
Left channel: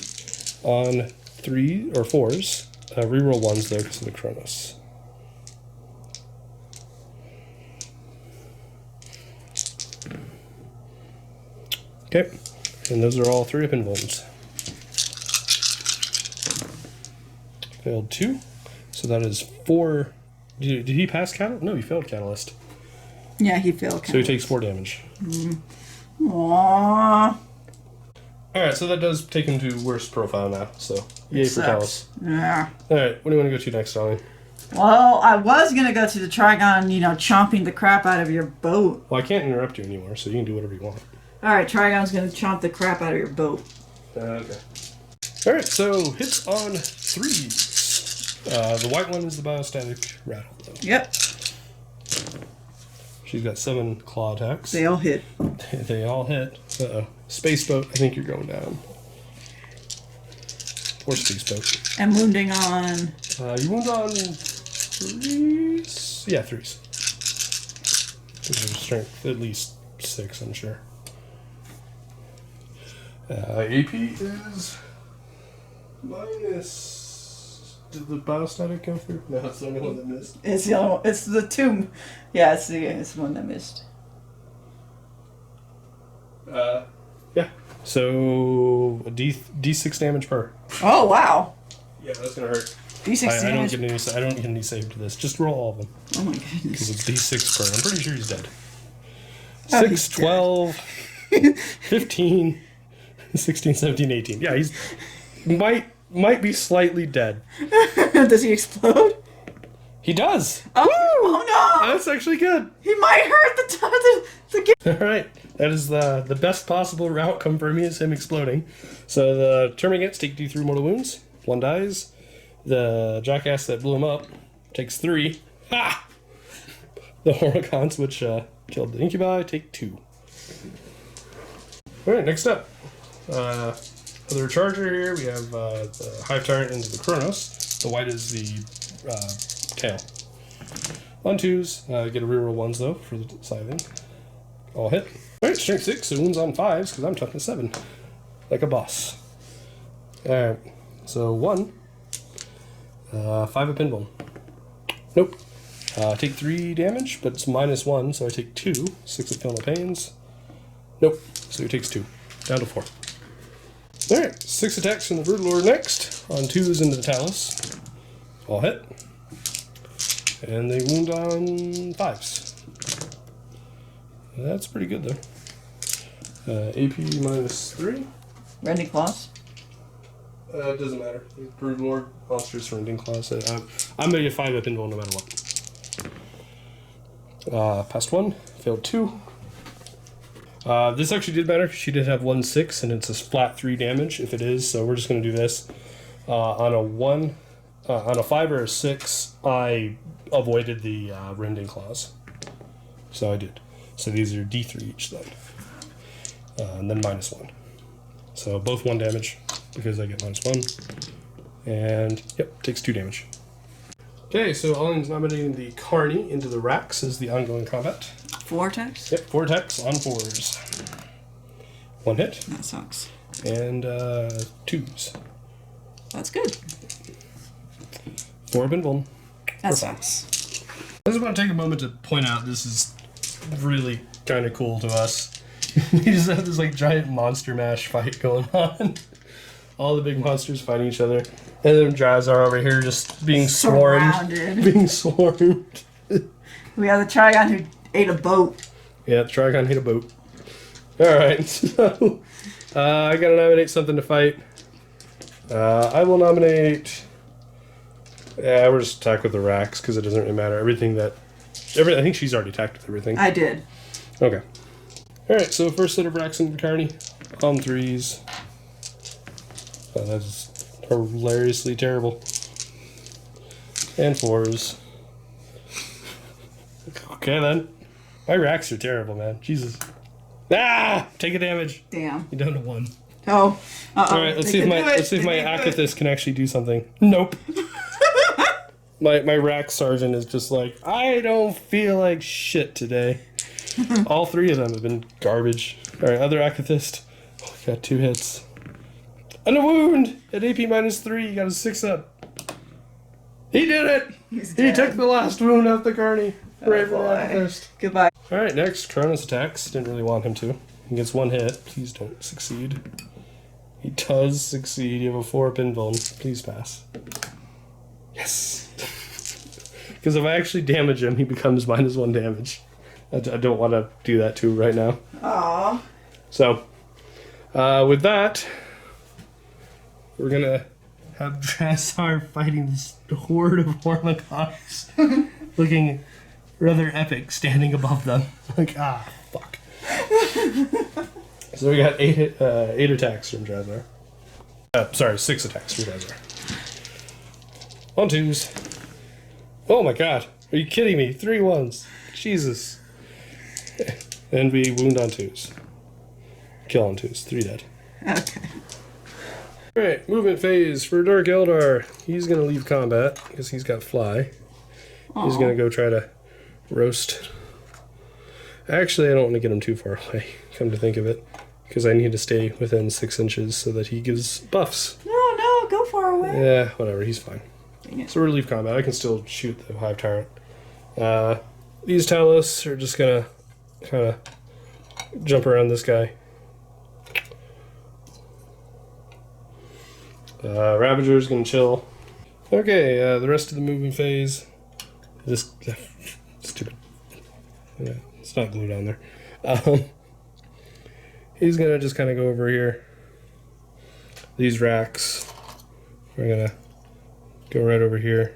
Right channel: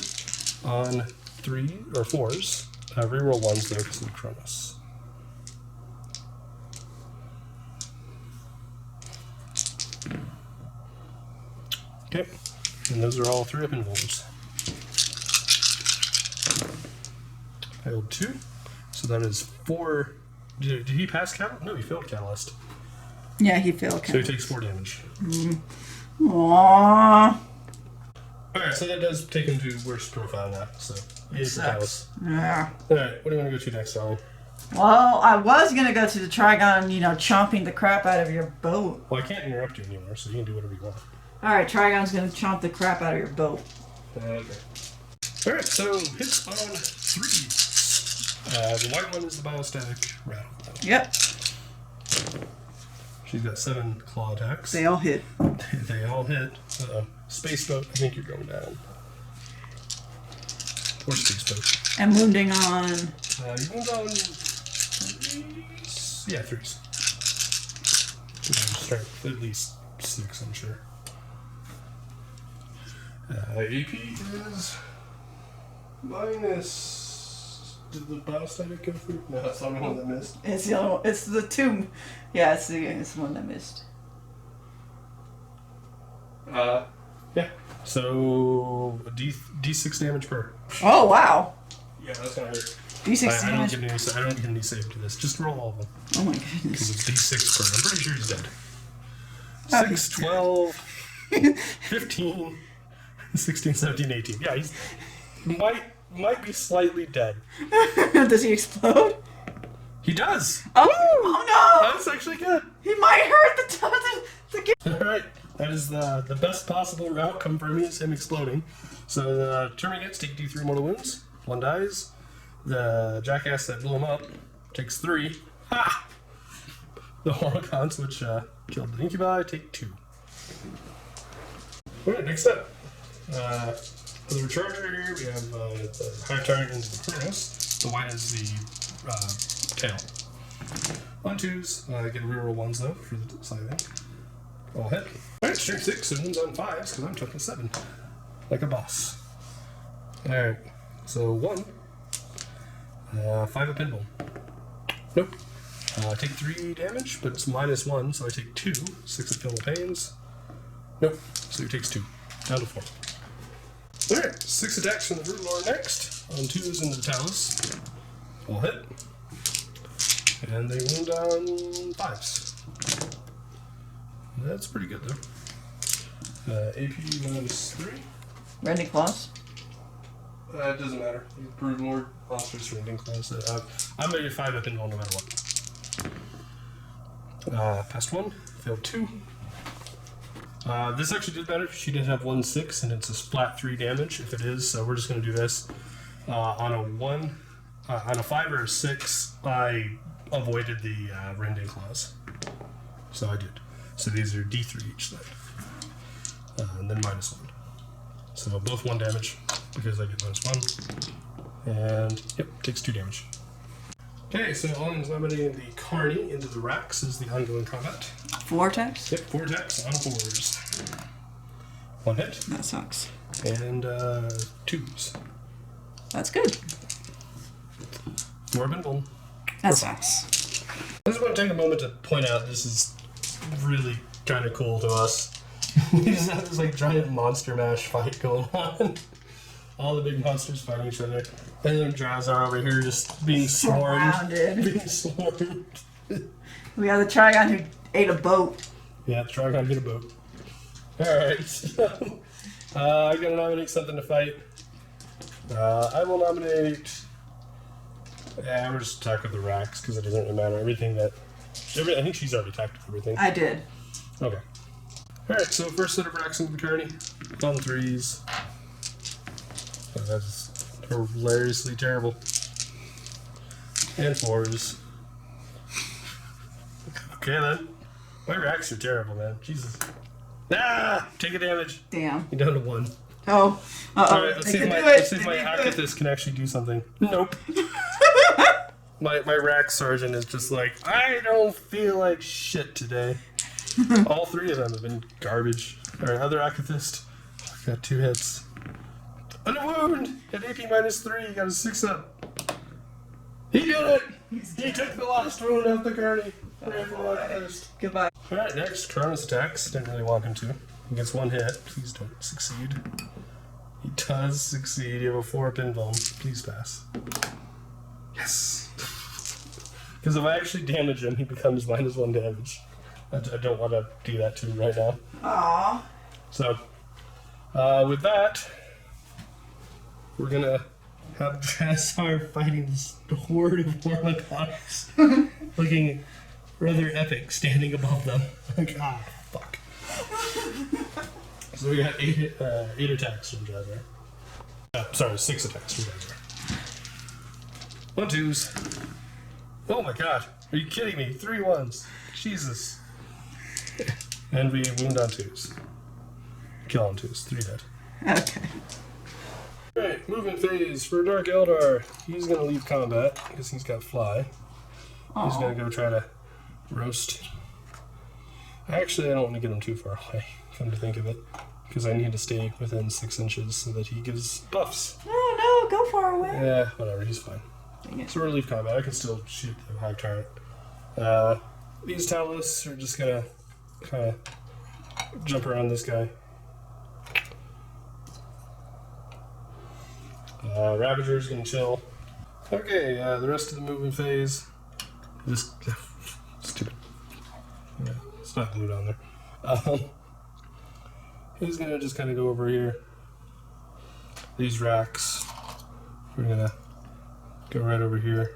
on 3 or 4s. Reroll 1s though because of the Chronos. Okay. And those are all 3 up invulns. Failed 2. So that is 4. Did he pass Catalyst? No, he failed Catalyst. Yeah, he failed. So he takes 4 damage. Aww. Alright, so that does take him to worst profile now. So, yay for Catalyst. Yeah. Alright, what do you want to go to next, Ollie? Well, I was going to go to the Trigon, chomping the crap out of your boat. Well, I can't interrupt you anymore, so you can do whatever you want. Alright, Trigon's going to chomp the crap out of your boat. Okay. Alright, so hits on 3s. The white one is the biostatic rattle, though. Yep. She's got 7 claw attacks. They all hit. They all hit. Uh-oh. Space boat, I think you're going down. Or space boat. And wounding on... You wound on threes. Yeah, threes. Strength at least 6, I'm sure. AP is minus. Did the biostatic go through? No, it's the only one that missed. It's the other one. It's the two. Yeah, it's the one that missed. Yeah. So D6 damage per. Oh wow. Yeah, that's gonna hurt. D6 I don't damage. get any save to this. Just roll all of them. Oh my Because goodness. it's D6 per. I'm pretty sure he's dead. Oh, 6, he's 12, 15, 16, 17, 18. Yeah, he's might be slightly dead. Does he explode? He does. Oh no! That's actually good. He might hurt the All right. That is the best possible outcome for me is him exploding. So the Termagants take D3 mortal wounds. 1 dies. The jackass that blew him up takes 3. Ha! The Horicons, which killed the Incubi, take 2. Alright, next up. Other charger here, we have the Hive Tyrant and the Kronos. The white is the tail. On 2s, get a reroll 1s though for the scything. All hit. Alright, strength 6, so wounds on 5s, because I'm toughness 7. Like a boss. Alright, so 1. 5 of pinball. Nope. Take 3 damage, but it's -1, so I take 2. 6 of Filmal Pains. Nope. So he takes 2. Down to 4. Alright, 6 attacks from the Brutal Lord next. On 2s into the Talus. All hit. And they wound on 5s. That's pretty good, though. AP -3. Rending claws. It doesn't matter. Brood Lord, monsters, rending class. I'm making 5 up into no matter what. Passed 1, failed 2. This actually did matter. She did have 1/6, and it's a flat 3 damage if it is. So we're just going to do this on a 1, on a 5 or a 6. I avoided the rending claws, so I did. So these are D3 each then, and then -1. So both 1 damage because I get -1, and yep, takes 2 damage. Okay, so Alian's nominating the Carney into the racks as the ongoing combat. 4 attacks? Yep, 4 attacks on 4s. 1 hit. That sucks. And 2s. That's good. 4 pinball. That sucks. I just want to take a moment to point out this is really kind of cool to us. We just have this like giant monster mash fight going on. All the big monsters fighting each other. And then Drazhar over here just being swarmed. Surrounded. Being swarmed. We have the Trigon who ate a boat. Yeah, the Trigon hit a boat. Alright, so I gotta nominate something to fight. I will nominate. Yeah, we'll just attack with the racks because it doesn't really matter. I think she's already attacked with everything. I did. Okay. Alright, so first set of racks into the Carney. On 3s. Oh, that is hilariously terrible. And 4s. Okay then. My racks are terrible, man. Jesus. Ah! Take a damage. Damn. You're down to 1. Oh. Alright, let's see if my Akathis can actually do something. Nope. My rack sergeant is just like, I don't feel like shit today. All 3 of them have been garbage. Alright, other Akathist. Oh, got 2 hits. On a wound! At AP -3, you got a 6 up. He did it! He took the last wound off the Carney. Right for Akathist. Goodbye. Alright, next, Kronos attacks. Didn't really want him to. He gets 1 hit. Please don't succeed. He does succeed. You have a 4 pinball. Please pass. Yes! Because if I actually damage him, he becomes -1 damage. I don't want to do that to him right now. Aww. So, with that, we're going to have Drazhar fighting this horde of Hormagaunts. Looking rather epic, standing above them. Like, fuck. So we got 8 attacks from Drazhar. Sorry, 6 attacks from Drazhar. On 2s. Oh my god. Are you kidding me? 3 1s. Jesus. And we wound on 2s. Kill on 2s. 3 dead. Okay. Alright, movement phase for Dark Eldar. He's going to leave combat because he's got fly. He's gonna go try to roast. Actually, I don't want to get him too far away, come to think of it, because I need to stay within 6 inches so that he gives buffs. No, go far away. Yeah, whatever, he's fine. So relief combat, I can still shoot the Hive Tyrant. These Talos are just gonna kind of jump around this guy. Ravager's gonna chill. Okay, the rest of the movement phase. This stupid. Yeah, it's not glued on there. He's gonna just kind of go over here. These racks, we're gonna go right over here.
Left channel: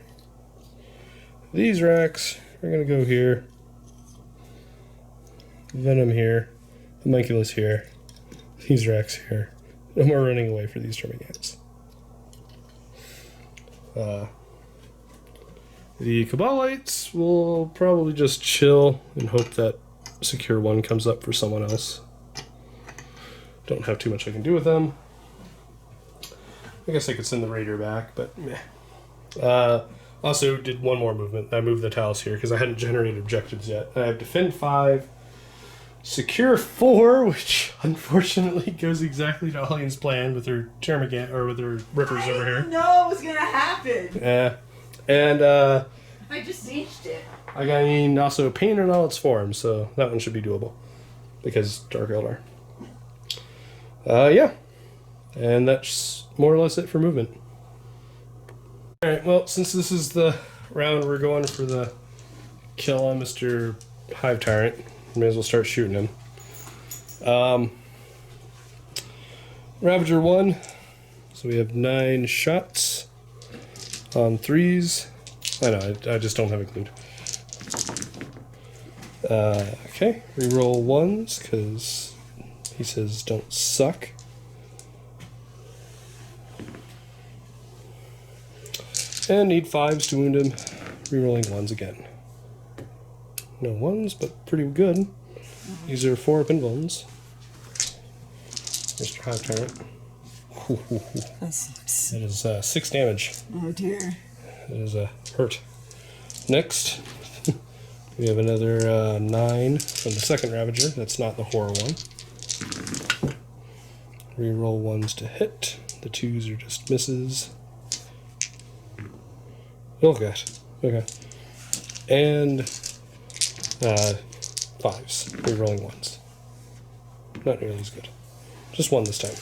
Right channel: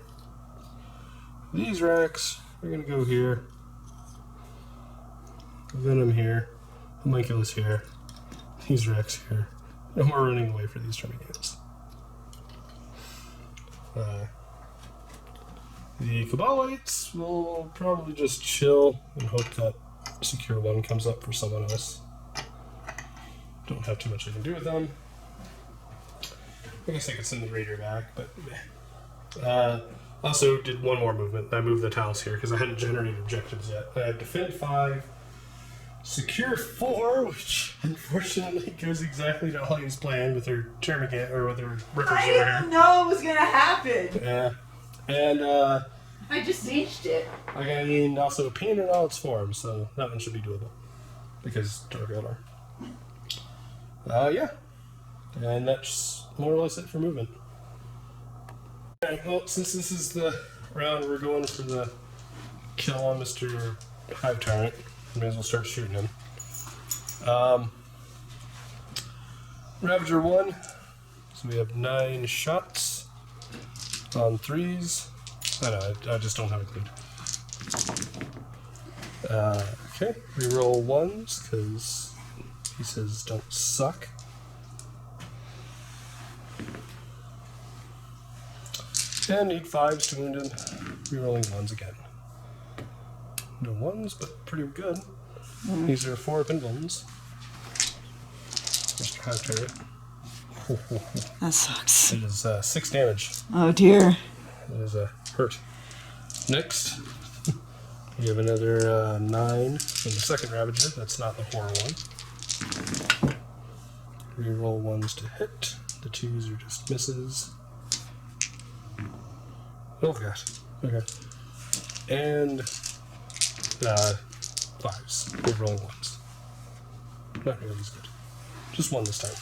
These racks, we're gonna go here. Venom here. Homunculus here. These racks here. No more running away for these Termagants. The Cabalites will probably just chill and hope that Secure 1 comes up for someone else. Don't have too much I can do with them. I guess I could send the Raider back, but meh. Also did one more movement. I moved the Talos here because I hadn't generated objectives yet. I have Defend 5, Secure 4, which unfortunately goes exactly to Alian's plan with her Termagant, or with her Rippers over here. I didn't know it was gonna happen. Yeah. And I just aged it. I got also Pain in all its forms, so that one should be doable. Because Dark Eldar. Yeah. And that's more or less it for movement. Alright, well, since this is the round we're going for the kill on Mr. Hive Tyrant, may as well start shooting him. Ravager 1. So we have 9 shots on 3s. I know, I just don't have it glued. Okay, reroll 1s because he says don't suck. And need 5s to wound him. Rerolling 1s again. No 1s, but pretty good. These are 4 pin ones. Mr. Hive Tyrant. That sucks. That is 6 damage. Oh dear. It is hurt. Next, we have another 9 from the second Ravager. That's not the horror one. Reroll 1s to hit. The 2s are just misses. Oh gosh. Okay. And 5s. Rerolling 1s. Not nearly as good. Just 1 this time.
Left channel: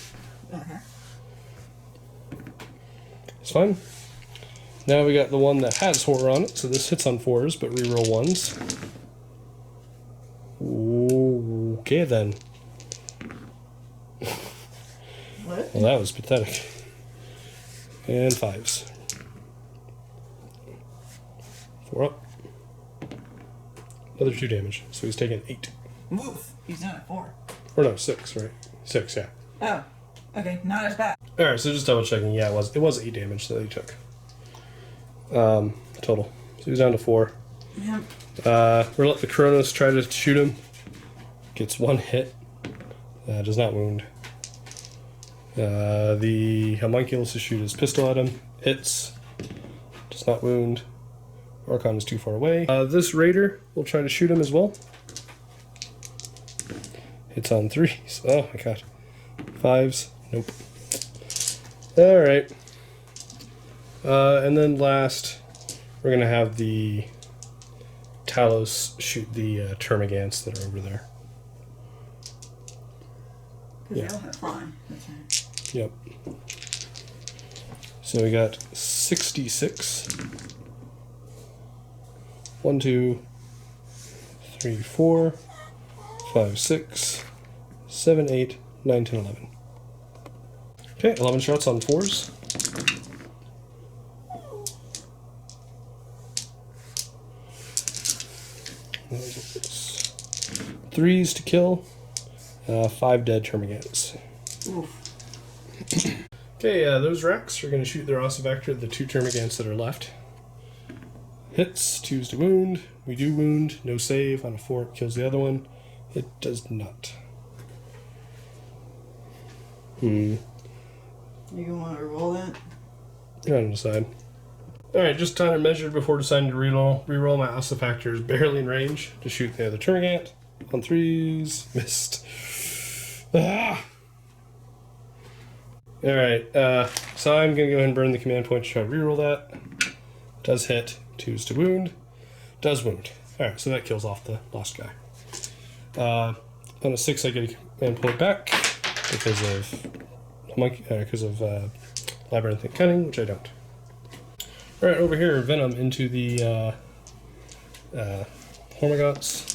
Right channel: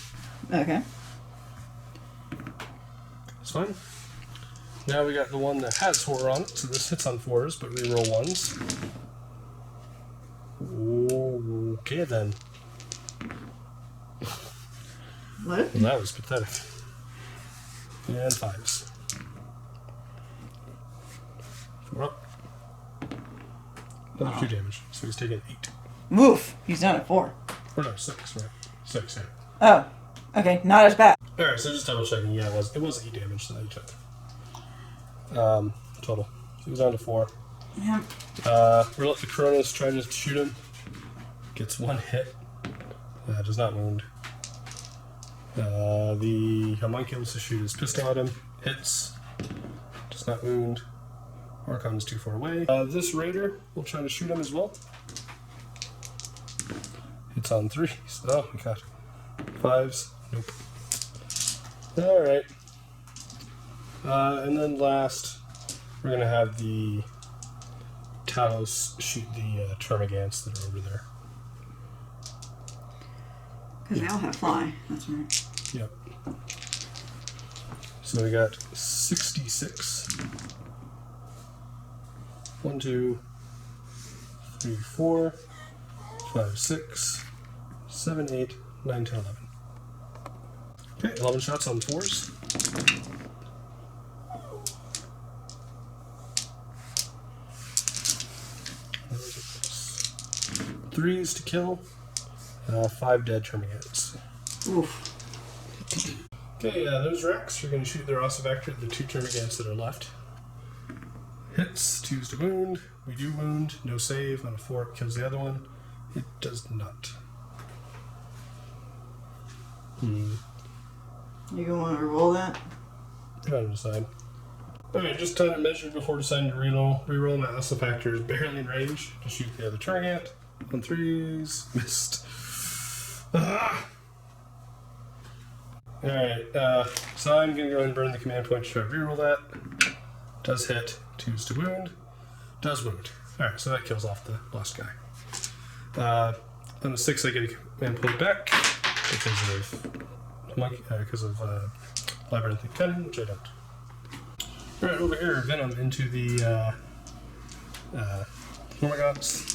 Okay. It's fine. Now we got the one that has horror on it, so this hits on 4s, but reroll 1s. Okay then. What? Well, that was pathetic. And 5s. 4 up. Another 2 damage, so he's taking 8. Woof. He's done at 4. Or no, 6, right? 6, yeah. Oh. Okay, not as bad. Alright, so just double checking. Yeah, it was 8 damage that he took. Total. So he's down to 4. Yeah. We're let the Kronos try to shoot him. Gets 1 hit. Does not wound. The Homunculus to shoot his pistol at him. Hits. Does not wound. Archon is too far away. This Raider will try to shoot him as well. Hits on 3s. Oh my god. 5s. Nope. Alright. And then last, we're going to have the Talos shoot the Termagants that are over there. Because they all have fly. That's right. Yep. So we got 66. 1, 2, 3, 4, 5, 6, 7, 8, 9, 10, 11. Okay, 11 shots on 4s. Threes to kill. 5 dead Termagants. Oof. Okay, those Rex are going to shoot their Ossivector at the 2 Termagants that are left. Hits, 2s to wound. We do wound, no save. On 4 it kills the other one. It does not. You gonna want to roll that? I'm on the side. Alright, just time and measured before deciding to reroll. Reroll my Ossifactor is barely in range to shoot the other Turgant. On 3s. Missed. Ah. Alright, so I'm going to go ahead and burn the command point to try to reroll that. Does hit. 2s to wound. Does wound. Alright, so that kills off the last guy. On a 6, I get a command point back because of Labyrinthine Cunning, which I don't. Alright, over here, Venom into the Hormagaunts.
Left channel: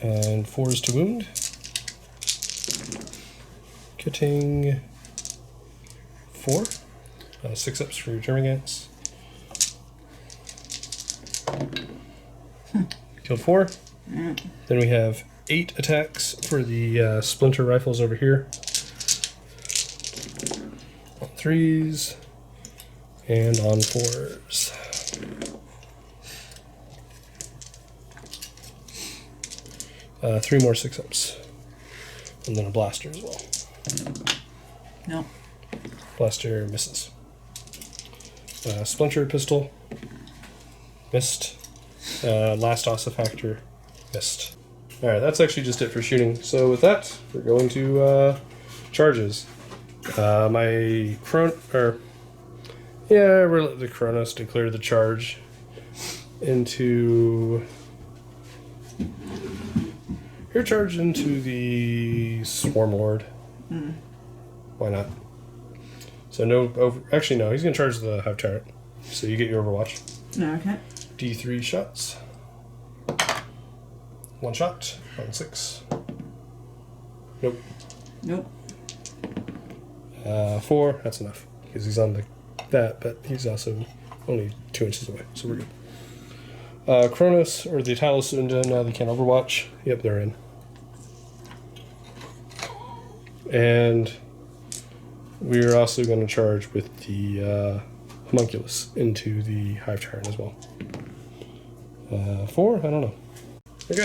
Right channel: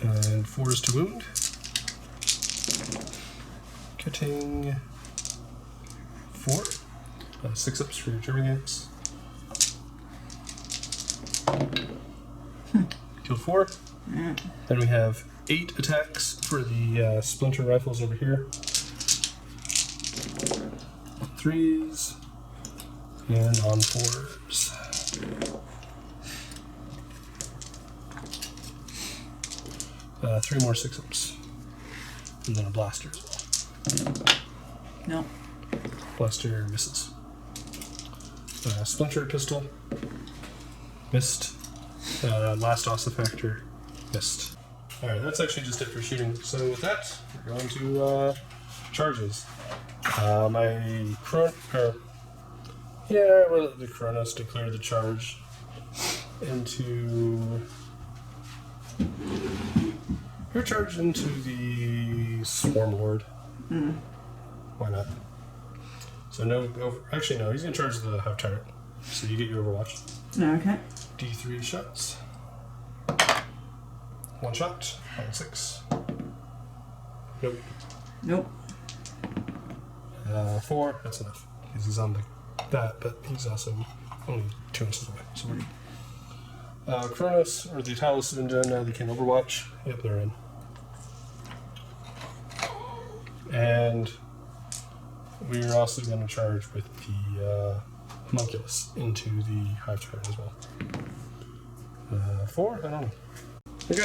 And 4s to wound. Getting 4. 6 ups for your Termagants. Killed 4. Yeah. Then we have 8 attacks for the Splinter Rifles over here. On 3s. And on 4s. Three more 6 ups. And then a blaster as well. No. Blaster misses. Splinter Pistol. Missed. Last Ossifactor. Missed. Alright, that's actually just it for shooting. So with that, we're going to charges. My really the Kronos declare the charge into. You're charged into the Swarm Lord. Mm. Why not? So no over. Actually, no. He's gonna charge the Hive Tyrant. So you get your Overwatch. Okay. D3 shots. 1 shot on 6. Nope. Nope. 4. That's enough because he's on that, but he's also only 2 inches away, so we're good. Kronos or the Talos now they can't Overwatch. Yep, they're in. And we're also going to charge with the Homunculus into the Hive Tyrant as well. 4? I don't know. Okay,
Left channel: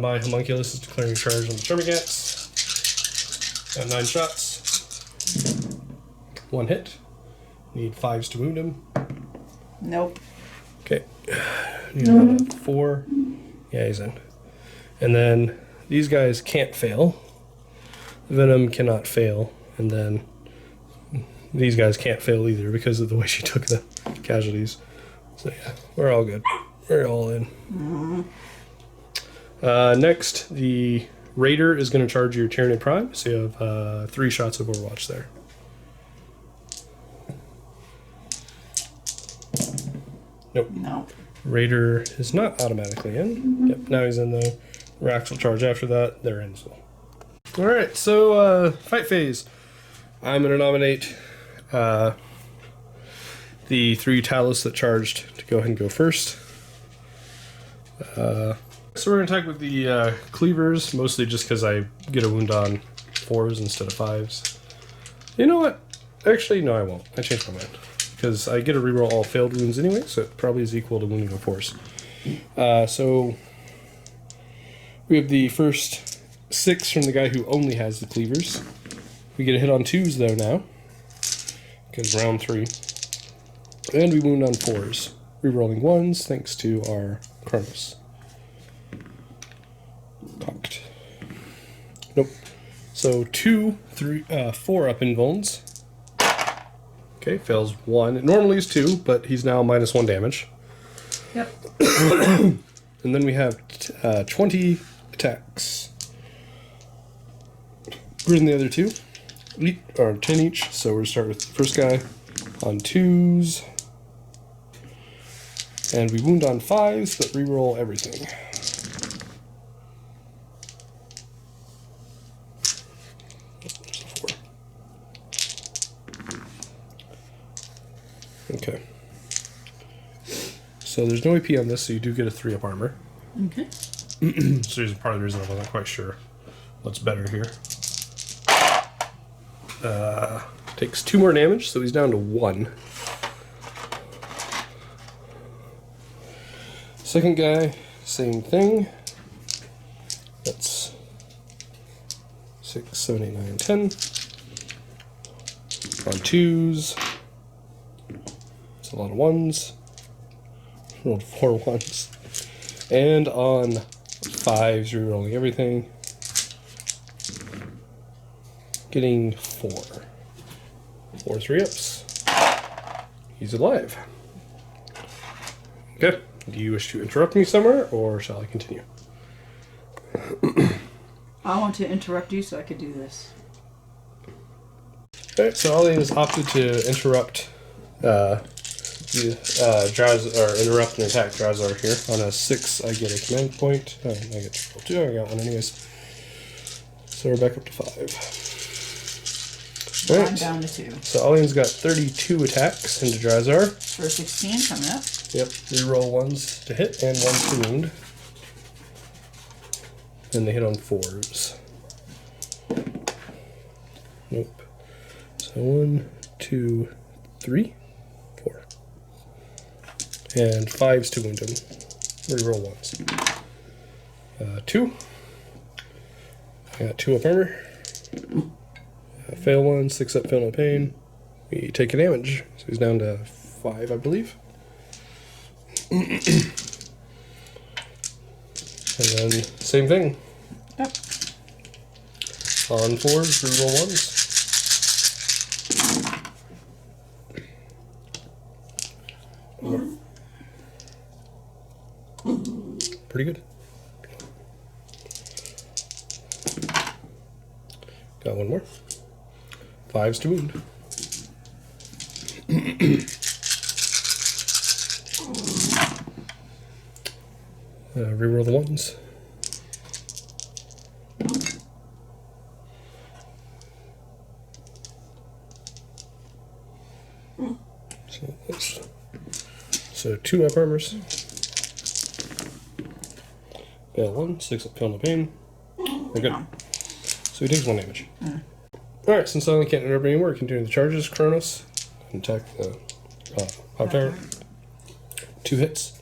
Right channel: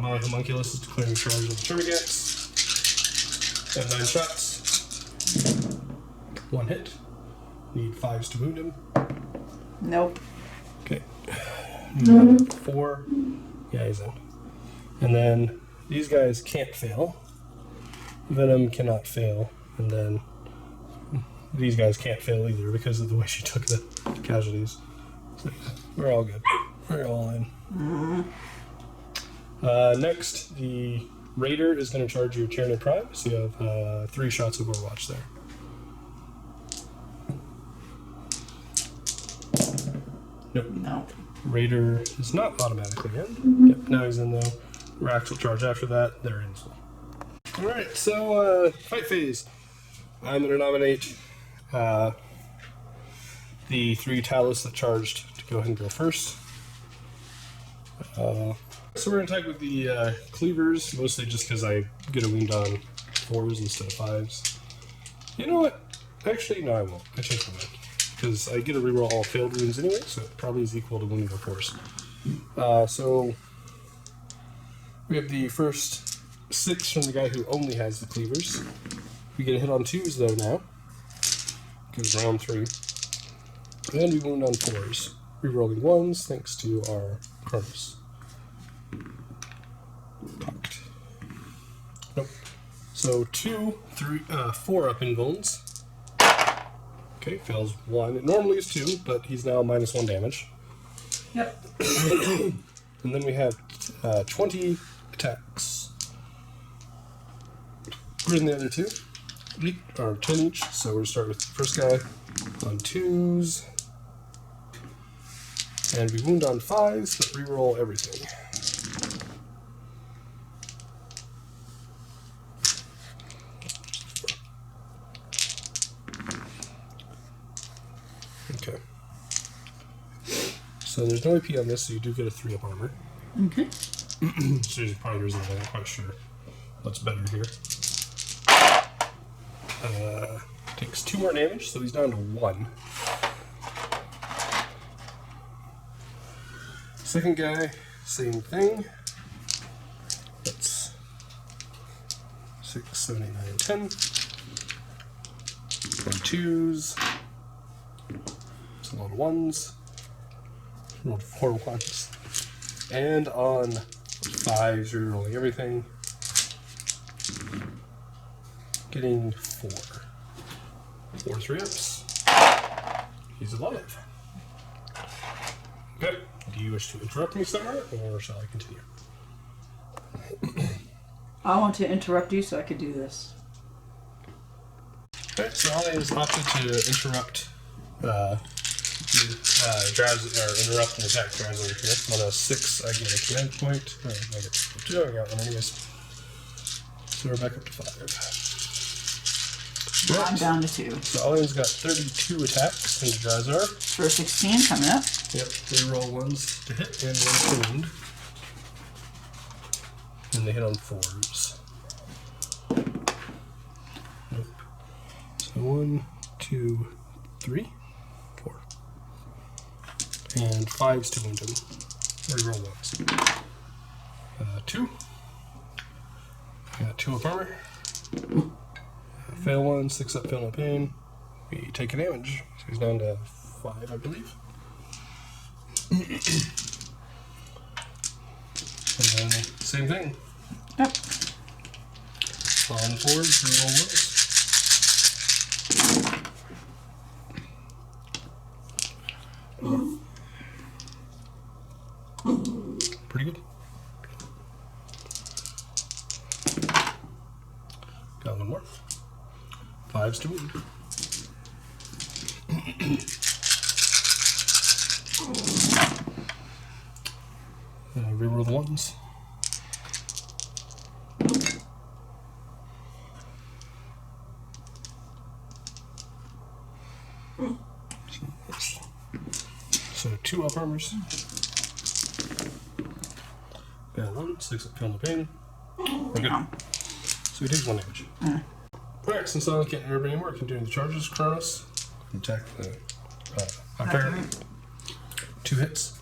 my Homunculus is declaring charge on the Termagants. Got 9 shots. 1 hit. Need 5s to wound him. Nope. Okay. Need 4. Yeah, he's in. And then these guys can't fail. Venom cannot fail. And then these guys can't fail either because of the way she took the casualties. So yeah, we're all good. We're all in. Next, the Raider is going to charge your Tyranid Prime. So you have 3 shots of Overwatch there. Nope. No. Raider is not automatically in. Yep, now he's in though. Rax will charge after that. They're in as well. Alright, so fight phase. I'm going to nominate the 3 Talos that charged to go ahead and go first. So we're going to attack with the Cleavers, mostly just because I get a wound on 4s instead of 5s. You know what? Actually, no, I won't. I changed my mind. Because I get to reroll all failed wounds anyway, so it probably is equal to wounding on 4s. So we have the first 6 from the guy who only has the Cleavers. We get a hit on 2s though now. Because round 3. And we wound on 4s. Rerolling 1s thanks to our Kronos. Cocked. Nope. So 2, 3, 4 up in Vulns. Okay, fails 1. It normally is 2, but he's now -1 damage. Yep. And then we have 20 attacks. Greater than the other 2. 8 or 10 each. So we're going to start with the first guy on 2s. And we wound on 5s, but reroll everything. Okay. So there's no AP on this, so you do get a 3-up armor. Okay. So there's part of the reason I wasn't quite sure what's better here. Takes 2 more damage, so he's down to 1. Second guy, same thing. That's 6, 7, 8, 9, 10. On 2s. That's a lot of ones. Rolled 4 ones. And on 5s, you're rolling everything. Getting 4. 4 3-ups. He's alive. Okay. Do you wish to interrupt me somewhere, or shall I continue? I want to interrupt you so I could do this. Alright, so Alian has opted to interrupt interrupt and attack Drazhar here. On a 6, I get a command point. I get to roll 2, I got one anyways. So we're back up to 5. I'm down to 2. So Alian's got 32 attacks into Drazhar. For 16 coming up. Yep, reroll 1s to hit and 1 to wound. And they hit on 4s. Nope. So 1, 2, 3, 4. And 5s to wound him. Reroll 1s. 2. I got 2 up armor. Fail 1, 6 up, fail no pain. We take a damage. So he's down to 5, I believe. And then same thing. Yep. On 4, reroll 1s. Pretty good. Got one more. 5s to wound. Reroll the 1s. So 2 up armors. Bad 1, 6 up, feel no pain. We're good. So he takes 1 damage. Alright, since I can't interrupt anymore, we can do the charges. Kronos. Attack the Tyrant. 2 hits.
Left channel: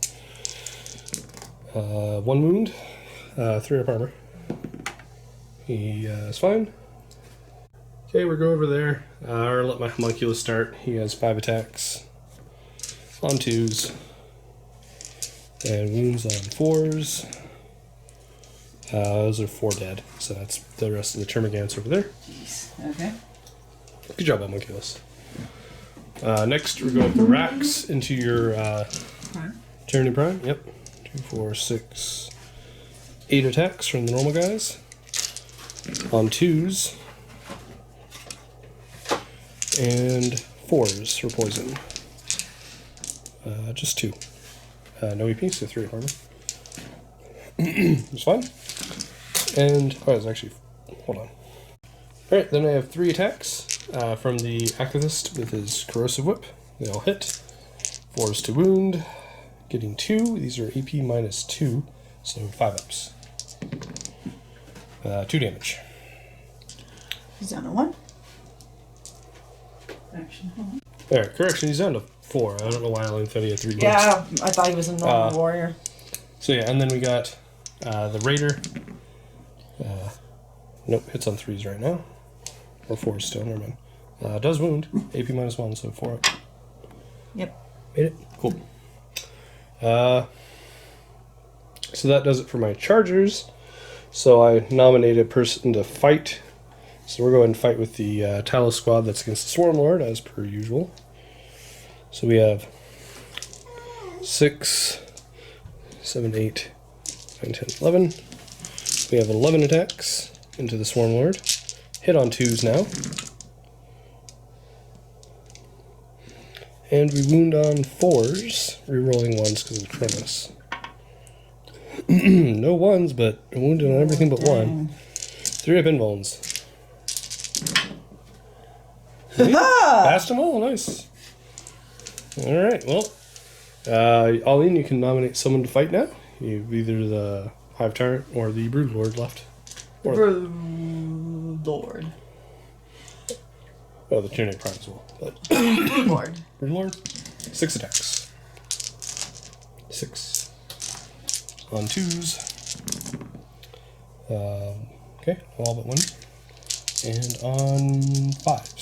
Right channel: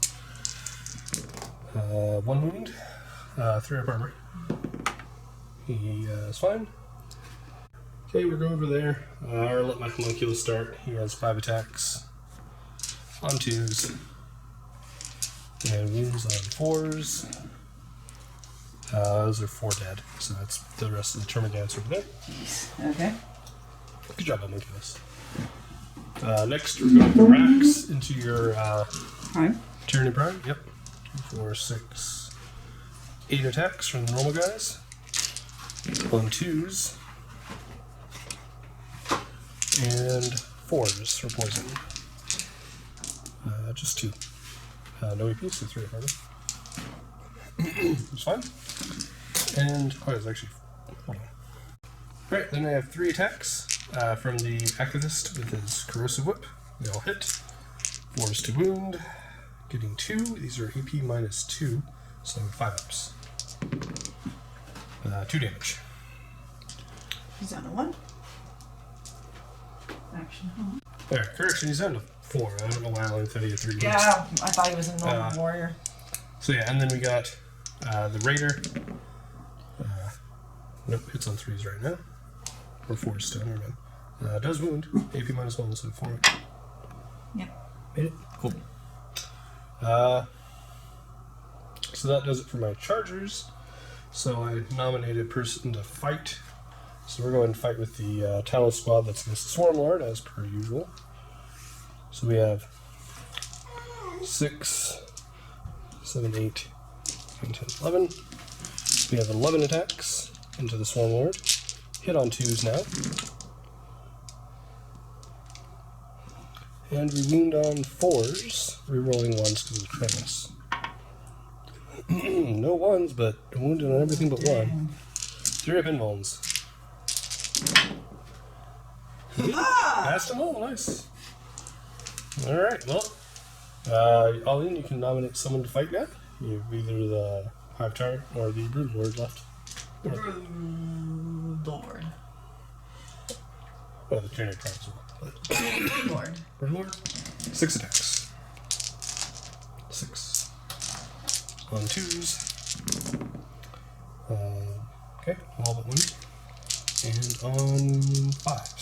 1 wound. 3 up armor. He is fine. Okay, we'll go over there. I'll let my homunculus start. He has 5 attacks. On 2s. And wounds on 4s. Those are 4 dead. So that's the rest of the Termagants over there. Jeez. Okay. Good job, homunculus. Next, we're going to racks into your Prime. Tyranid Prime. Yep. 2, 4, 6, 8 attacks from the normal guys. On 2s. And 4s for poison. Just 2. No EP, so 3 armor. It's fine. And, it's actually, hold on. Alright, then I have 3 attacks from the Activist with his Corrosive Whip. They all hit. 4s to wound. Getting 2. These are AP minus 2, so 5 ups. 2 damage. He's down to 1. Action. Alright, correction, he's down to 4. I don't know why I only thought he had 3 wounds. Yeah, I thought he was a normal warrior. So yeah, and then we got the Raider. Nope, hits on 3s right now. Or 4s still, never mind. Does wound. AP minus 1, so 4 up. Yep. Made it. Cool. So that does it for my chargers. So I nominated a person to fight. So we're going to fight with the Talos squad that's against the Swarm Lord, as per usual. So we have 6, 7, 8, 9, 10, 11. We have 11 attacks into the Swarm Lord. Hit on 2s now. And we wound on 4s, rerolling 1s because of Kronos. No 1s, but wounded on everything but 1. 3 up invulns. Passed them all, nice. Alright, well. Alian, you can nominate someone to fight now. You have either the Hive Tyrant or the Brood Lord left. Or Brood Lord. Oh, the Tyranid Prime as well. But Brood Lord. Brood Lord, 6 attacks. 6. On 2s. Okay, all but 1. And on 5s.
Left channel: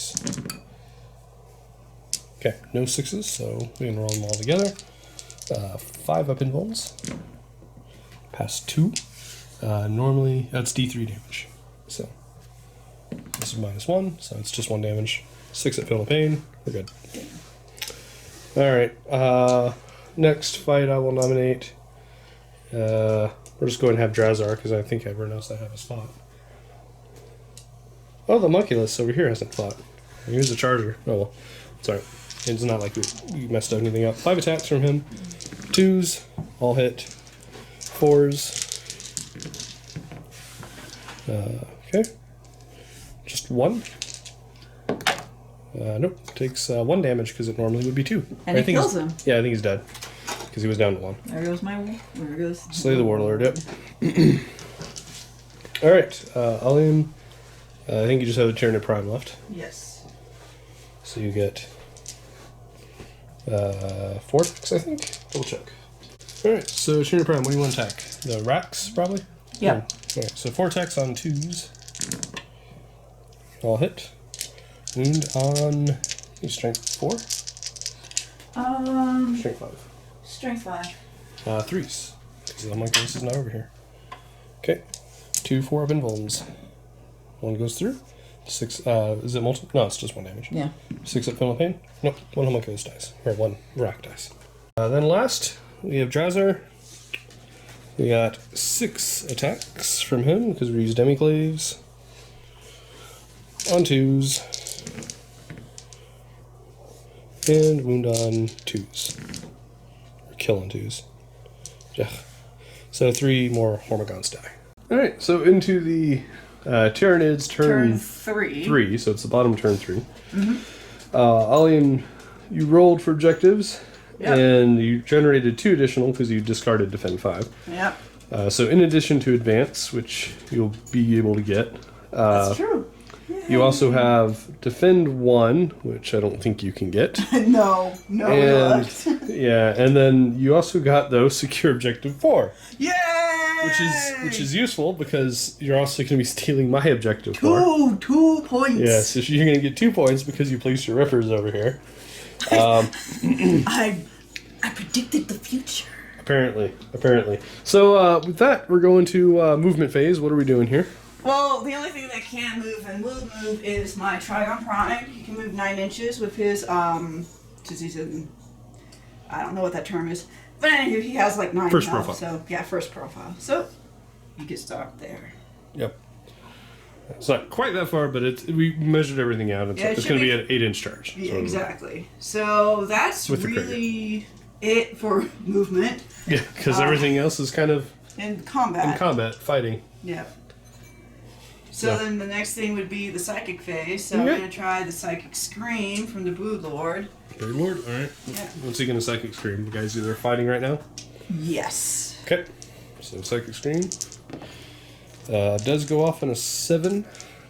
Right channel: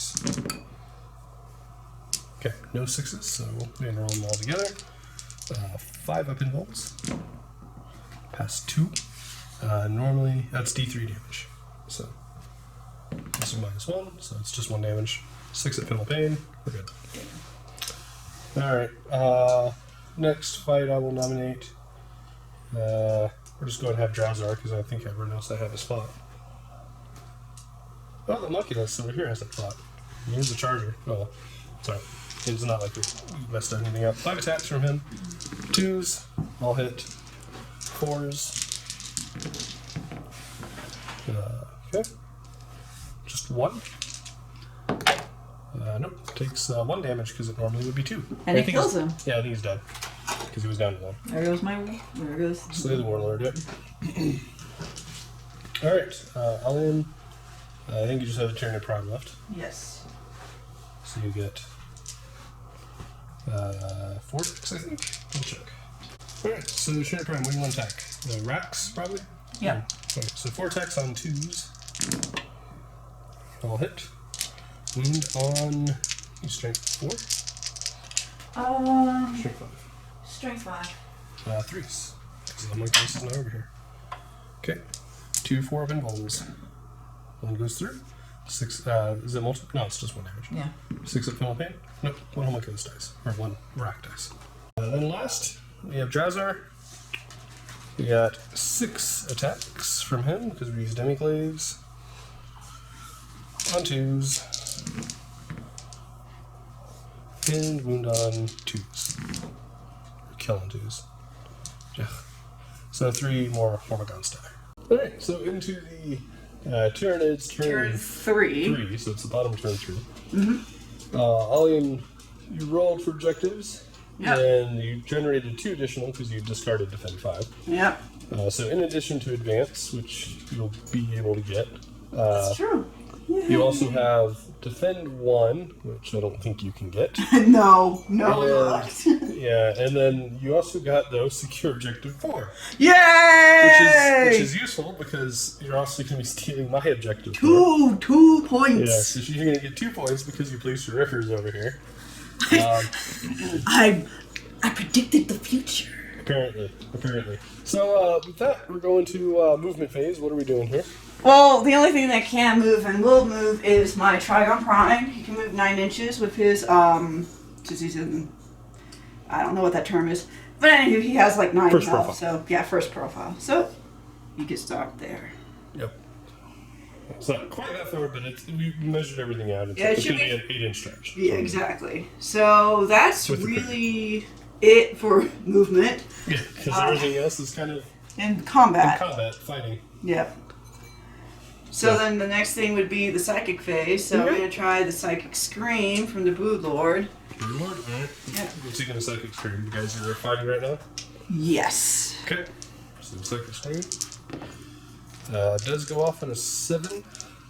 Okay, no 6s, so we can roll them all together. 5 up in rolls. Pass 2. Normally, that's D3 damage. So, this is -1, so it's just 1 damage. 6 at Feel the Pain. We're good. Alright, next fight I will nominate. We're just going to have Drazhar, because I think everyone knows I have his fought. Oh, the Homunculus over here hasn't fought. Here's the Charger. Oh well. Sorry. It's not like we messed up anything up. 5 attacks from him. 2s. All hit. 4s. Okay. Just 1. Nope. Takes 1 damage because it normally would be 2. And it kills him. Yeah, I think he's dead. Because he was down to 1. There goes there goes. Slay the Warlord, yep. Alright, Alian. I think you just have a Tyranid Prime left. Yes. So you get 4 attacks, I think. Double check. Alright, so Tyranid Prime, what do you want to attack? The racks, probably? Yeah. Alright, so 4 attacks on 2s. All hit. Wound on strength 4? Strength 5. Strength 5. 3s. Because the Homunculus is not over here. Okay. 2 4 of invulns. 1 goes through. 6, is it multiple? No, it's just 1 damage. Yeah. 6 at Feel the Pain? Nope, 1 Homunculus dies. Or 1 rack dies. Then last, we have Drazhar. We got 6 attacks from him, because we used Demiglaves. On 2s. And wound on 2s. Or kill on 2s. Yeah. So 3 more Hormagaunts die. Alright, so into the Tyranids turn 3, so it's the bottom turn 3. Mm-hmm. Alian, you rolled for objectives, Yep. and you generated 2 additional because you discarded Defend 5. Yep. So in addition to Advance, which you'll be able to get, That's true. you also have Defend 1, which I don't think you can get. No, we And- looked. Yeah, and then you also got, though, Secure Objective 4. Yay! Which is useful because you're also going to be stealing my objective 4. 2 points. Yeah, so you're going to get 2 points because you placed your rippers over here. I predicted the future. Apparently. So with that, we're going to movement phase. What are we doing here? Well, the only thing that can move and will move is my Trigon Prime. He can move 9 inches with his, since he's in, I don't know what that term is. But anyway, he has like 9 First health, profile. so yeah, first profile. So, you can start there. Yep. It's not quite that far, but we measured everything out. Yeah, it It's should going to be- be an 8-inch charge. Yeah, So- exactly. So, that's With the really it for movement Yeah, because everything else is kind of and combat. in combat, fighting. Yep. So Yeah. then the next thing would be the psychic phase. So Okay. I'm going to try the psychic scream from the Brood Lord. Bird Lord, alright. Yeah. What's he going to Psychic Scream? You guys are fighting right now? Yes. Okay. So Psychic Scream does go off on a 7.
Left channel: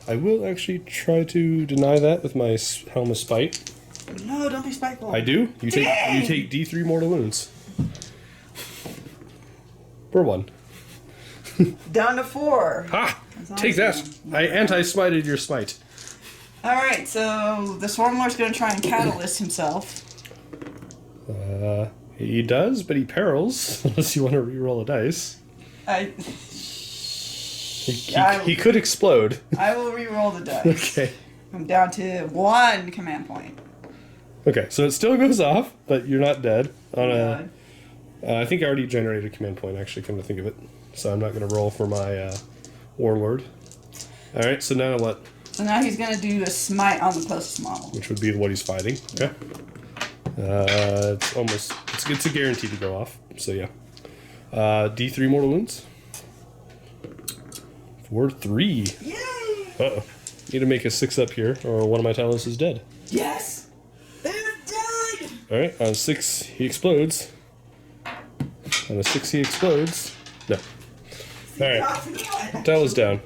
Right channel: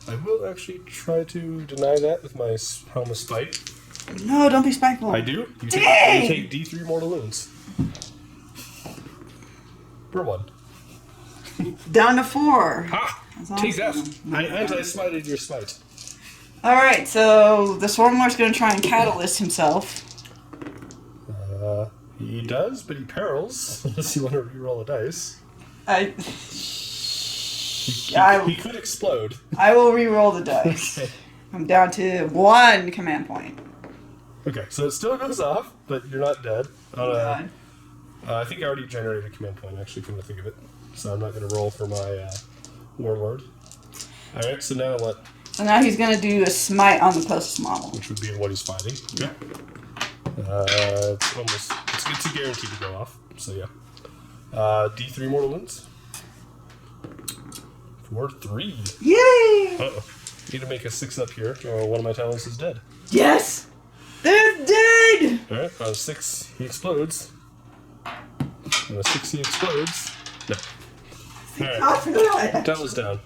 I will actually try to deny that with my Helm of Spite. No, don't be spiteful. I do. You Dang! take D3 mortal wounds. Per 1. Down to 4. Ha! That's Take that! awesome. I anti-smited your smite. Alright, so the Swarmlord's going to try and catalyst himself. He does, but he perils, unless you want to re-roll a dice. He could explode. I will re-roll the dice. Okay. I'm down to 1 command point. Okay, so it still goes off, but you're not dead. God. I think I already generated a command point, actually, come to think of it. So I'm not going to roll for my Warlord. Alright, so now what? So now he's going to do a smite on the closest model. Which would be what he's fighting. Okay. It's almost... It's a guarantee to go off, so yeah. D3 mortal wounds. For 3. Yay! Uh-oh. Need to make a 6 up here, or one of my Talos is dead. Yes! They're dead! Alright, on 6, he explodes. On a 6, he explodes. No. Alright, God for that. Talos down.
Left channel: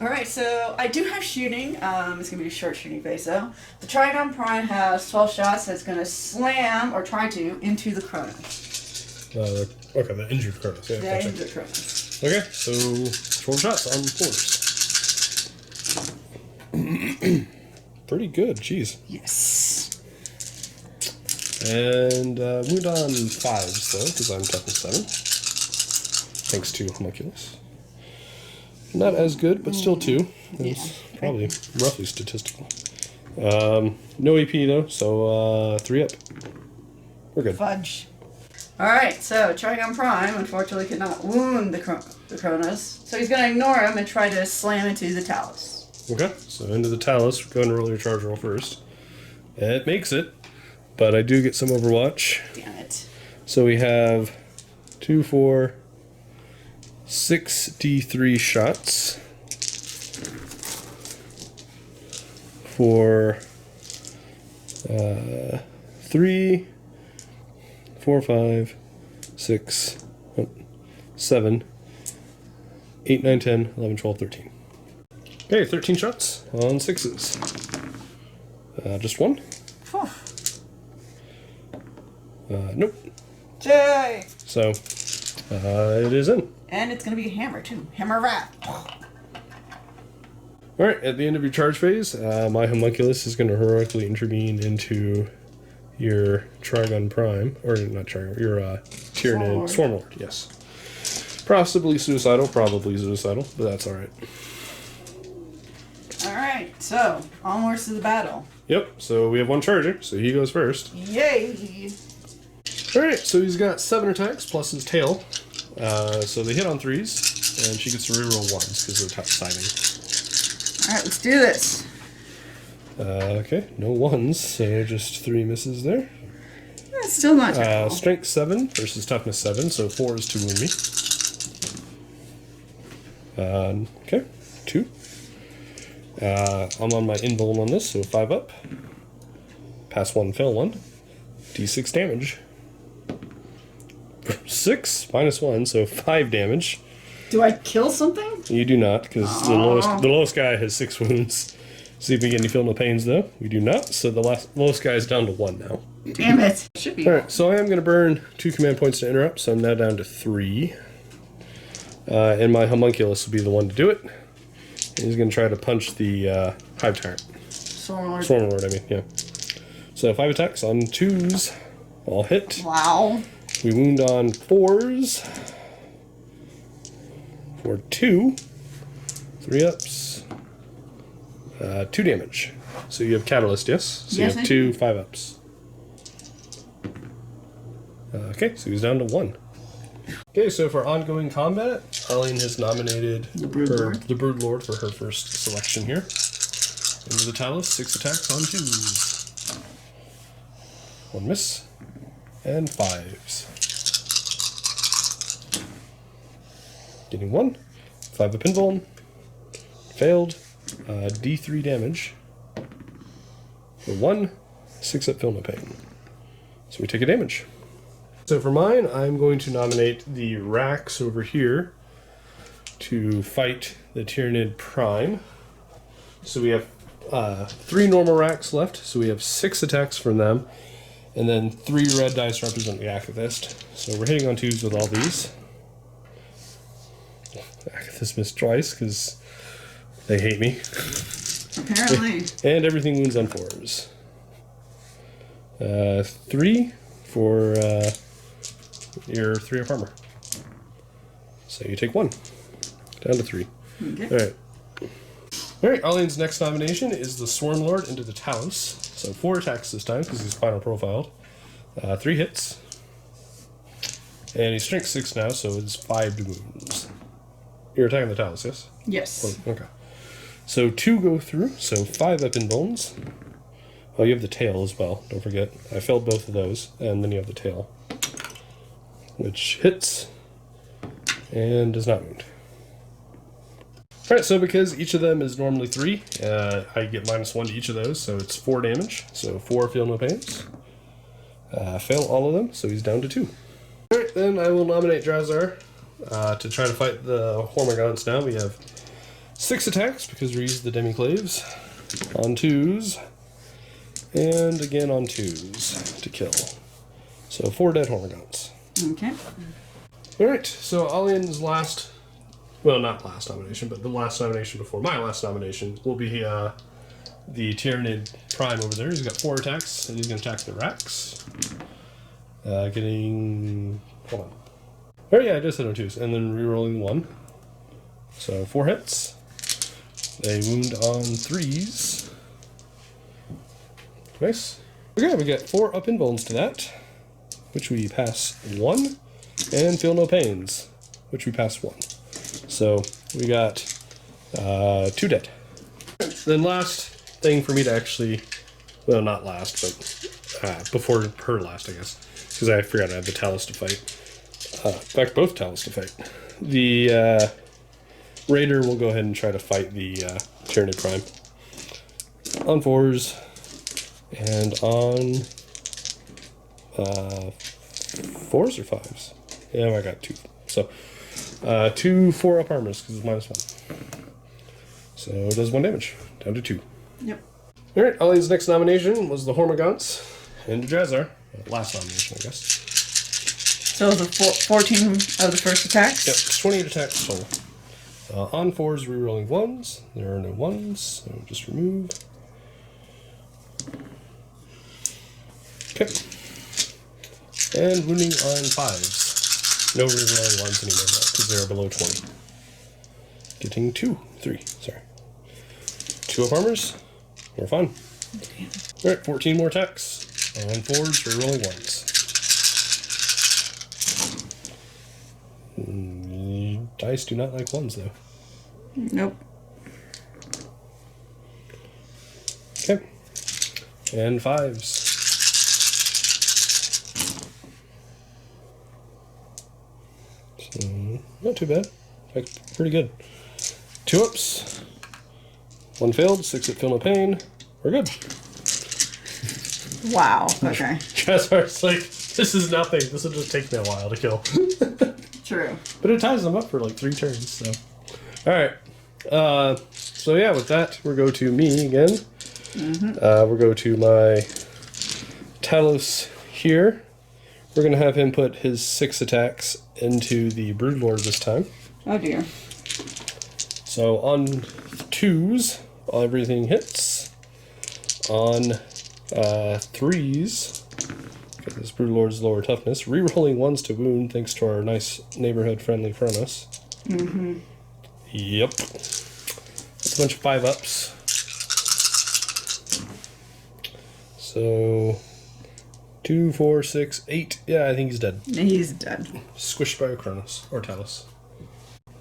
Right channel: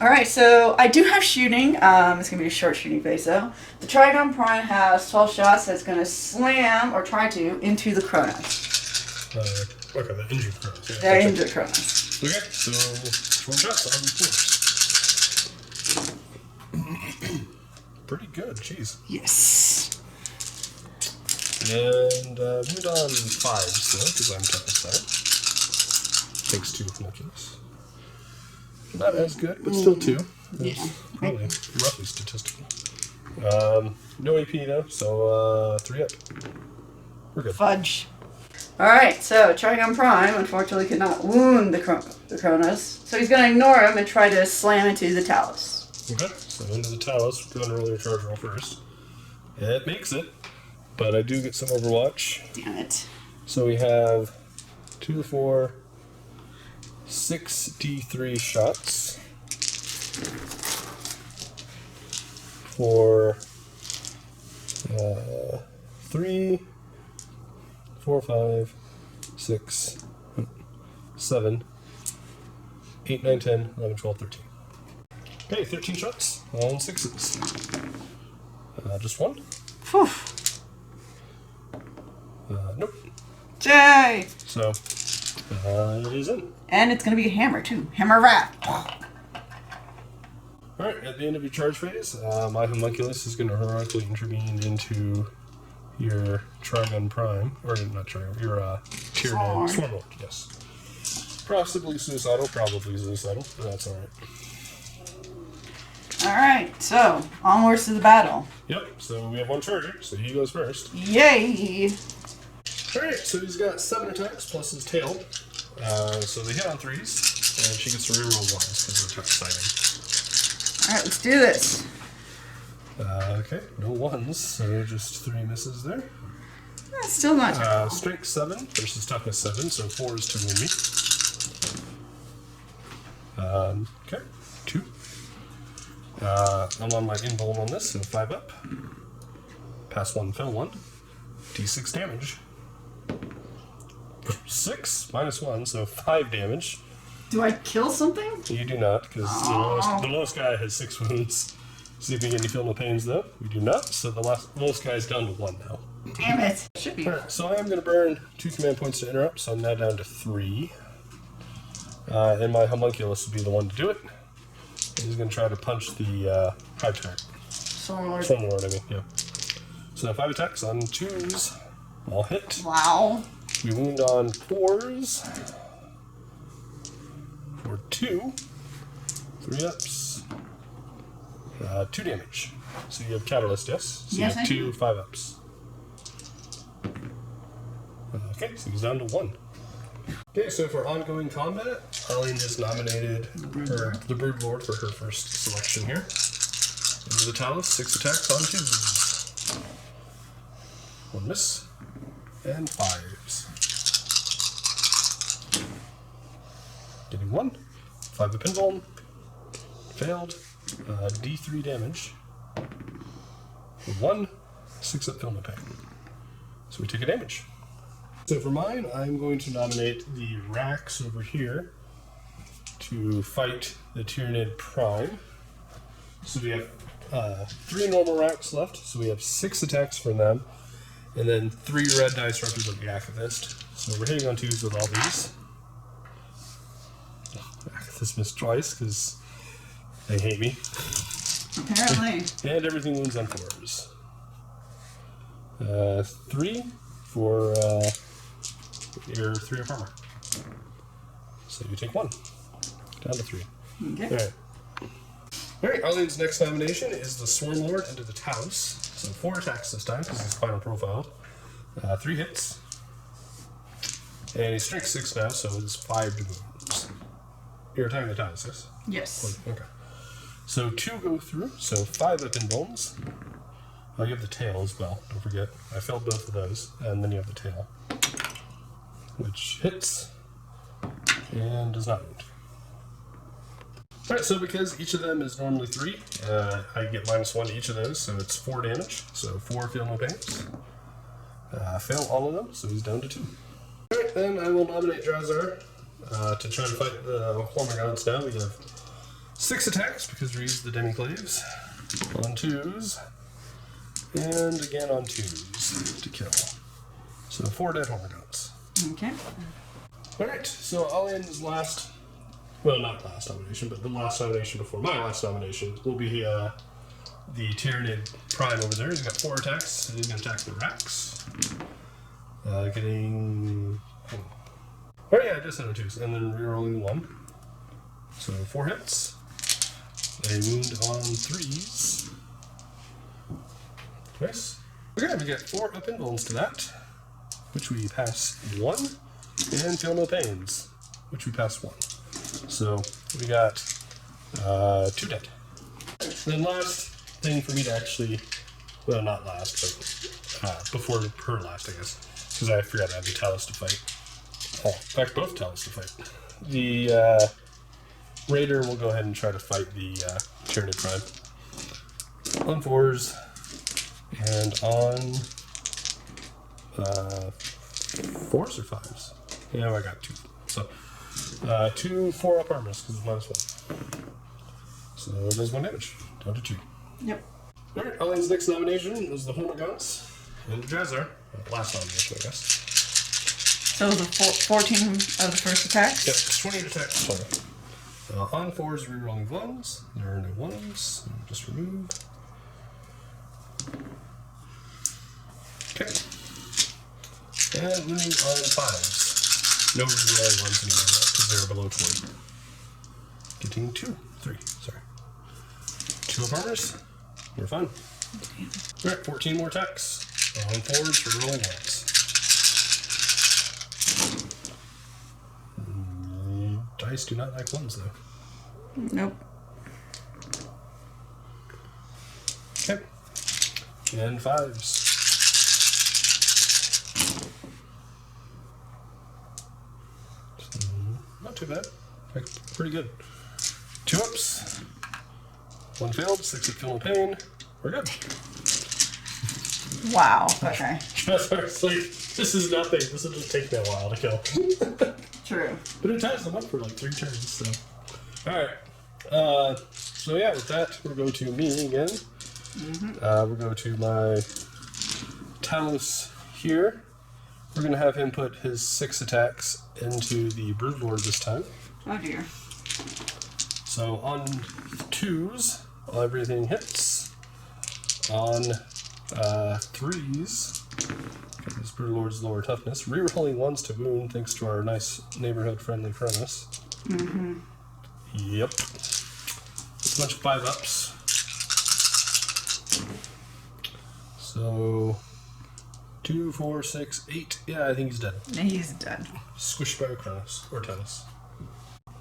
Alright, so I do have shooting. It's going to be a short shooting phase though. The Trigon Prime has 12 shots that's going to slam, or try to, into the Kronos. Okay, the injured Kronos. Yeah, They're gotcha. injured Kronos. Okay, so 12 shots on force. pretty good. Jeez. Yes. And wound on 5s, though, because I'm toughness 7. Thanks to Homunculus. Not as good, but still 2. Yeah. Probably roughly statistical. No EP, though, so 3 up. We're good. Fudge. Alright, so Trigon Prime unfortunately could not wound the Kronos, so he's going to ignore him and try to slam into the Talus. Okay, so into the Talus. Go and roll your charge roll first. And it makes it, but I do get some Overwatch. Damn it. So we have 2, 4, 6 D3 shots for 3, 4, 5, 6, 7, 8, 9, 10, 11, 12, 13. Okay, 13 shots on 6s. Just 1? Whew. Nope. Jay! So, it is in. And it's going to be a hammer, too. Hammer Wrath. Alright, at the end of your charge phase, my Homunculus is going to heroically intervene into your Trigon Prime, or not Trigon, your Tyranid Swarmlord, yes. Possibly suicidal, probably suicidal, but that's alright. Alright, so, onwards to the battle. Yep, so we have 1 charger, so he goes first. Yay! Alright, so he's got 7 attacks plus his tail. So they hit on 3s, and she gets to reroll 1s because they're siding. Alright, let's do this. Okay, no 1s, so just 3 misses there. That's still not terrible. Strength 7 versus toughness 7, so 4 is to wound me. Okay, 2. I'm on my invuln on this, so 5 up. Pass 1, fail 1. D6 damage. 6 minus 1, so 5 damage. Do I kill something? You do not, because the lowest guy has 6 wounds. See if we get any feel no pains, though. We do not, so the lowest guy is down to 1 now. Damn it. Should be. Alright, so I am going to burn 2 command points to interrupt, so I'm now down to 3. And my Homunculus will be the one to do it. And he's going to try to punch the Hive Tyrant. Swarmlord. Swarmlord, I mean, yeah. So 5 attacks on 2s. All hit. Wow. We wound on 4s. For 2. 3 ups. 2 damage. So you have Catalyst, yes? So Yes, you I have 2 do. 5 ups. Okay, so he's down to 1. Okay, so for ongoing combat, Alian has nominated the Brood Lord for her first selection here. Into the Talus, 6 attacks on 2s. 1 miss. And 5s. Getting 1. 5 up invuln. Failed. D3 damage. For 1. 6 up feel no pain. So we take a damage. So for mine, I'm going to nominate the Rax over here to fight the Tyranid Prime. So we have 3 normal Rax left, so we have 6 attacks from them, and then 3 red dice represent the Akathist. So we're hitting on 2s with all these. Akathist missed twice because they hate me. Apparently. And everything wounds on 4s. 3 for your 3 up armor. So you take 1. Down to 3. Okay. Alright. Alright, Alian's next nomination is the Swarmlord into the Talus. So 4 attacks this time because he's final profiled. 3 hits. And he's strength 6 now, so it's 5 wounds. You're attacking the Talus, yes? Yes. Okay. So 2 go through, so 5 up in bones. Oh, you have the tail as well, don't forget. I failed both of those, and then you have the tail. Which hits, and does not wound. Alright, so because each of them is normally 3, I get -1 to each of those, so it's 4 damage. So 4 feel no pains. Fail all of them, so he's down to 2. Alright, then I will nominate Drazhar to try to fight the Hormagaunts now. We have 6 attacks because we use the Demiclaves on 2s. And again on 2s to kill. So 4 dead Hormagaunts. Okay. Alright, so Alian's last, well, not last nomination, but the last nomination before my last nomination will be the Tyranid Prime over there. He's got 4 attacks, and he's going to attack the Rax. Getting... Hold on. Oh yeah, I just hit on 2s, and then rerolling 1. So 4 hits. They wound on 3s. Nice. Okay, we get 4 up invulns to that, which we pass 1, and feel no pains, which we pass 1. So we got 2 dead. Then last thing for me to actually, well, not last, but before her last, I guess, because I forgot I had the Talus to fight. In fact, both Talus to fight. The Raider will go ahead and try to fight the Tyranid Prime on 4s and on 4s or 5s. Yeah, I got 2. So 2 4-up armors because it's -1. So it does 1 damage, down to 2. Yep. Alright, Alian's next nomination was the Hormagaunts and Drazhar. Last nomination, I guess. So the 14 of the first attacks? Yep, it's 20 attacks total. On 4s, rerolling 1s. There are no 1s, so just remove. Okay. And wounding on 5s. No rerolling 1s anymore though, because they're below 20. Getting 3, sorry. 2 up armors. More fun. Alright, 14 more attacks. On 4s, rerolling 1s. Dice do not like 1s though. Nope. Okay. And 5s. So, not too bad. Like, pretty good. 2 ups. 1 failed, 6 at feel no pain. We're good. Wow. Okay. Drazhar's like, this is nothing. This will just take me a while to kill. True. But it ties them up for like 3 turns, so. Alright. So yeah, with that, we'll go to me again. We'll go to my Talus here. We're going to have him put his 6 attacks into the Broodlord this time. Oh dear. So on 2s, everything hits. On 3s, because this Broodlord's lower toughness, rerolling 1s to wound thanks to our nice neighborhood friendly furnace. Yep. That's a bunch of 5 ups. So 2, 4, 6, 8. Yeah, I think he's dead. He's dead. Squished by a Cronus or Talus.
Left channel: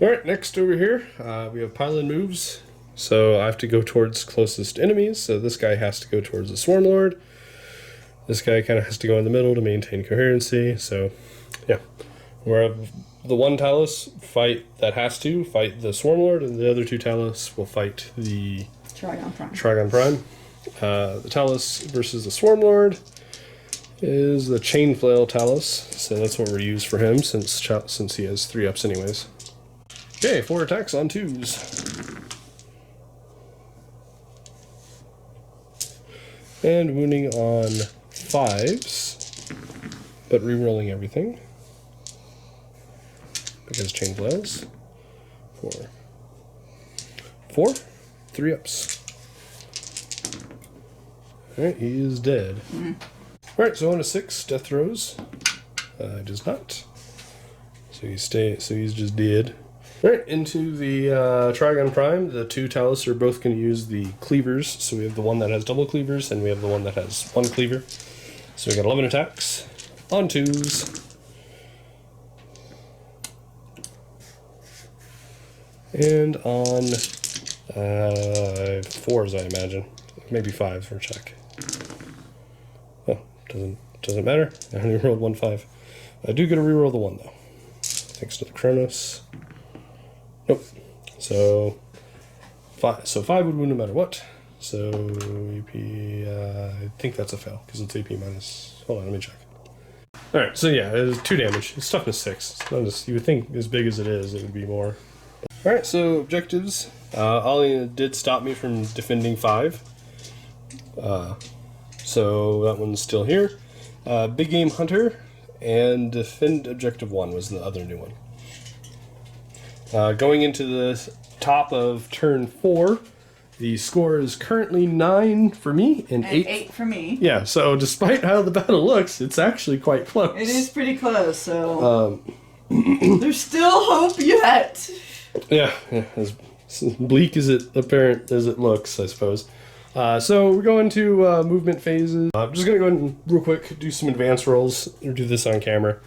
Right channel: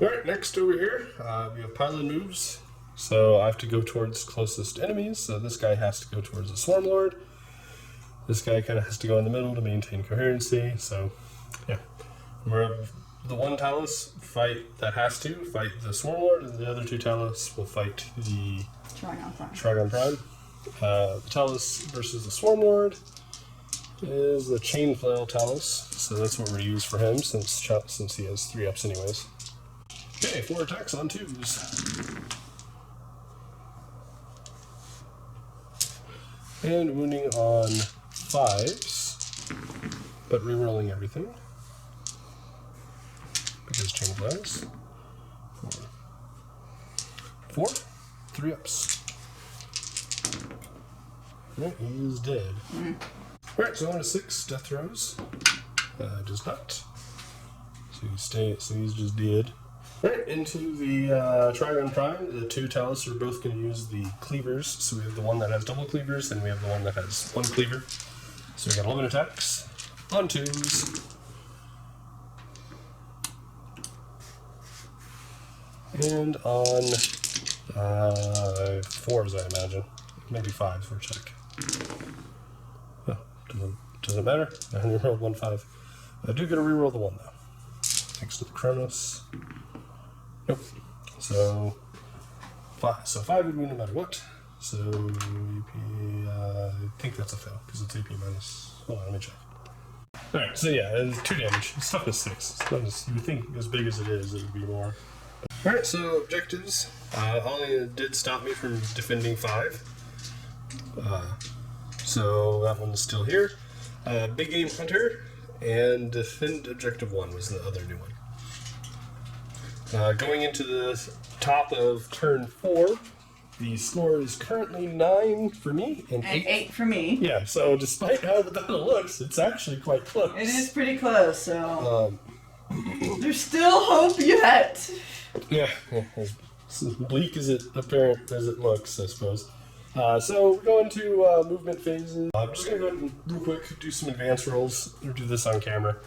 Alright, next over here, we have pylon moves. So I have to go towards closest enemies. So this guy has to go towards the Swarm Lord. This guy kind of has to go in the middle to maintain coherency. So, yeah. Where the one Talus that has to fight the Swarm Lord, and the other 2 Talus will fight the Trigon Prime. The Talus versus the Swarm Lord is the Chain Flail Talus. So that's what we're used for him since he has 3 ups anyways. Okay, 4 attacks on 2s. And wounding on 5s, but rerolling everything. Because chain blows. 4. 3 ups. Alright, he is dead. Alright, so on to 6 death throws. Does not. So he's just dead. Alright, into the Trigon Prime. The 2 Talus are both going to use the cleavers. So we have the one that has double cleavers, and we have the one that has 1 cleaver. So we got 11 attacks on 2s. And on 4s, I imagine. Maybe 5s for a check. Oh, doesn't matter. I only rolled 1 5. I do get a reroll the 1 though. Thanks to the Chronos. Nope. So 5. So 5 would win no matter what. So AP, I think that's a fail because it's AP minus. Hold on, let me check. All right. So yeah, it's 2 damage. It's toughness 6. It's not as you would think as big as it is. It would be more. All right. So objectives. Alian did stop me from defending 5. So that one's still here. Big Game Hunter and Defend Objective 1 was the other new one. Going into the top of turn 4, The score is currently 9 for me and 8 for me. Yeah, so despite how the battle looks, it's actually quite close. It is pretty close, so there's still hope yet. Yeah, as bleak as it apparent as it looks, I suppose. So we're going to movement phases. I'm just gonna go ahead and real quick do some advanced rolls. We'll do this on camera.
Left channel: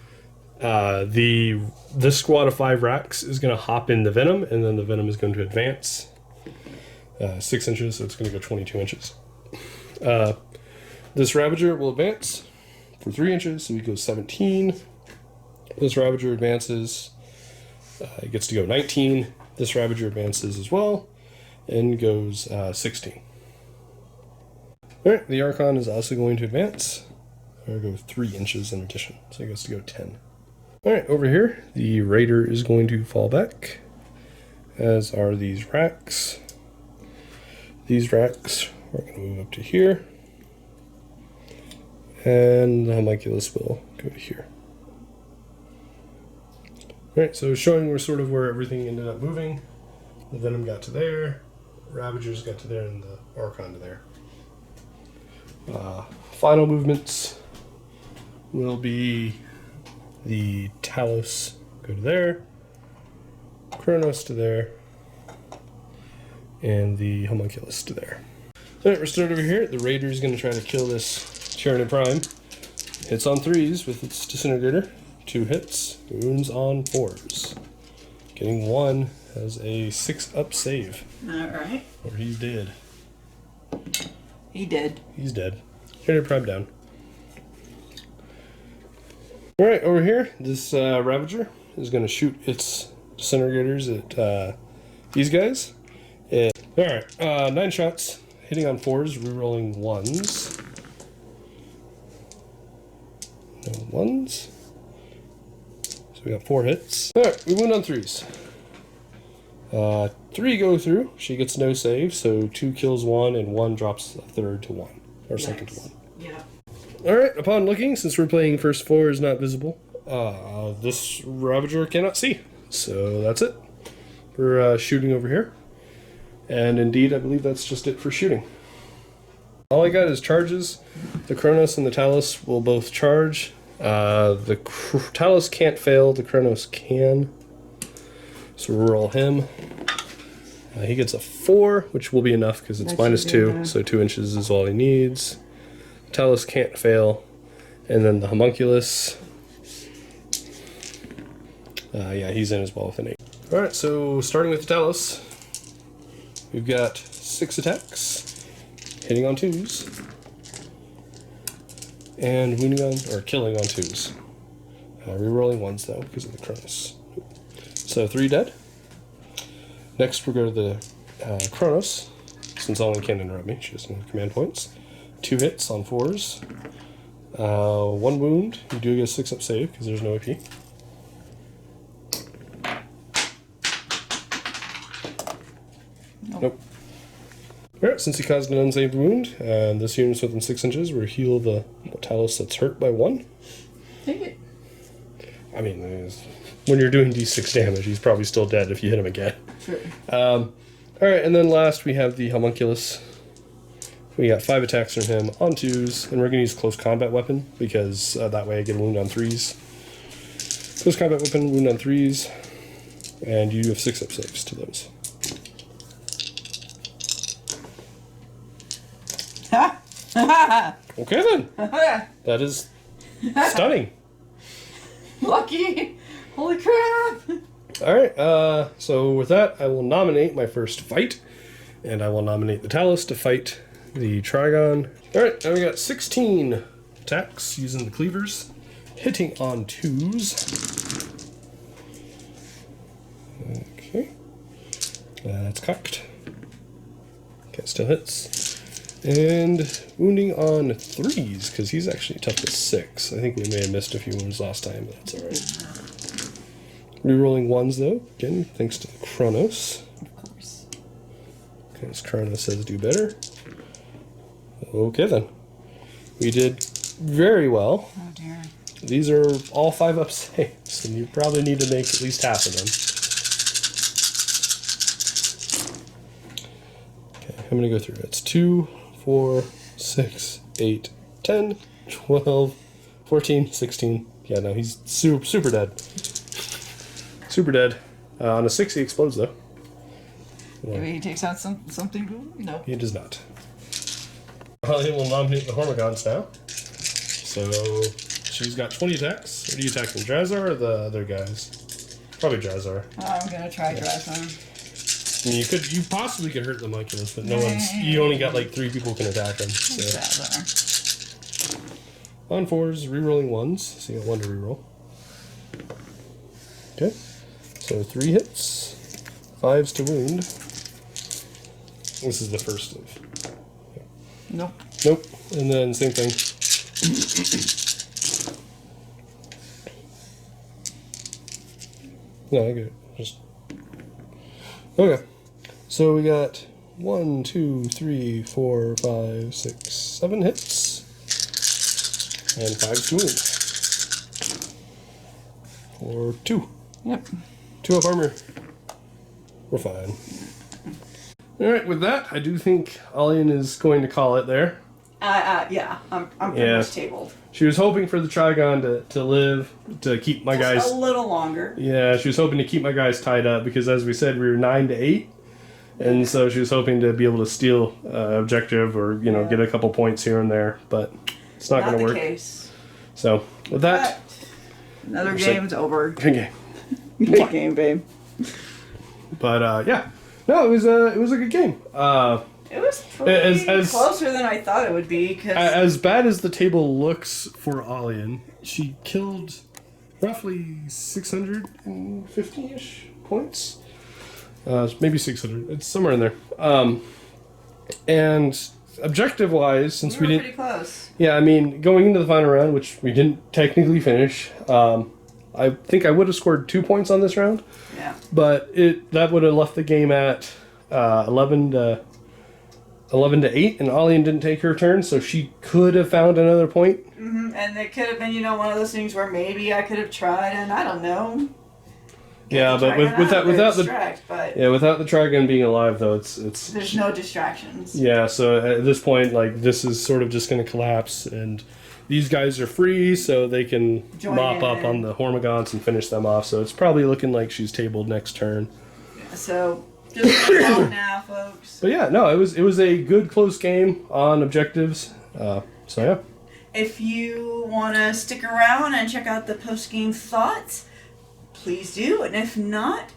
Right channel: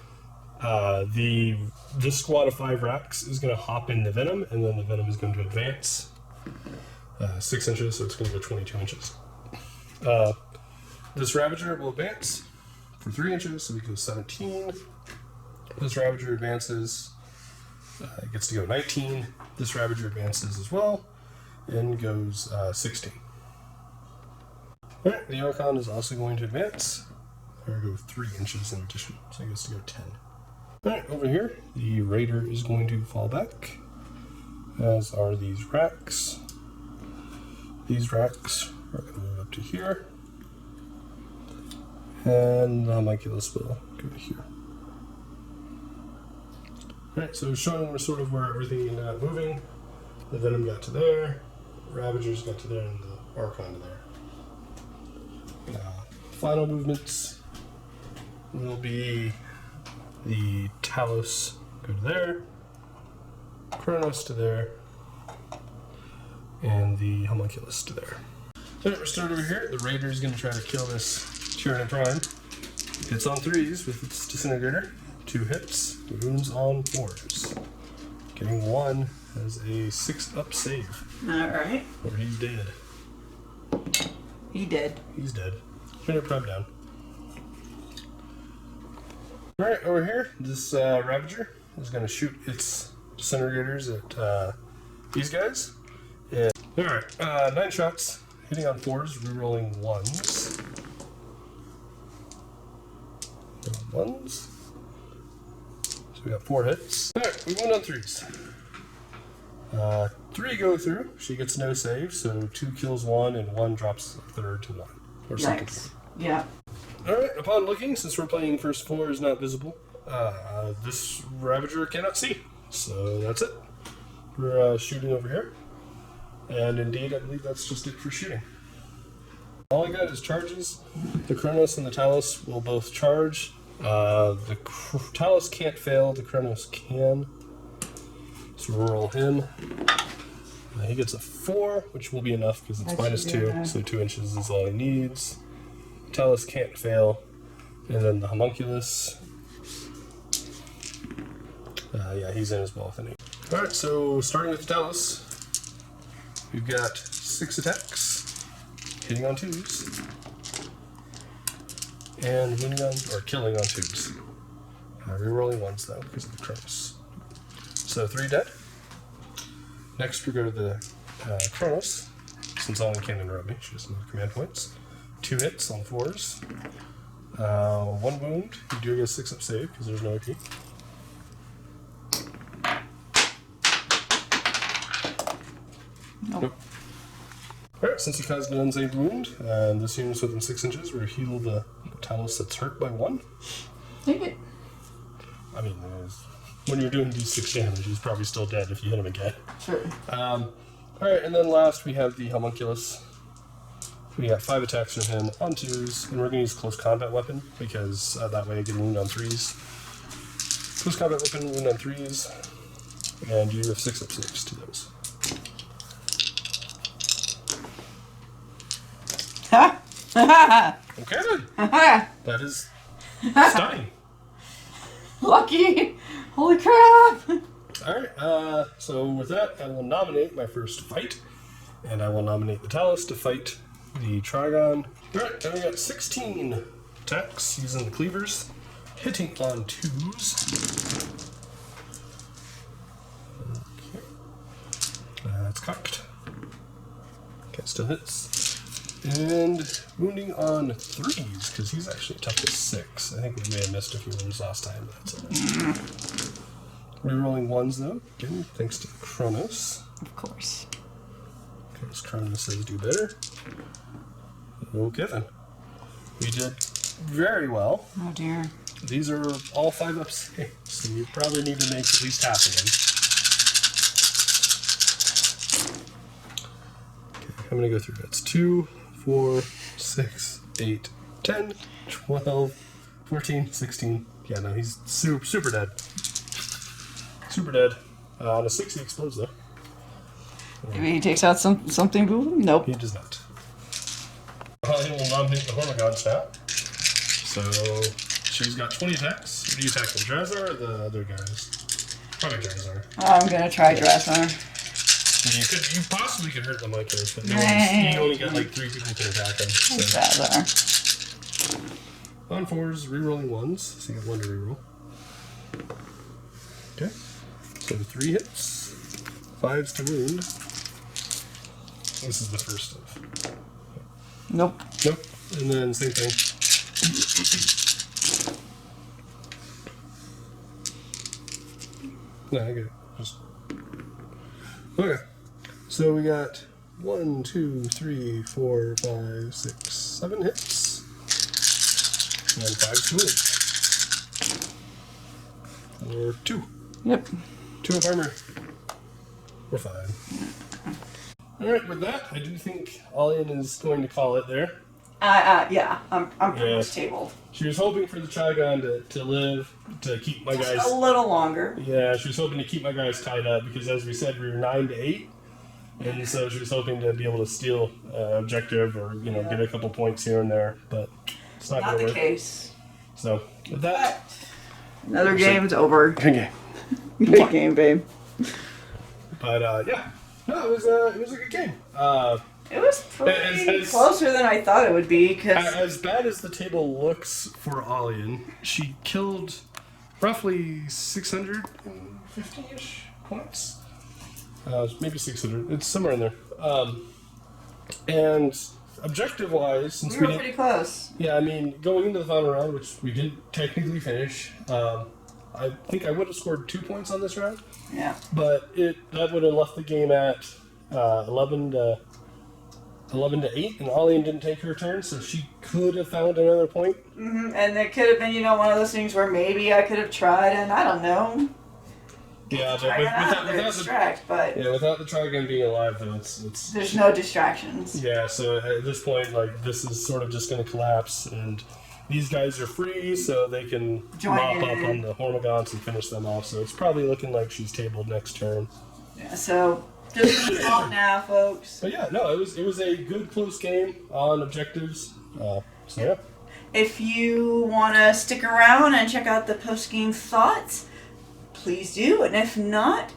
This squad of 5 racks is gonna hop in the venom, and then the venom is going to advance 6 inches, so it's gonna go 22 inches. This Ravager will advance for 3 inches, so he goes 17. This Ravager advances, it gets to go 19. This Ravager advances as well, and goes 16. Alright, the Archon is also going to advance, or go 3 inches in addition, so he gets to go 10. Alright, over here, the Raider is going to fall back, as are these racks. These racks are going to move up to here, and the homunculus will go to here. Alright, so showing where everything ended up moving. The Venom got to there, Ravagers got to there, and the Archon to there. Final movements will be the Talos go to there, Kronos to there, and the homunculus to there. Alright, we're starting over here. The Raider is going to try to kill this Tyranid Prime. Hits on 3s with its disintegrator. 2 hits, wounds on 4s. Getting 1 has a 6-up save. Alright. Or he's dead. He did. He's dead. Tyranid Prime down. Alright, over here, this Ravager is going to shoot its disintegrators at these guys. Alright, 9 shots, hitting on 4s, rerolling 1s. No 1s. So we got 4 hits. Alright, we went on 3s. 3 go through, she gets no save, so 2 kills 1 and 1 drops a third to 1. Or second to 1. Yeah. Alright, upon looking, since we're playing first 4 is not visible, this Ravager cannot see. So that's it. We're shooting over here. And indeed, I believe that's just it for shooting. All I got is charges. The Kronos and the Talos will both charge. The Talos can't fail, the Kronos can. So reroll him. He gets a 4, which will be enough because it's -2, so 2 inches is all he needs. Talos can't fail. And then the homunculus. Yeah, he's in as well with an 8. Alright, so starting with the Talos, we've got 6 attacks, hitting on 2s, and wounding on, or killing on 2s. Rerolling 1s though, because of the Kronos. So 3 dead. Next we go to the Kronos, since Alian can't interrupt me, she has no command points. 2 hits on 4s. 1 wound, you do get a 6-up save, because there's no AP. Nope. Alright, since he caused an unsaved wound, this unit's within 6 inches, we'll heal the Talos that's hurt by 1. Take it. I mean, when you're doing d6 damage, he's probably still dead if you hit him again. Sure. Alright, and then last we have the homunculus. We got 5 attacks from him on 2s, and we're going to use close combat weapon, because that way I get a wound on 3s. Close combat weapon, wound on 3s, and you have 6-up saves to those. Okay then. That is stunning. Lucky. Holy crap. Alright, so with that, I will nominate my first fight. And I will nominate the Talos to fight the Trigon. Alright, now we got 16 attacks using the cleavers. Hitting on 2s. Okay. It's cocked. Okay, still hits. And wounding on 3s, because he's actually tough to 6. I think we may have missed a few wounds last time, but that's alright. Rerolling 1s though, again, thanks to the Kronos. Of course. Because Kronos says do better. Okay then. We did very well. Oh dear. These are all 5-up saves, so you probably need to make at least half of them. Okay. I'm gonna go through. It's 2, 4, 6, 8, 10, 12, 14, 16. Yeah, no, he's super dead. Super dead. On a 6, he explodes though. Maybe he takes out something cool? Nope. He does not. He will nominate the Hormagaunts now. So she's got 20 attacks. What are you attacking, Drazhar or the other guys? Probably Drazhar. I'm gonna try Drazhar. You possibly could hurt the Homunculus, but no one's. You only got like 3 people can attack him. So. Drazhar. On 4s, rerolling 1s, so you got 1 to reroll. Okay. So 3 hits, 5s to wound. This is the first of. Nope. Nope. And then same thing. No, I get it. Just. Okay. So we got 1, 2, 3, 4, 5, 6, 7 hits. And 5 to wound. Or 2. Yep. 2 up armor. We're fine. Alright, with that, I do think Alian is going to call it there. Yeah, I'm pretty much tabled. She was hoping for the Trigon to live, to keep my guys... a little longer. Yeah, she was hoping to keep my guys tied up, because as we said, we were 9 to 8. And so she was hoping to be able to steal objective or, get a couple points here and there, but it's not going to work. Not the case. So, with that... Another game's over. Good game. Good game, babe. But, yeah. No, it was a good game. It was pretty closer than I thought it would be. As bad as the table looks for Alian, she killed roughly 650-ish points. Maybe 600. It's somewhere in there. And objective-wise, since we didn't... pretty close. Yeah, I mean, going into the final round, which we didn't technically finish, I think I would have scored 2 points on this round. Yeah. But that would have left the game at 11 to 8, and Alian didn't take her turn, so she could have found another point. Mm-hmm. And it could have been, one of those things where maybe I could have tried, and I don't know. Yeah, but without the Trigon being alive, though, it's there's no distractions. Yeah, so at this point, this is sort of just going to collapse, and these guys are free, so they can mop up on the Hormagaunts and finish them off. So it's probably looking like she's tabled next turn. Yeah, so just call it now, folks. But yeah, no, it was a good close game on objectives. So yeah. If you want to stick around and check out the post-game thoughts, please do. And if not,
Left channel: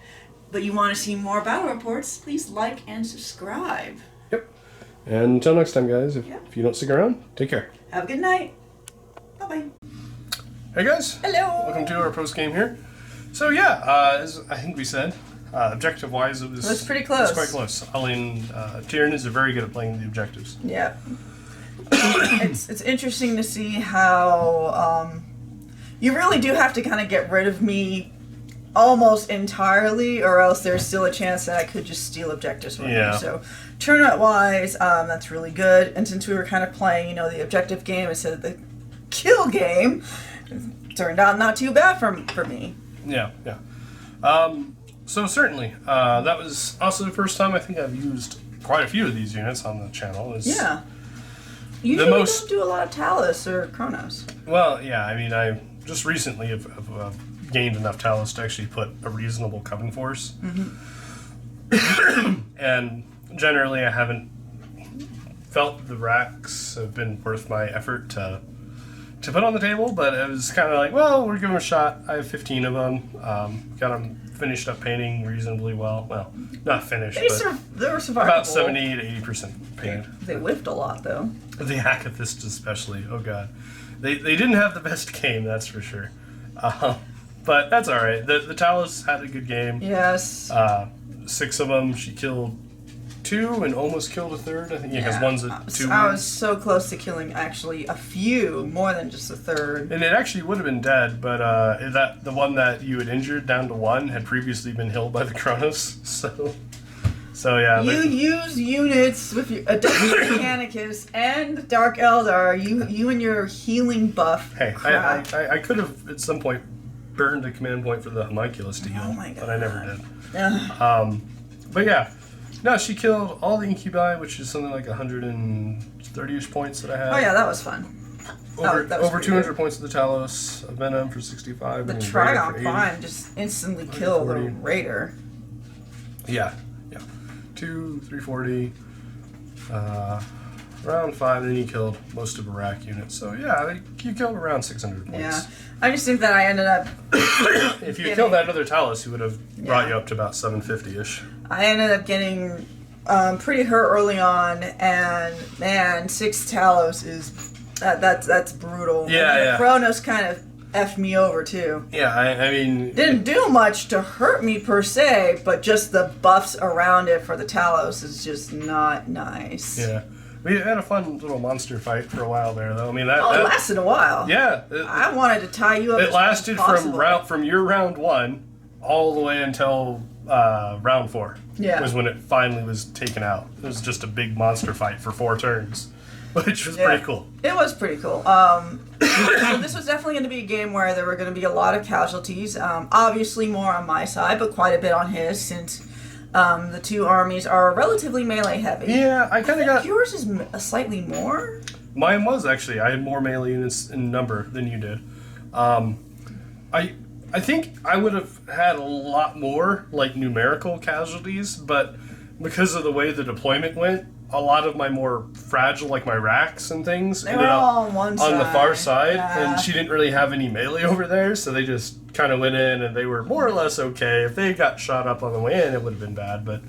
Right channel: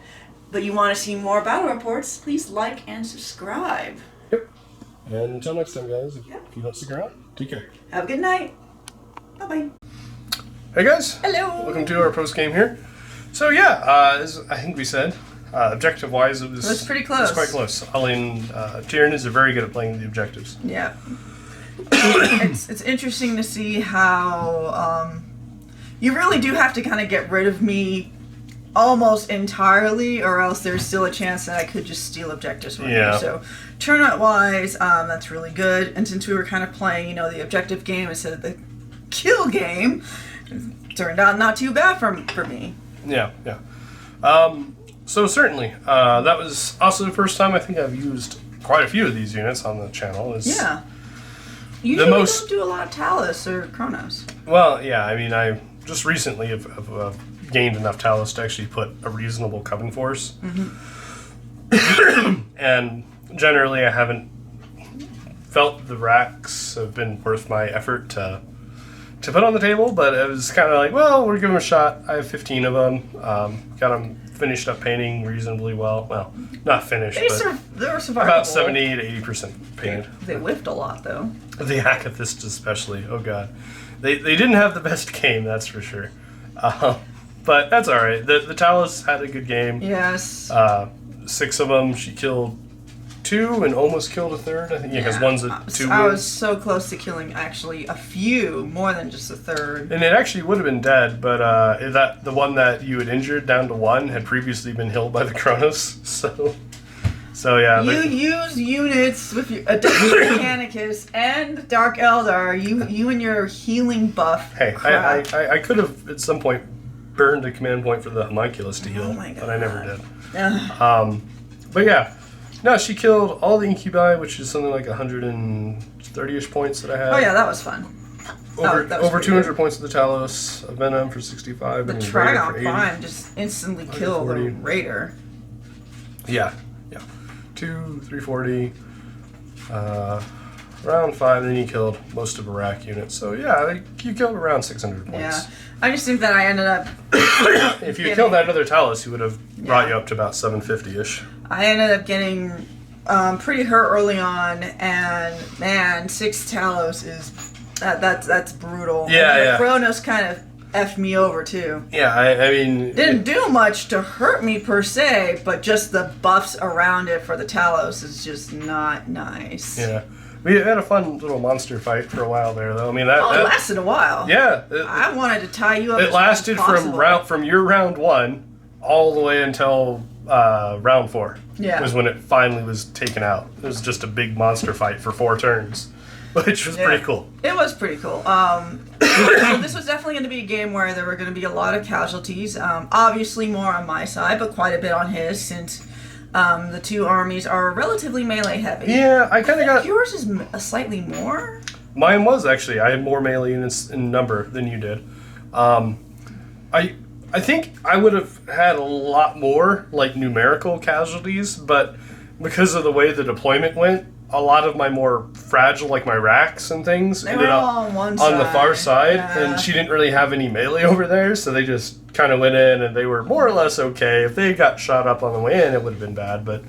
but you want to see more battle reports, please like and subscribe. Yep. And until next time, guys, if you don't stick around, take care. Have a good night. Bye-bye. Hey, guys. Hello. Welcome to our post-game here. So yeah, as I think we said, objective-wise, it was pretty close. It was quite close. Alian, Tyranids are very good at playing the objectives. Yeah. It's interesting to see how you really do have to kind of get rid of me almost entirely, or else there's still a chance that I could just steal objectives from you. So turnout-wise, that's really good. And since we were kind of playing, the objective game instead of the kill game, it turned out not too bad for me. Yeah. So certainly, that was also the first time I think I've used quite a few of these units on the channel. Yeah. Usually don't do a lot of Talus or Chronos. Well, yeah, I mean, I just recently have gained enough Talus to actually put a reasonable Coven force. Mm-hmm. And generally I haven't felt the racks have been worth my effort to put on the table, but it was kind of like, well, we're giving them a shot. I have 15 of them. Got them finished up painting reasonably well. Well, not finished, they but were survivable. About 70 to 80% painted. They whiffed a lot, though. The Acathists especially. Oh, God. They didn't have the best game, that's for sure. But that's all right. The Talus had a good game. Yes. 6 of them. She killed 2 and almost killed a third. I think because one's a 2. I was so close to killing actually a few, more than just a third. And it actually would have been dead, but the one that you had injured down to 1 had previously been healed by the Kronos. So yeah. You use units with your Mechanicus and Dark Eldar. You and your healing buff. Hey, I could have at some point burned a command point for the Homunculus to heal, but I never did. But yeah. No, she killed all the incubi, which is something like 130-ish points that I had. Oh yeah, that was fun. That was Over pretty 200 good. points of the Talos, a Venom for 65. The and a Raider for Trigon 80. Prime just instantly killed the 140. Raider. Yeah. 340. Round 5, and then you killed most of Iraq units. So yeah, you killed around 600 points. Yeah. I just think that I ended up... If you killed that other Talos, he would have brought you up to about 750-ish. I ended up getting pretty hurt early on, and man, 6 Talos is... That's brutal. Yeah, and yeah. Kronos kind of effed me over too. Yeah, I mean... Didn't do much to hurt me per se, but just the buffs around it for the Talos is just not nice. Yeah. We had a fun little monster fight for a while there, though. I mean, that lasted a while. Yeah. I wanted to tie you up. It lasted from your round 1 all the way until round 4. Yeah. Was when it finally was taken out. It was just a big monster fight for 4 turns, which was pretty cool. It was pretty cool. So this was definitely going to be a game where there were going to be a lot of casualties. Obviously more on my side, but quite a bit on his, since the two armies are relatively melee heavy. Yeah, I kind of got... Yours is slightly more? Mine was, actually. I had more melee units in number than you did. I think I would have had a lot more, like, numerical casualties, but because of the way the deployment went, a lot of my more fragile, like my racks and things, They ended were up all on one side. on the far side, Yeah. and she didn't really have any melee over there, so they just kind of went in, and they were more or less okay. If they got shot up on the way in, it would have been bad, but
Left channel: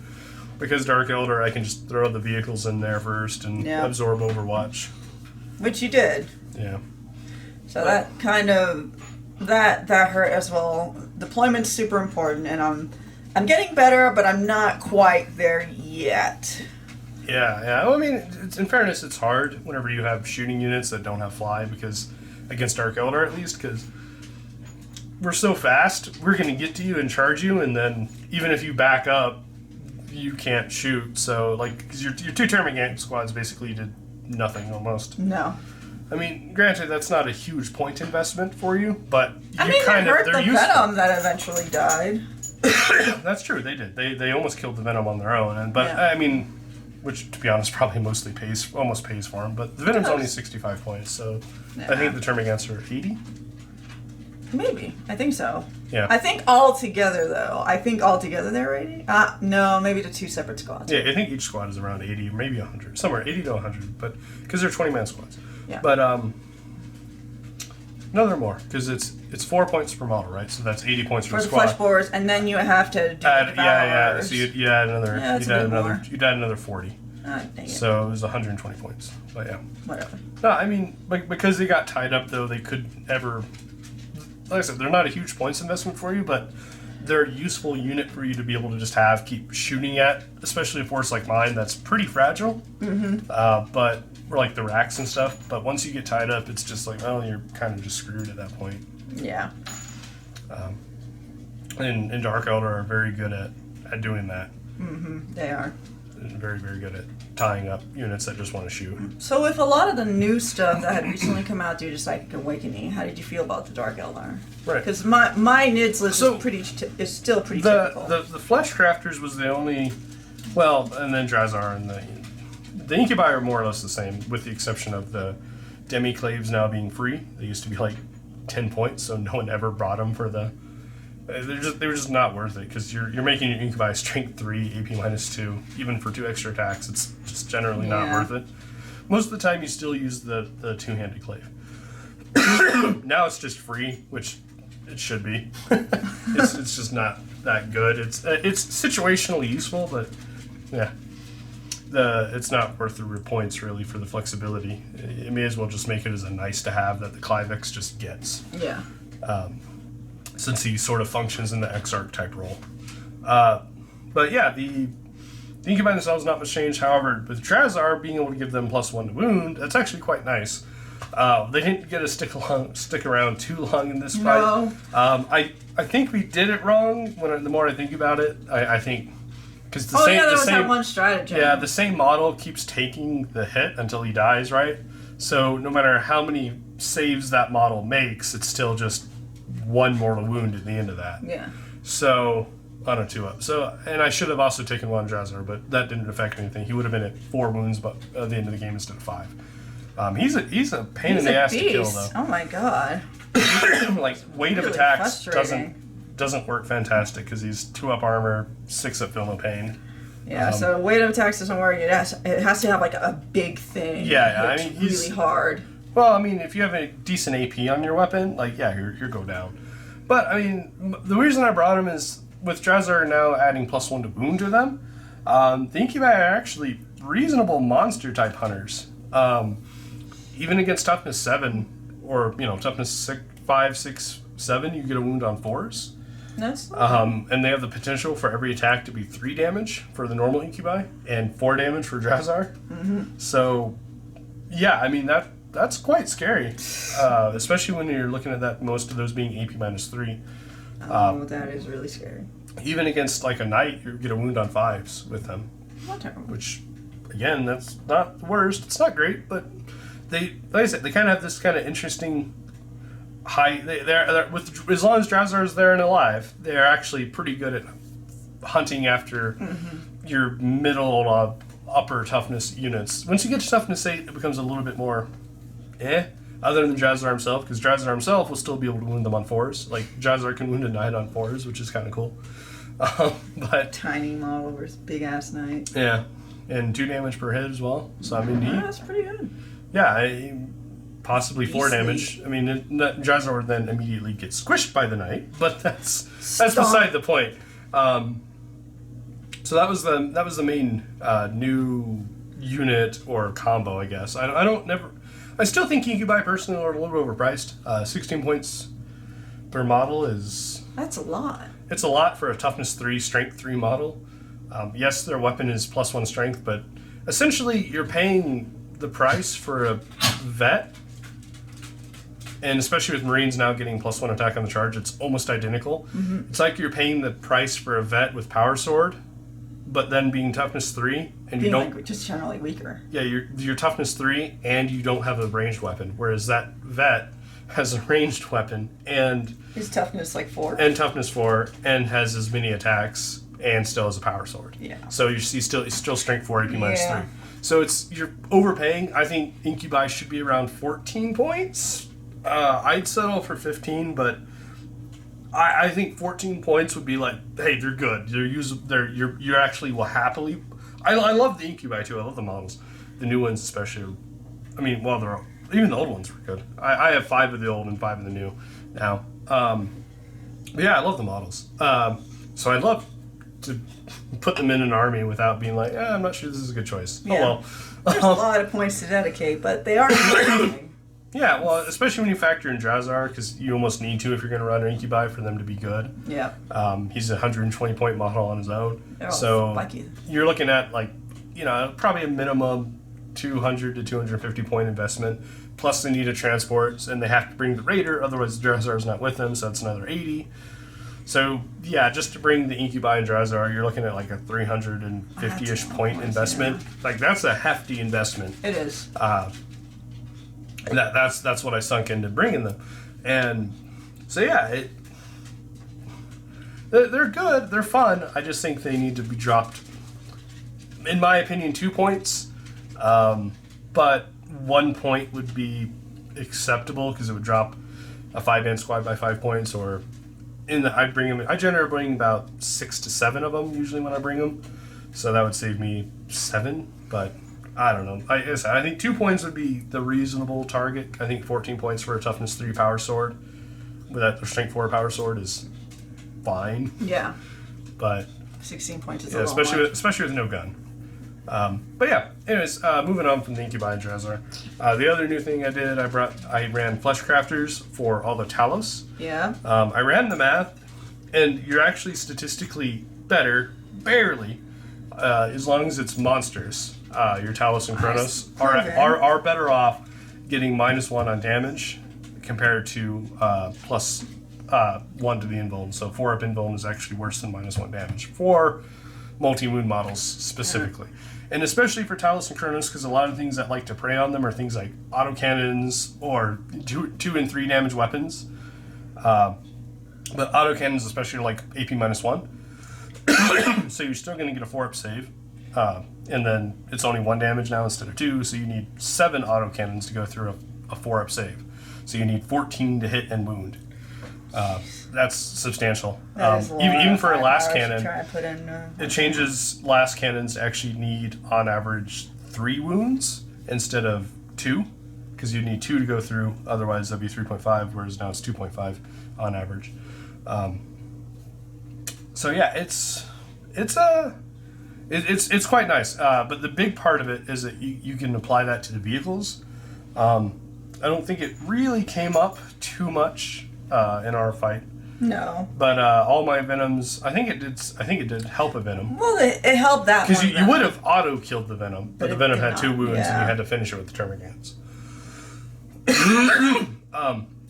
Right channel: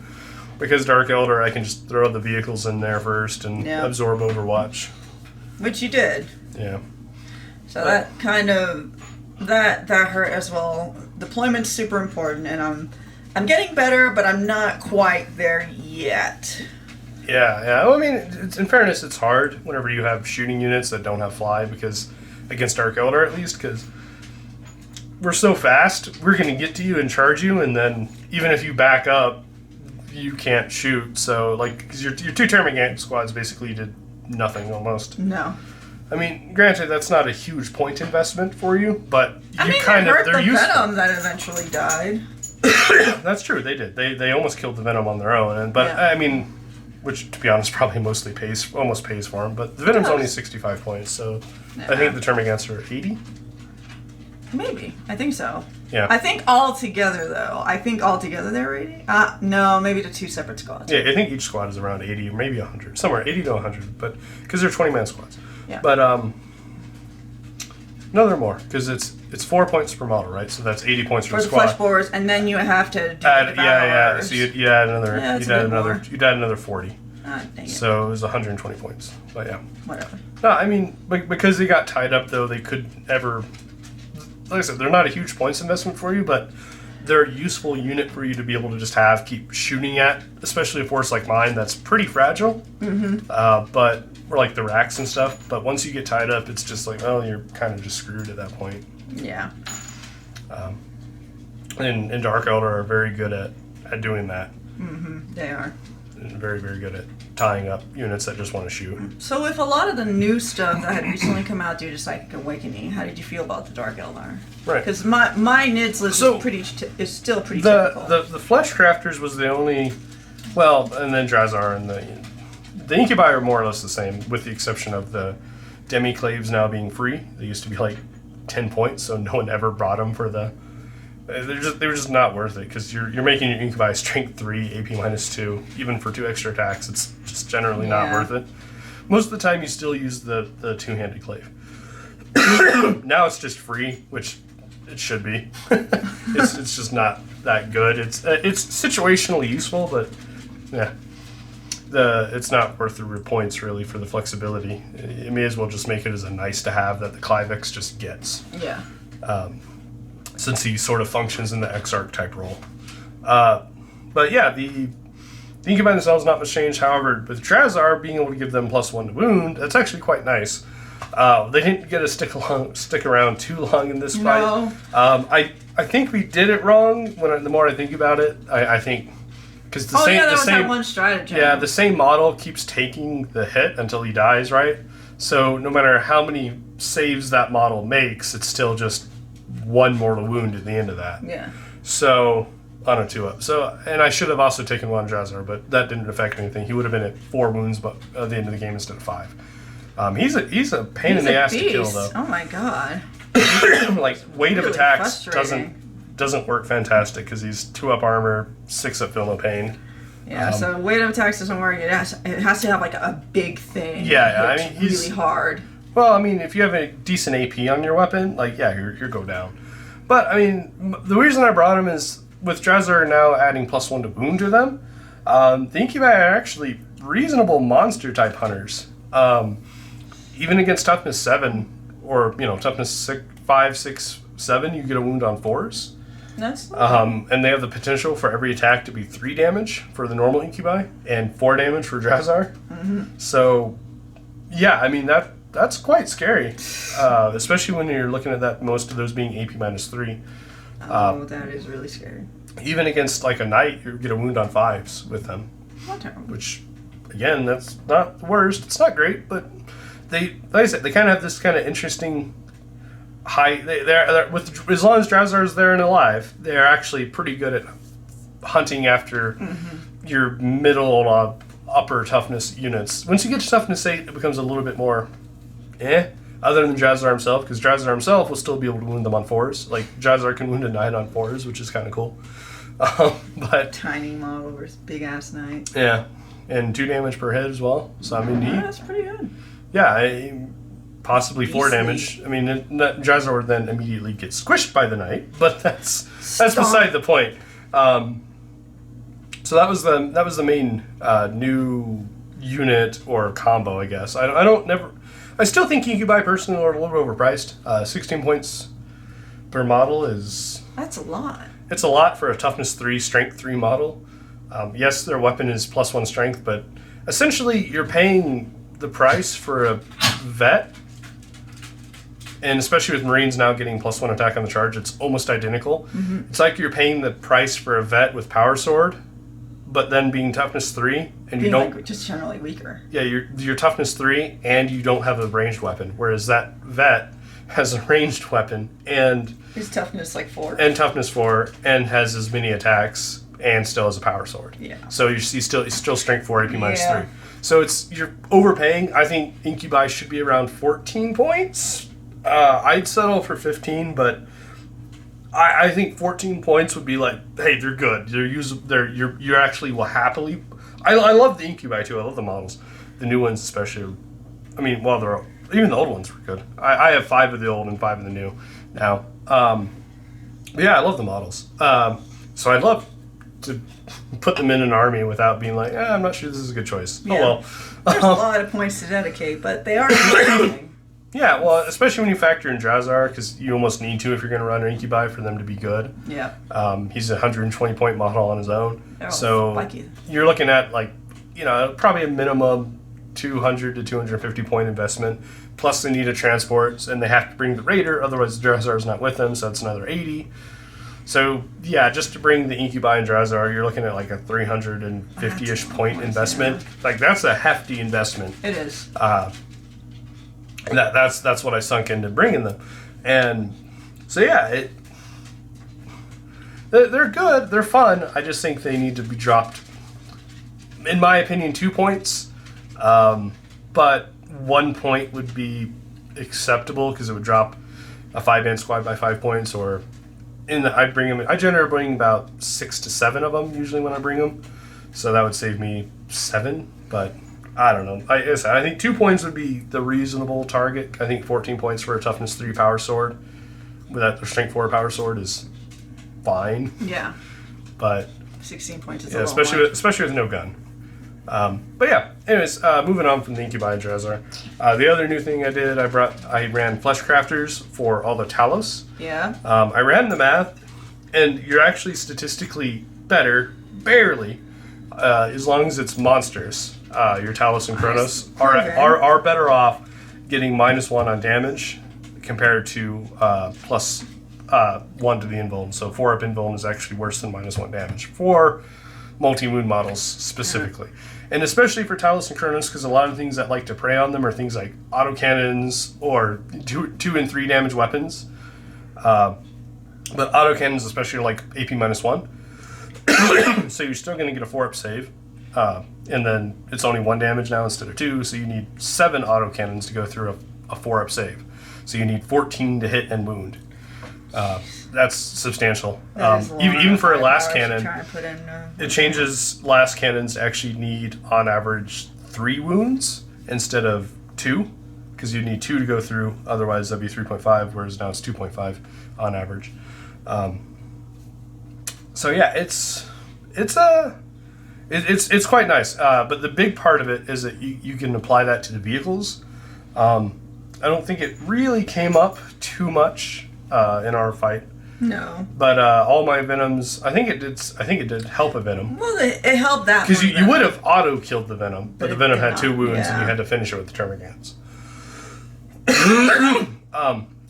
because Dark Eldar, I can just throw the vehicles in there first and absorb Overwatch. Which you did. Yeah. So that kind of... That hurt as well. Deployment's super important, and I'm getting better, but I'm not quite there yet. Yeah. Well, I mean, in fairness, it's hard whenever you have shooting units that don't have fly, because against Dark Eldar at least, because we're so fast, we're going to get to you and charge you, and then even if you back up, you can't shoot. So, like, 'cause your 2 Termagant squads basically did nothing almost. No. I mean, granted, that's not a huge point investment for you, but I mean, kind it hurt they're the useful. Venom that eventually died. That's true. They did. They almost killed the Venom on their own, but Yeah. I mean, which to be honest, probably mostly almost pays for them. But the Venom's only 65 points, so I think the Termagants are 80. Maybe. I think so. Yeah. I think all together, though. They're 80? No, maybe the 2 separate squads. Yeah, I think each squad is around 80 or maybe 100, somewhere 80 to 100, but because they're 20-man squads. Yeah. But no, they're more because it's 4 points per model, right? So that's 80 points per For the squad. flesh borers, and then you have to do Add, the yeah. devours. So you add another. Yeah, that's you'd a add bit another. more. You'd add another 40. Dang it. So it was 120 points. But yeah. Whatever. No, I mean, because they got tied up, though, they could ever... Like I said, they're not a huge points investment for you, but they're a useful unit for you to be able to just keep shooting at, especially a force like mine that's pretty fragile. But, or like the racks and stuff. But once you get tied up, it's just like, well, you're kind of just screwed at that point. Yeah. And Dark Eldar are very good at doing that. They are. And very, very good at tying up units that just want to shoot. So with a lot of the new stuff that had recently come out due to Psychic Awakening, how did you feel about the Dark Eldar? Right. Because my NIDS list is still pretty typical. The Flesh Crafters was the only... Well, and then Drazhar and the Incubi are more or less the same, with the exception of the Demiclaves now being free. They used to be like 10 points, so no one ever brought them for the... They were just not worth it, because you're making your Incubi strength 3, AP -2, even for 2 extra attacks. It's just generally not worth it. Most of the time you still use the two-handed clave. Now it's just free, which it should be. It's just not that good. It's situationally useful, but yeah. It's not worth the points really for the flexibility. You may as well just make it as a nice to have that the Clivex just gets. Yeah. Since he sort of functions in the Exarch type role. But yeah, the Incubi themselves not much change. However, with Drazhar being able to give them +1 to wound, that's actually quite nice. They didn't get to stick around too long in this fight. I think we did it wrong. The more I think about it, I think because the same one strategy. Yeah, the same model keeps taking the hit until he dies, right? So no matter how many saves that model makes, it's still just 1 mortal wound at the end of that. Yeah. So on a 2-up. So, and I should have also taken one Drazhar, but that didn't affect anything. He would have been at 4 wounds, but at the end of the game instead of 5. He's a pain in the ass to kill, though. Oh my god. Like weight of Really attacks frustrating. doesn't work fantastic because he's 2-up armor, 6-up feel no pain. Yeah, so weight of attacks doesn't work. It has to have like a big thing. Yeah, I hit mean, he's really hard. Well, I mean, if you have a decent AP on your weapon, like, yeah, you're go down. But, I mean, the reason I brought him is, with Drazhar now adding +1 to wound to them, the Incubi are actually reasonable monster-type hunters. Even against toughness 7, or, toughness 5, 6, 7, you get a wound on 4s. That's And they have the potential for every attack to be 3 damage for the normal Incubi, and 4 damage for Drazhar. Mm-hmm. So, yeah, I mean, that's quite scary, especially when you're looking at that, most of those being AP -3. that is really scary. Even against like a knight, you get a wound on 5s with them, Not terrible. which, again, that's not the worst. It's not great, but they, like I said, they kind of have this kind of interesting high. They're with, as long as Drazhar is there and alive, they're actually pretty good at hunting after your middle upper toughness units. Once you get to toughness 8, it becomes a little bit more other than Drazhar himself, because Drazhar himself will still be able to wound them on 4s. Like, Drazhar can wound a knight on 4s, which is kind of cool. But Tiny model versus big ass knight. yeah, and 2 damage per hit as well. So, I mean, That's pretty good. possibly 4 Beastly. damage. I mean, Drazhar would then immediately get squished by the knight, but that's Stop. beside the point. So that was the main new unit or combo, I guess. I still think Incubi personally are a little bit overpriced. 16 points per model is... That's a lot. It's a lot for a toughness 3, strength 3 model. Yes, their weapon is +1 strength, but essentially you're paying the price for a vet, and especially with Marines now getting +1 attack on the charge, it's almost identical. Mm-hmm. It's like you're paying the price for a vet with power sword, but then being toughness 3, and you don't... Like, just generally weaker. Yeah, you're toughness 3, and you don't have a ranged weapon, whereas that vet has a ranged weapon, and... His toughness like 4. And toughness 4, and has as many attacks, and still has a power sword. Yeah. So he's still strength 4, AP Yeah. -3. So you're overpaying. I think Incubi should be around 14 points. I'd settle for 15, but I think 14 points would be like, hey, they're good. You actually will happily. I love the Incubi too. I love the models, the new ones especially. I mean, well, even the old ones were good. I have 5 of the old and 5 of the new now. But yeah, I love the models. So I'd love to put them in an army without being like, I'm not sure this is a good choice. Yeah. Oh well. There's a lot of points to dedicate, but they are amazing. Yeah, well, especially when you factor in Drazhar, because you almost need to if you're going to run an Incubi for them to be good. Yeah. He's a 120-point model on his own. They're all So spiky. you're looking at, like, probably a minimum 200 to 250-point investment. Plus they need a transport, and they have to bring the Raider, otherwise Drazhar's not with them, so that's another 80. So, yeah, just to bring the Incubi and Drazhar, you're looking at like a 350-ish point investment. Yeah. Like, that's a hefty investment. It is. That's what I sunk into bringing them. And so, yeah, they're good. They're fun. I just think they need to be dropped, in my opinion, 2 points. But 1 point would be acceptable because it would drop a 5-man squad by 5 points, or... I generally bring about 6 to 7 of them usually when I bring them, so that would save me 7. But I don't know. I think 2 points would be the reasonable target. I think 14 points for a toughness 3 power sword with that strength 4 power sword is fine. Yeah. But 16 points is yeah, a especially with no gun. But yeah, anyways, moving on from the Incubi and Drazhar. The other new thing I did, I ran Flesh Crafters for all the Talos. Yeah. I ran the math, and you're actually statistically better, barely, as long as it's monsters. Your Talos and Kronos are better off getting -1 on damage compared to +1 to the invuln. So 4-up invuln is actually worse than -1 damage for multi-wound models specifically. Yeah. And especially for Talos and Kronos, because a lot of things that like to prey on them are things like autocannons or 2 and 3 damage weapons. But autocannons especially are like AP -1. So you're still going to get a 4-up save. And then it's only 1 damage now instead of 2, so you need 7 autocannons to go through a 4-up save. So you need 14 to hit and wound. That's substantial. Even for a last cannon, it changes last cannons to actually need, on average, 3 wounds instead of 2, because you need 2 to go through, otherwise that'd be 3.5, whereas now it's 2.5 on average. So yeah, it's quite nice. But the big part of it is that you can apply that to the vehicles. I don't think it really came up too much in our fight. No. But all my venoms, I think it did help a venom. Well, it helped that because you would have auto killed the venom, but the venom had not. 2 wounds, Yeah. and you had to finish it with the termagants.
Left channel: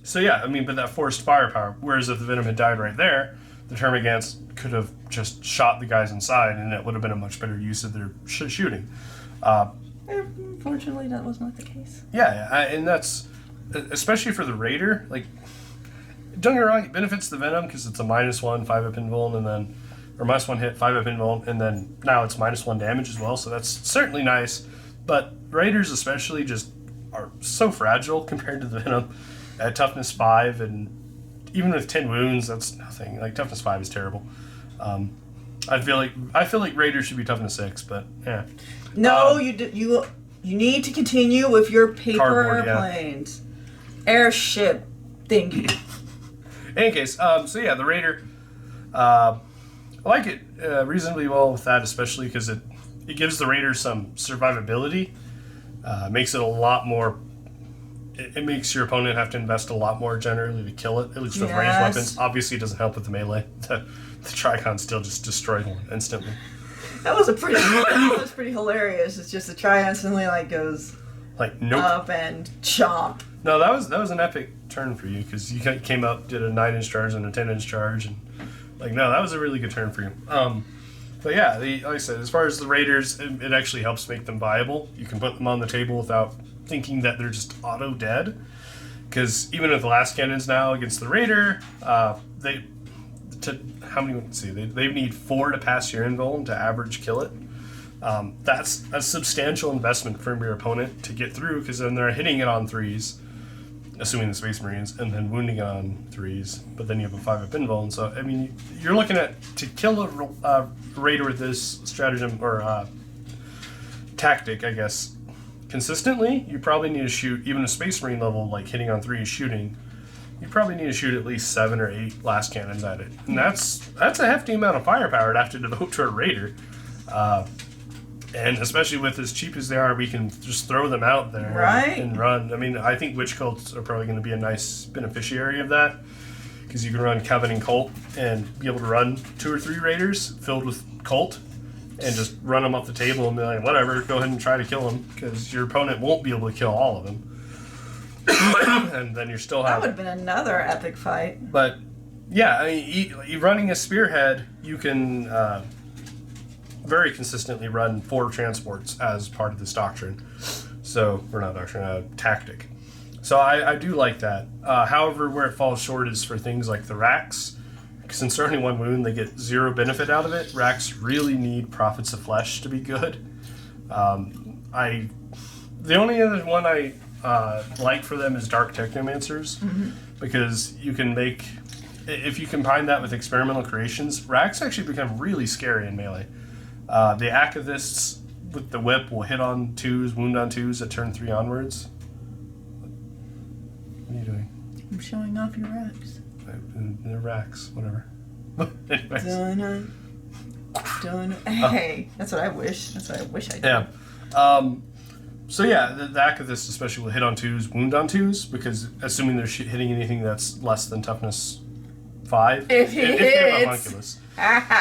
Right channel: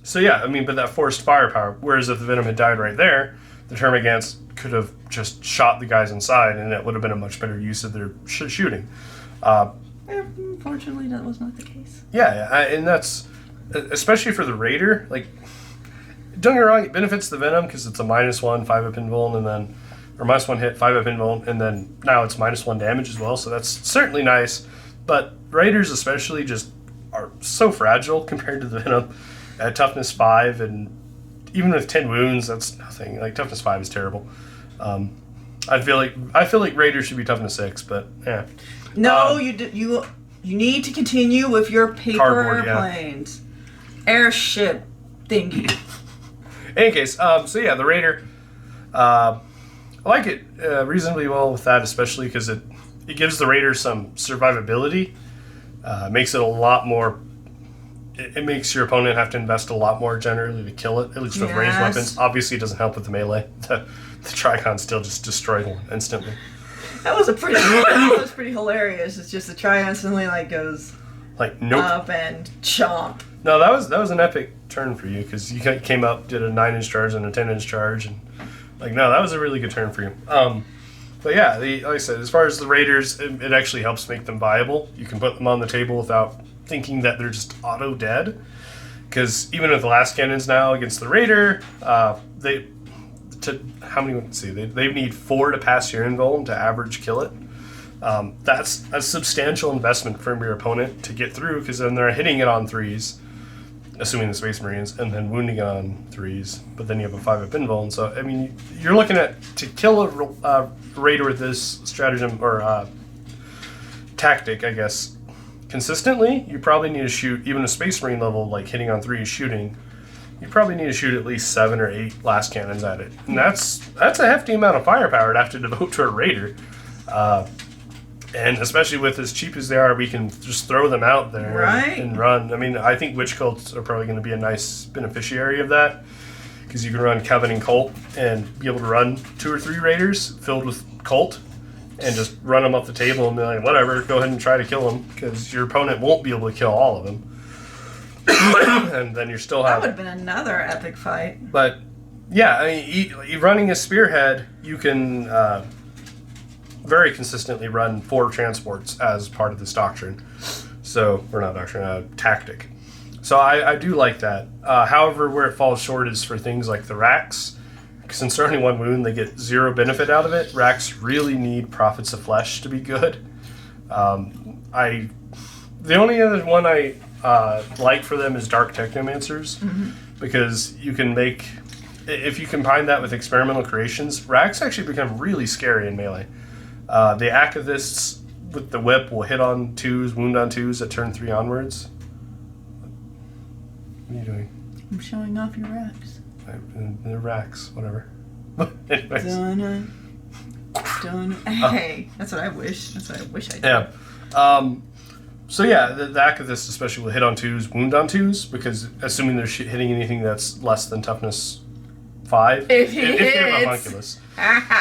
So yeah, I mean, but that forced firepower. Whereas if the venom had died right there, the termagants could have just shot the guys inside, and it would have been a much better use of their shooting. Unfortunately, that was not the case. Yeah, and that's especially for the raider. Like, don't get me wrong, it benefits the venom because it's a -1 5-up invuln, and then or -1 hit 5-up invuln, and then now it's -1 damage as well. So that's certainly nice. But raiders especially just are so fragile compared to the venom at toughness 5, and even with 10 wounds, that's nothing. Like, toughness 5 is terrible. I feel like raiders should be toughness 6, but yeah. No, you need to continue with your paper Cardboard, yeah. airplanes, airship thingy. In any case, so yeah, the raider, I like it reasonably well with that, especially because it gives the raider some survivability. Makes it a lot more. It makes your opponent have to invest a lot more generally to kill it, at least with ranged weapons. Obviously, it doesn't help with the melee. The Tricon still just destroyed one instantly. That was pretty hilarious. It's just the Tri instantly goes Like, nope. up and chomp. No, that was an epic turn for you, because you came up, did a 9-inch charge and a 10-inch charge, and no, that was a really good turn for you. But yeah, like I said, as far as the raiders, it actually helps make them viable. You can put them on the table without thinking that they're just auto dead, because even with the last cannons now against the raider, they need 4 to pass your invuln to average kill it. That's a substantial investment from your opponent to get through, because then they're hitting it on 3s, assuming the Space Marines, and then wounding it on 3s, but then you have a 5-up invuln. So, I mean, you're looking at, to kill a raider with this stratagem, or tactic, I guess, consistently, you probably need to shoot, even a Space Marine level, like hitting on 3s shooting, you probably need to shoot at least 7 or 8 last cannons at it. And that's a hefty amount of firepower to have to devote to a raider. And especially with as cheap as they are, we can just throw them out there and run. I mean, I think Witch Cults are probably going to be a nice beneficiary of that, because you can run Coven and Cult and be able to run 2 or 3 raiders filled with Cult and just run them off the table and be like, whatever, go ahead and try to kill them, because your opponent won't be able to kill all of them. And then you still have... That would have been another epic fight. But, yeah, I mean, running a Spearhead, you can... very consistently run 4 transports as part of this doctrine. So, or not doctrine, tactic. So I do like that. However, where it falls short is for things like the racks. Since they're only 1 wound, they get 0 benefit out of it. Racks really need Prophets of Flesh to be good. The only other one I like for them is Dark Technomancers, because you can make, if you combine that with Experimental Creations, racks actually become really scary in melee. The Activists with the whip will hit on 2s, wound on 2s at turn 3 onwards. What are you doing? I'm showing off your racks. The racks, whatever. Anyways. Done. Hey, that's what I wish. That's what I wish I did. Yeah. So yeah, the Activists especially will hit on 2s, wound on 2s, because assuming they're hitting anything that's less than toughness 5. If he they have a hits. homunculus.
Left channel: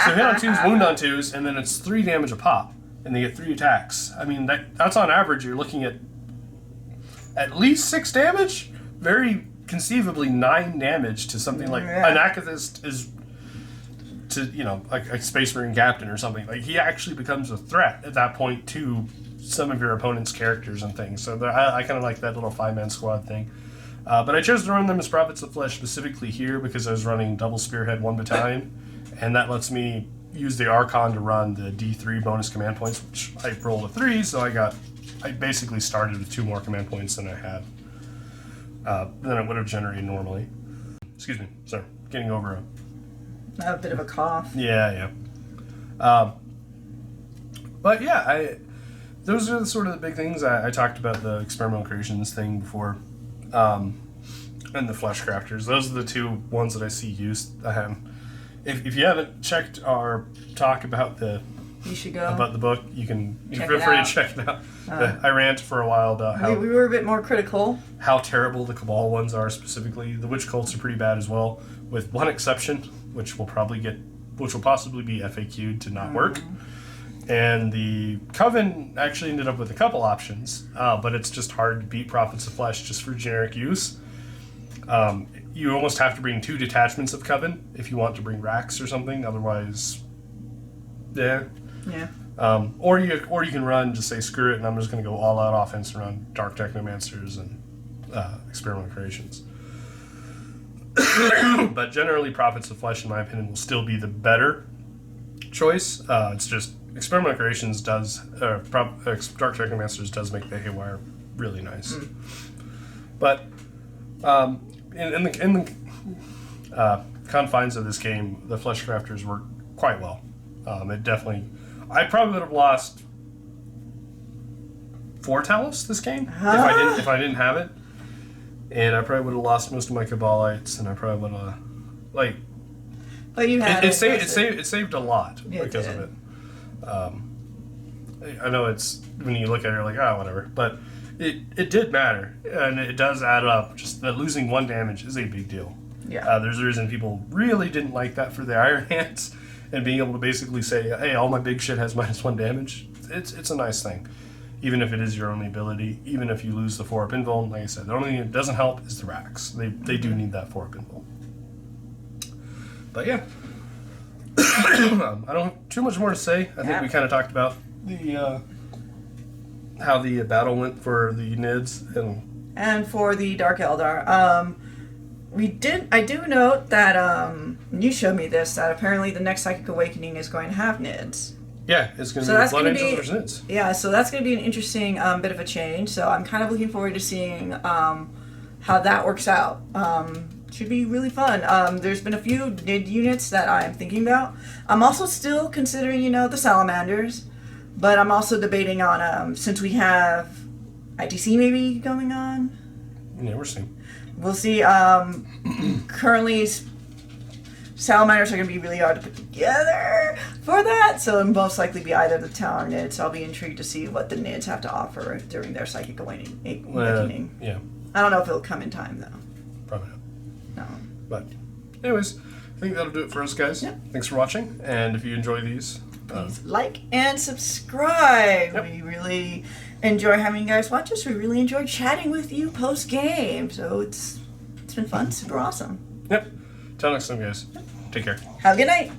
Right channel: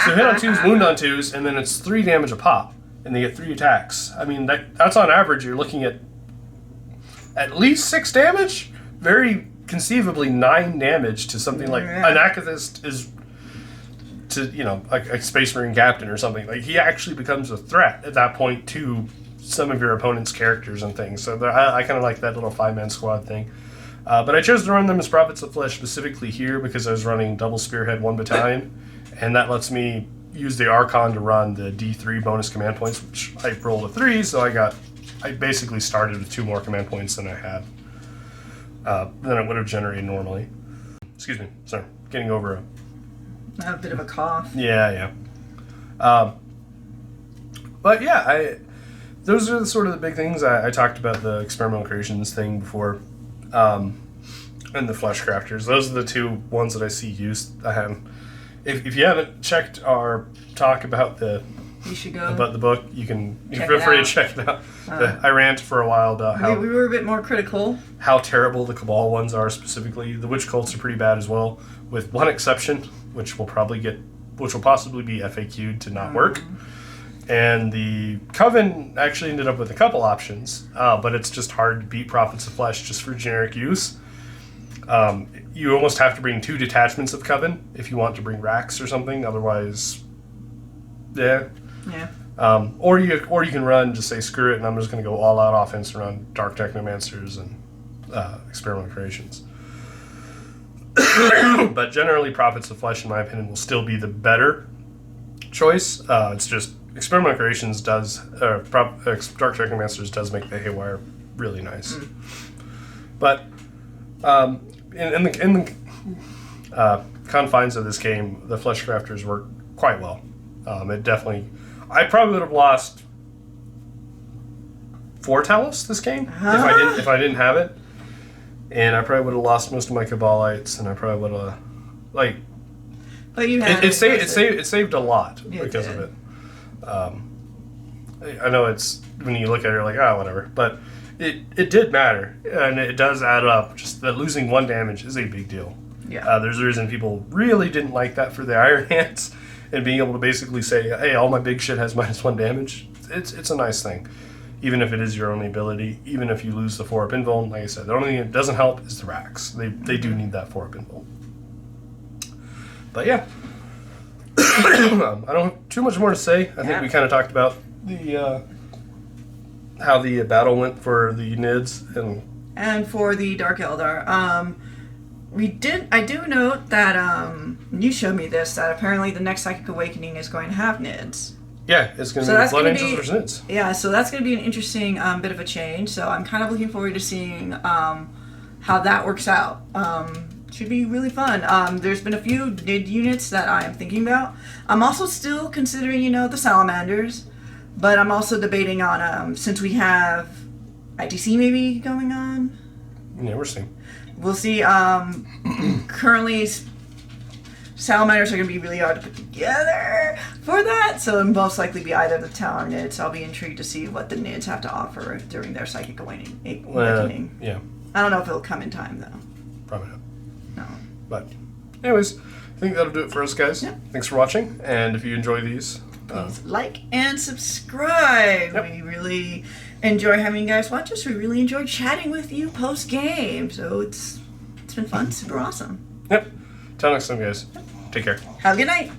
So hit on 2s, wound on 2s, and then it's 3 damage a pop, and they get 3 attacks. I mean, that's on average. You're looking at least 6 damage. Very conceivably 9 damage to something like an Activist is to, like a Space Marine captain or something. Like, he actually becomes a threat at that point to some of your opponent's characters and things. So I kind of like that little 5-man squad thing. But I chose to run them as Prophets of Flesh specifically here because I was running double Spearhead 1 battalion. And that lets me used the Archon to run the D3 bonus command points, which I rolled a 3, so I basically started with 2 more command points than I had. Than it would have generated normally. Excuse me, sorry, getting over I have a bit of a cough. yeah. But yeah, those are sort of the big things. I talked about the experimental creations thing before, and the flesh crafters. Those are the 2 ones that I see used. If you haven't checked our talk about the book, you can feel free to check it out. I ranted for a while about how we were a bit more critical. How terrible the Cabal ones are specifically. The Witch Cults are pretty bad as well, with one exception, which will possibly be FAQ'd to not work. And the Coven actually ended up with a couple options, but it's just hard to beat Prophets of Flesh just for generic use. You almost have to bring 2 detachments of Coven if you want to bring Rax or something. Otherwise, yeah. Or you can run, just say screw it, and I'm just going to go all out offense and run Dark Technomancers and Experimental Creations. But generally, Prophets of Flesh, in my opinion, will still be the better choice. It's just Experimental Creations does, Dark Technomancers does make the Haywire really nice. But in the confines of this game, the Flesh Crafters work quite well. It definitely, I probably would have lost 4 Talos this game if I didn't have it, and I probably would have lost most of my Cabalites, and I probably would have But you had it saved a lot because of it. I know it's when you look at it, you're like, whatever, but it did matter, and it does add up. Just that losing 1 damage is a big deal. Yeah. There's a reason people really didn't like that for the Iron Hands, and being able to basically say, hey, all my big shit has -1 damage. It's a nice thing, even if it is your only ability. Even if you lose the 4-up invuln, like I said, the only thing that doesn't help is the Rax. They do need that 4-up invuln. But yeah, I don't have too much more to say. I think we kind of talked about the how the battle went for the Nids and for the Dark Eldar. I do note that you showed me this, that apparently the next Psychic Awakening is going to have Nids. Yeah, it's going to be Blood Angels versus Nids. Yeah, so that's going to be an interesting bit of a change. So I'm kind of looking forward to seeing how that works out. Should be really fun. There's been a few Nid units that I'm thinking about. I'm also still considering, the Salamanders, but I'm also debating on, since we have ITC maybe going on. Yeah, we're seeing. We'll see. Currently, Salamanders are going to be really hard to put together for that, so it'll most likely be either the Talon or Nids. I'll be intrigued to see what the Nids have to offer during their Psychic Awakening. Yeah. I don't know if it'll come in time, though. Probably not. No. But, anyways, I think that'll do it for us, guys. Yep. Thanks for watching, and if you enjoy these, please like and subscribe. Yep. We really enjoy having you guys watch us. We really enjoy chatting with you post-game, so it's been fun. Super awesome. Yep. Till next time, guys. Take care. Have a good night.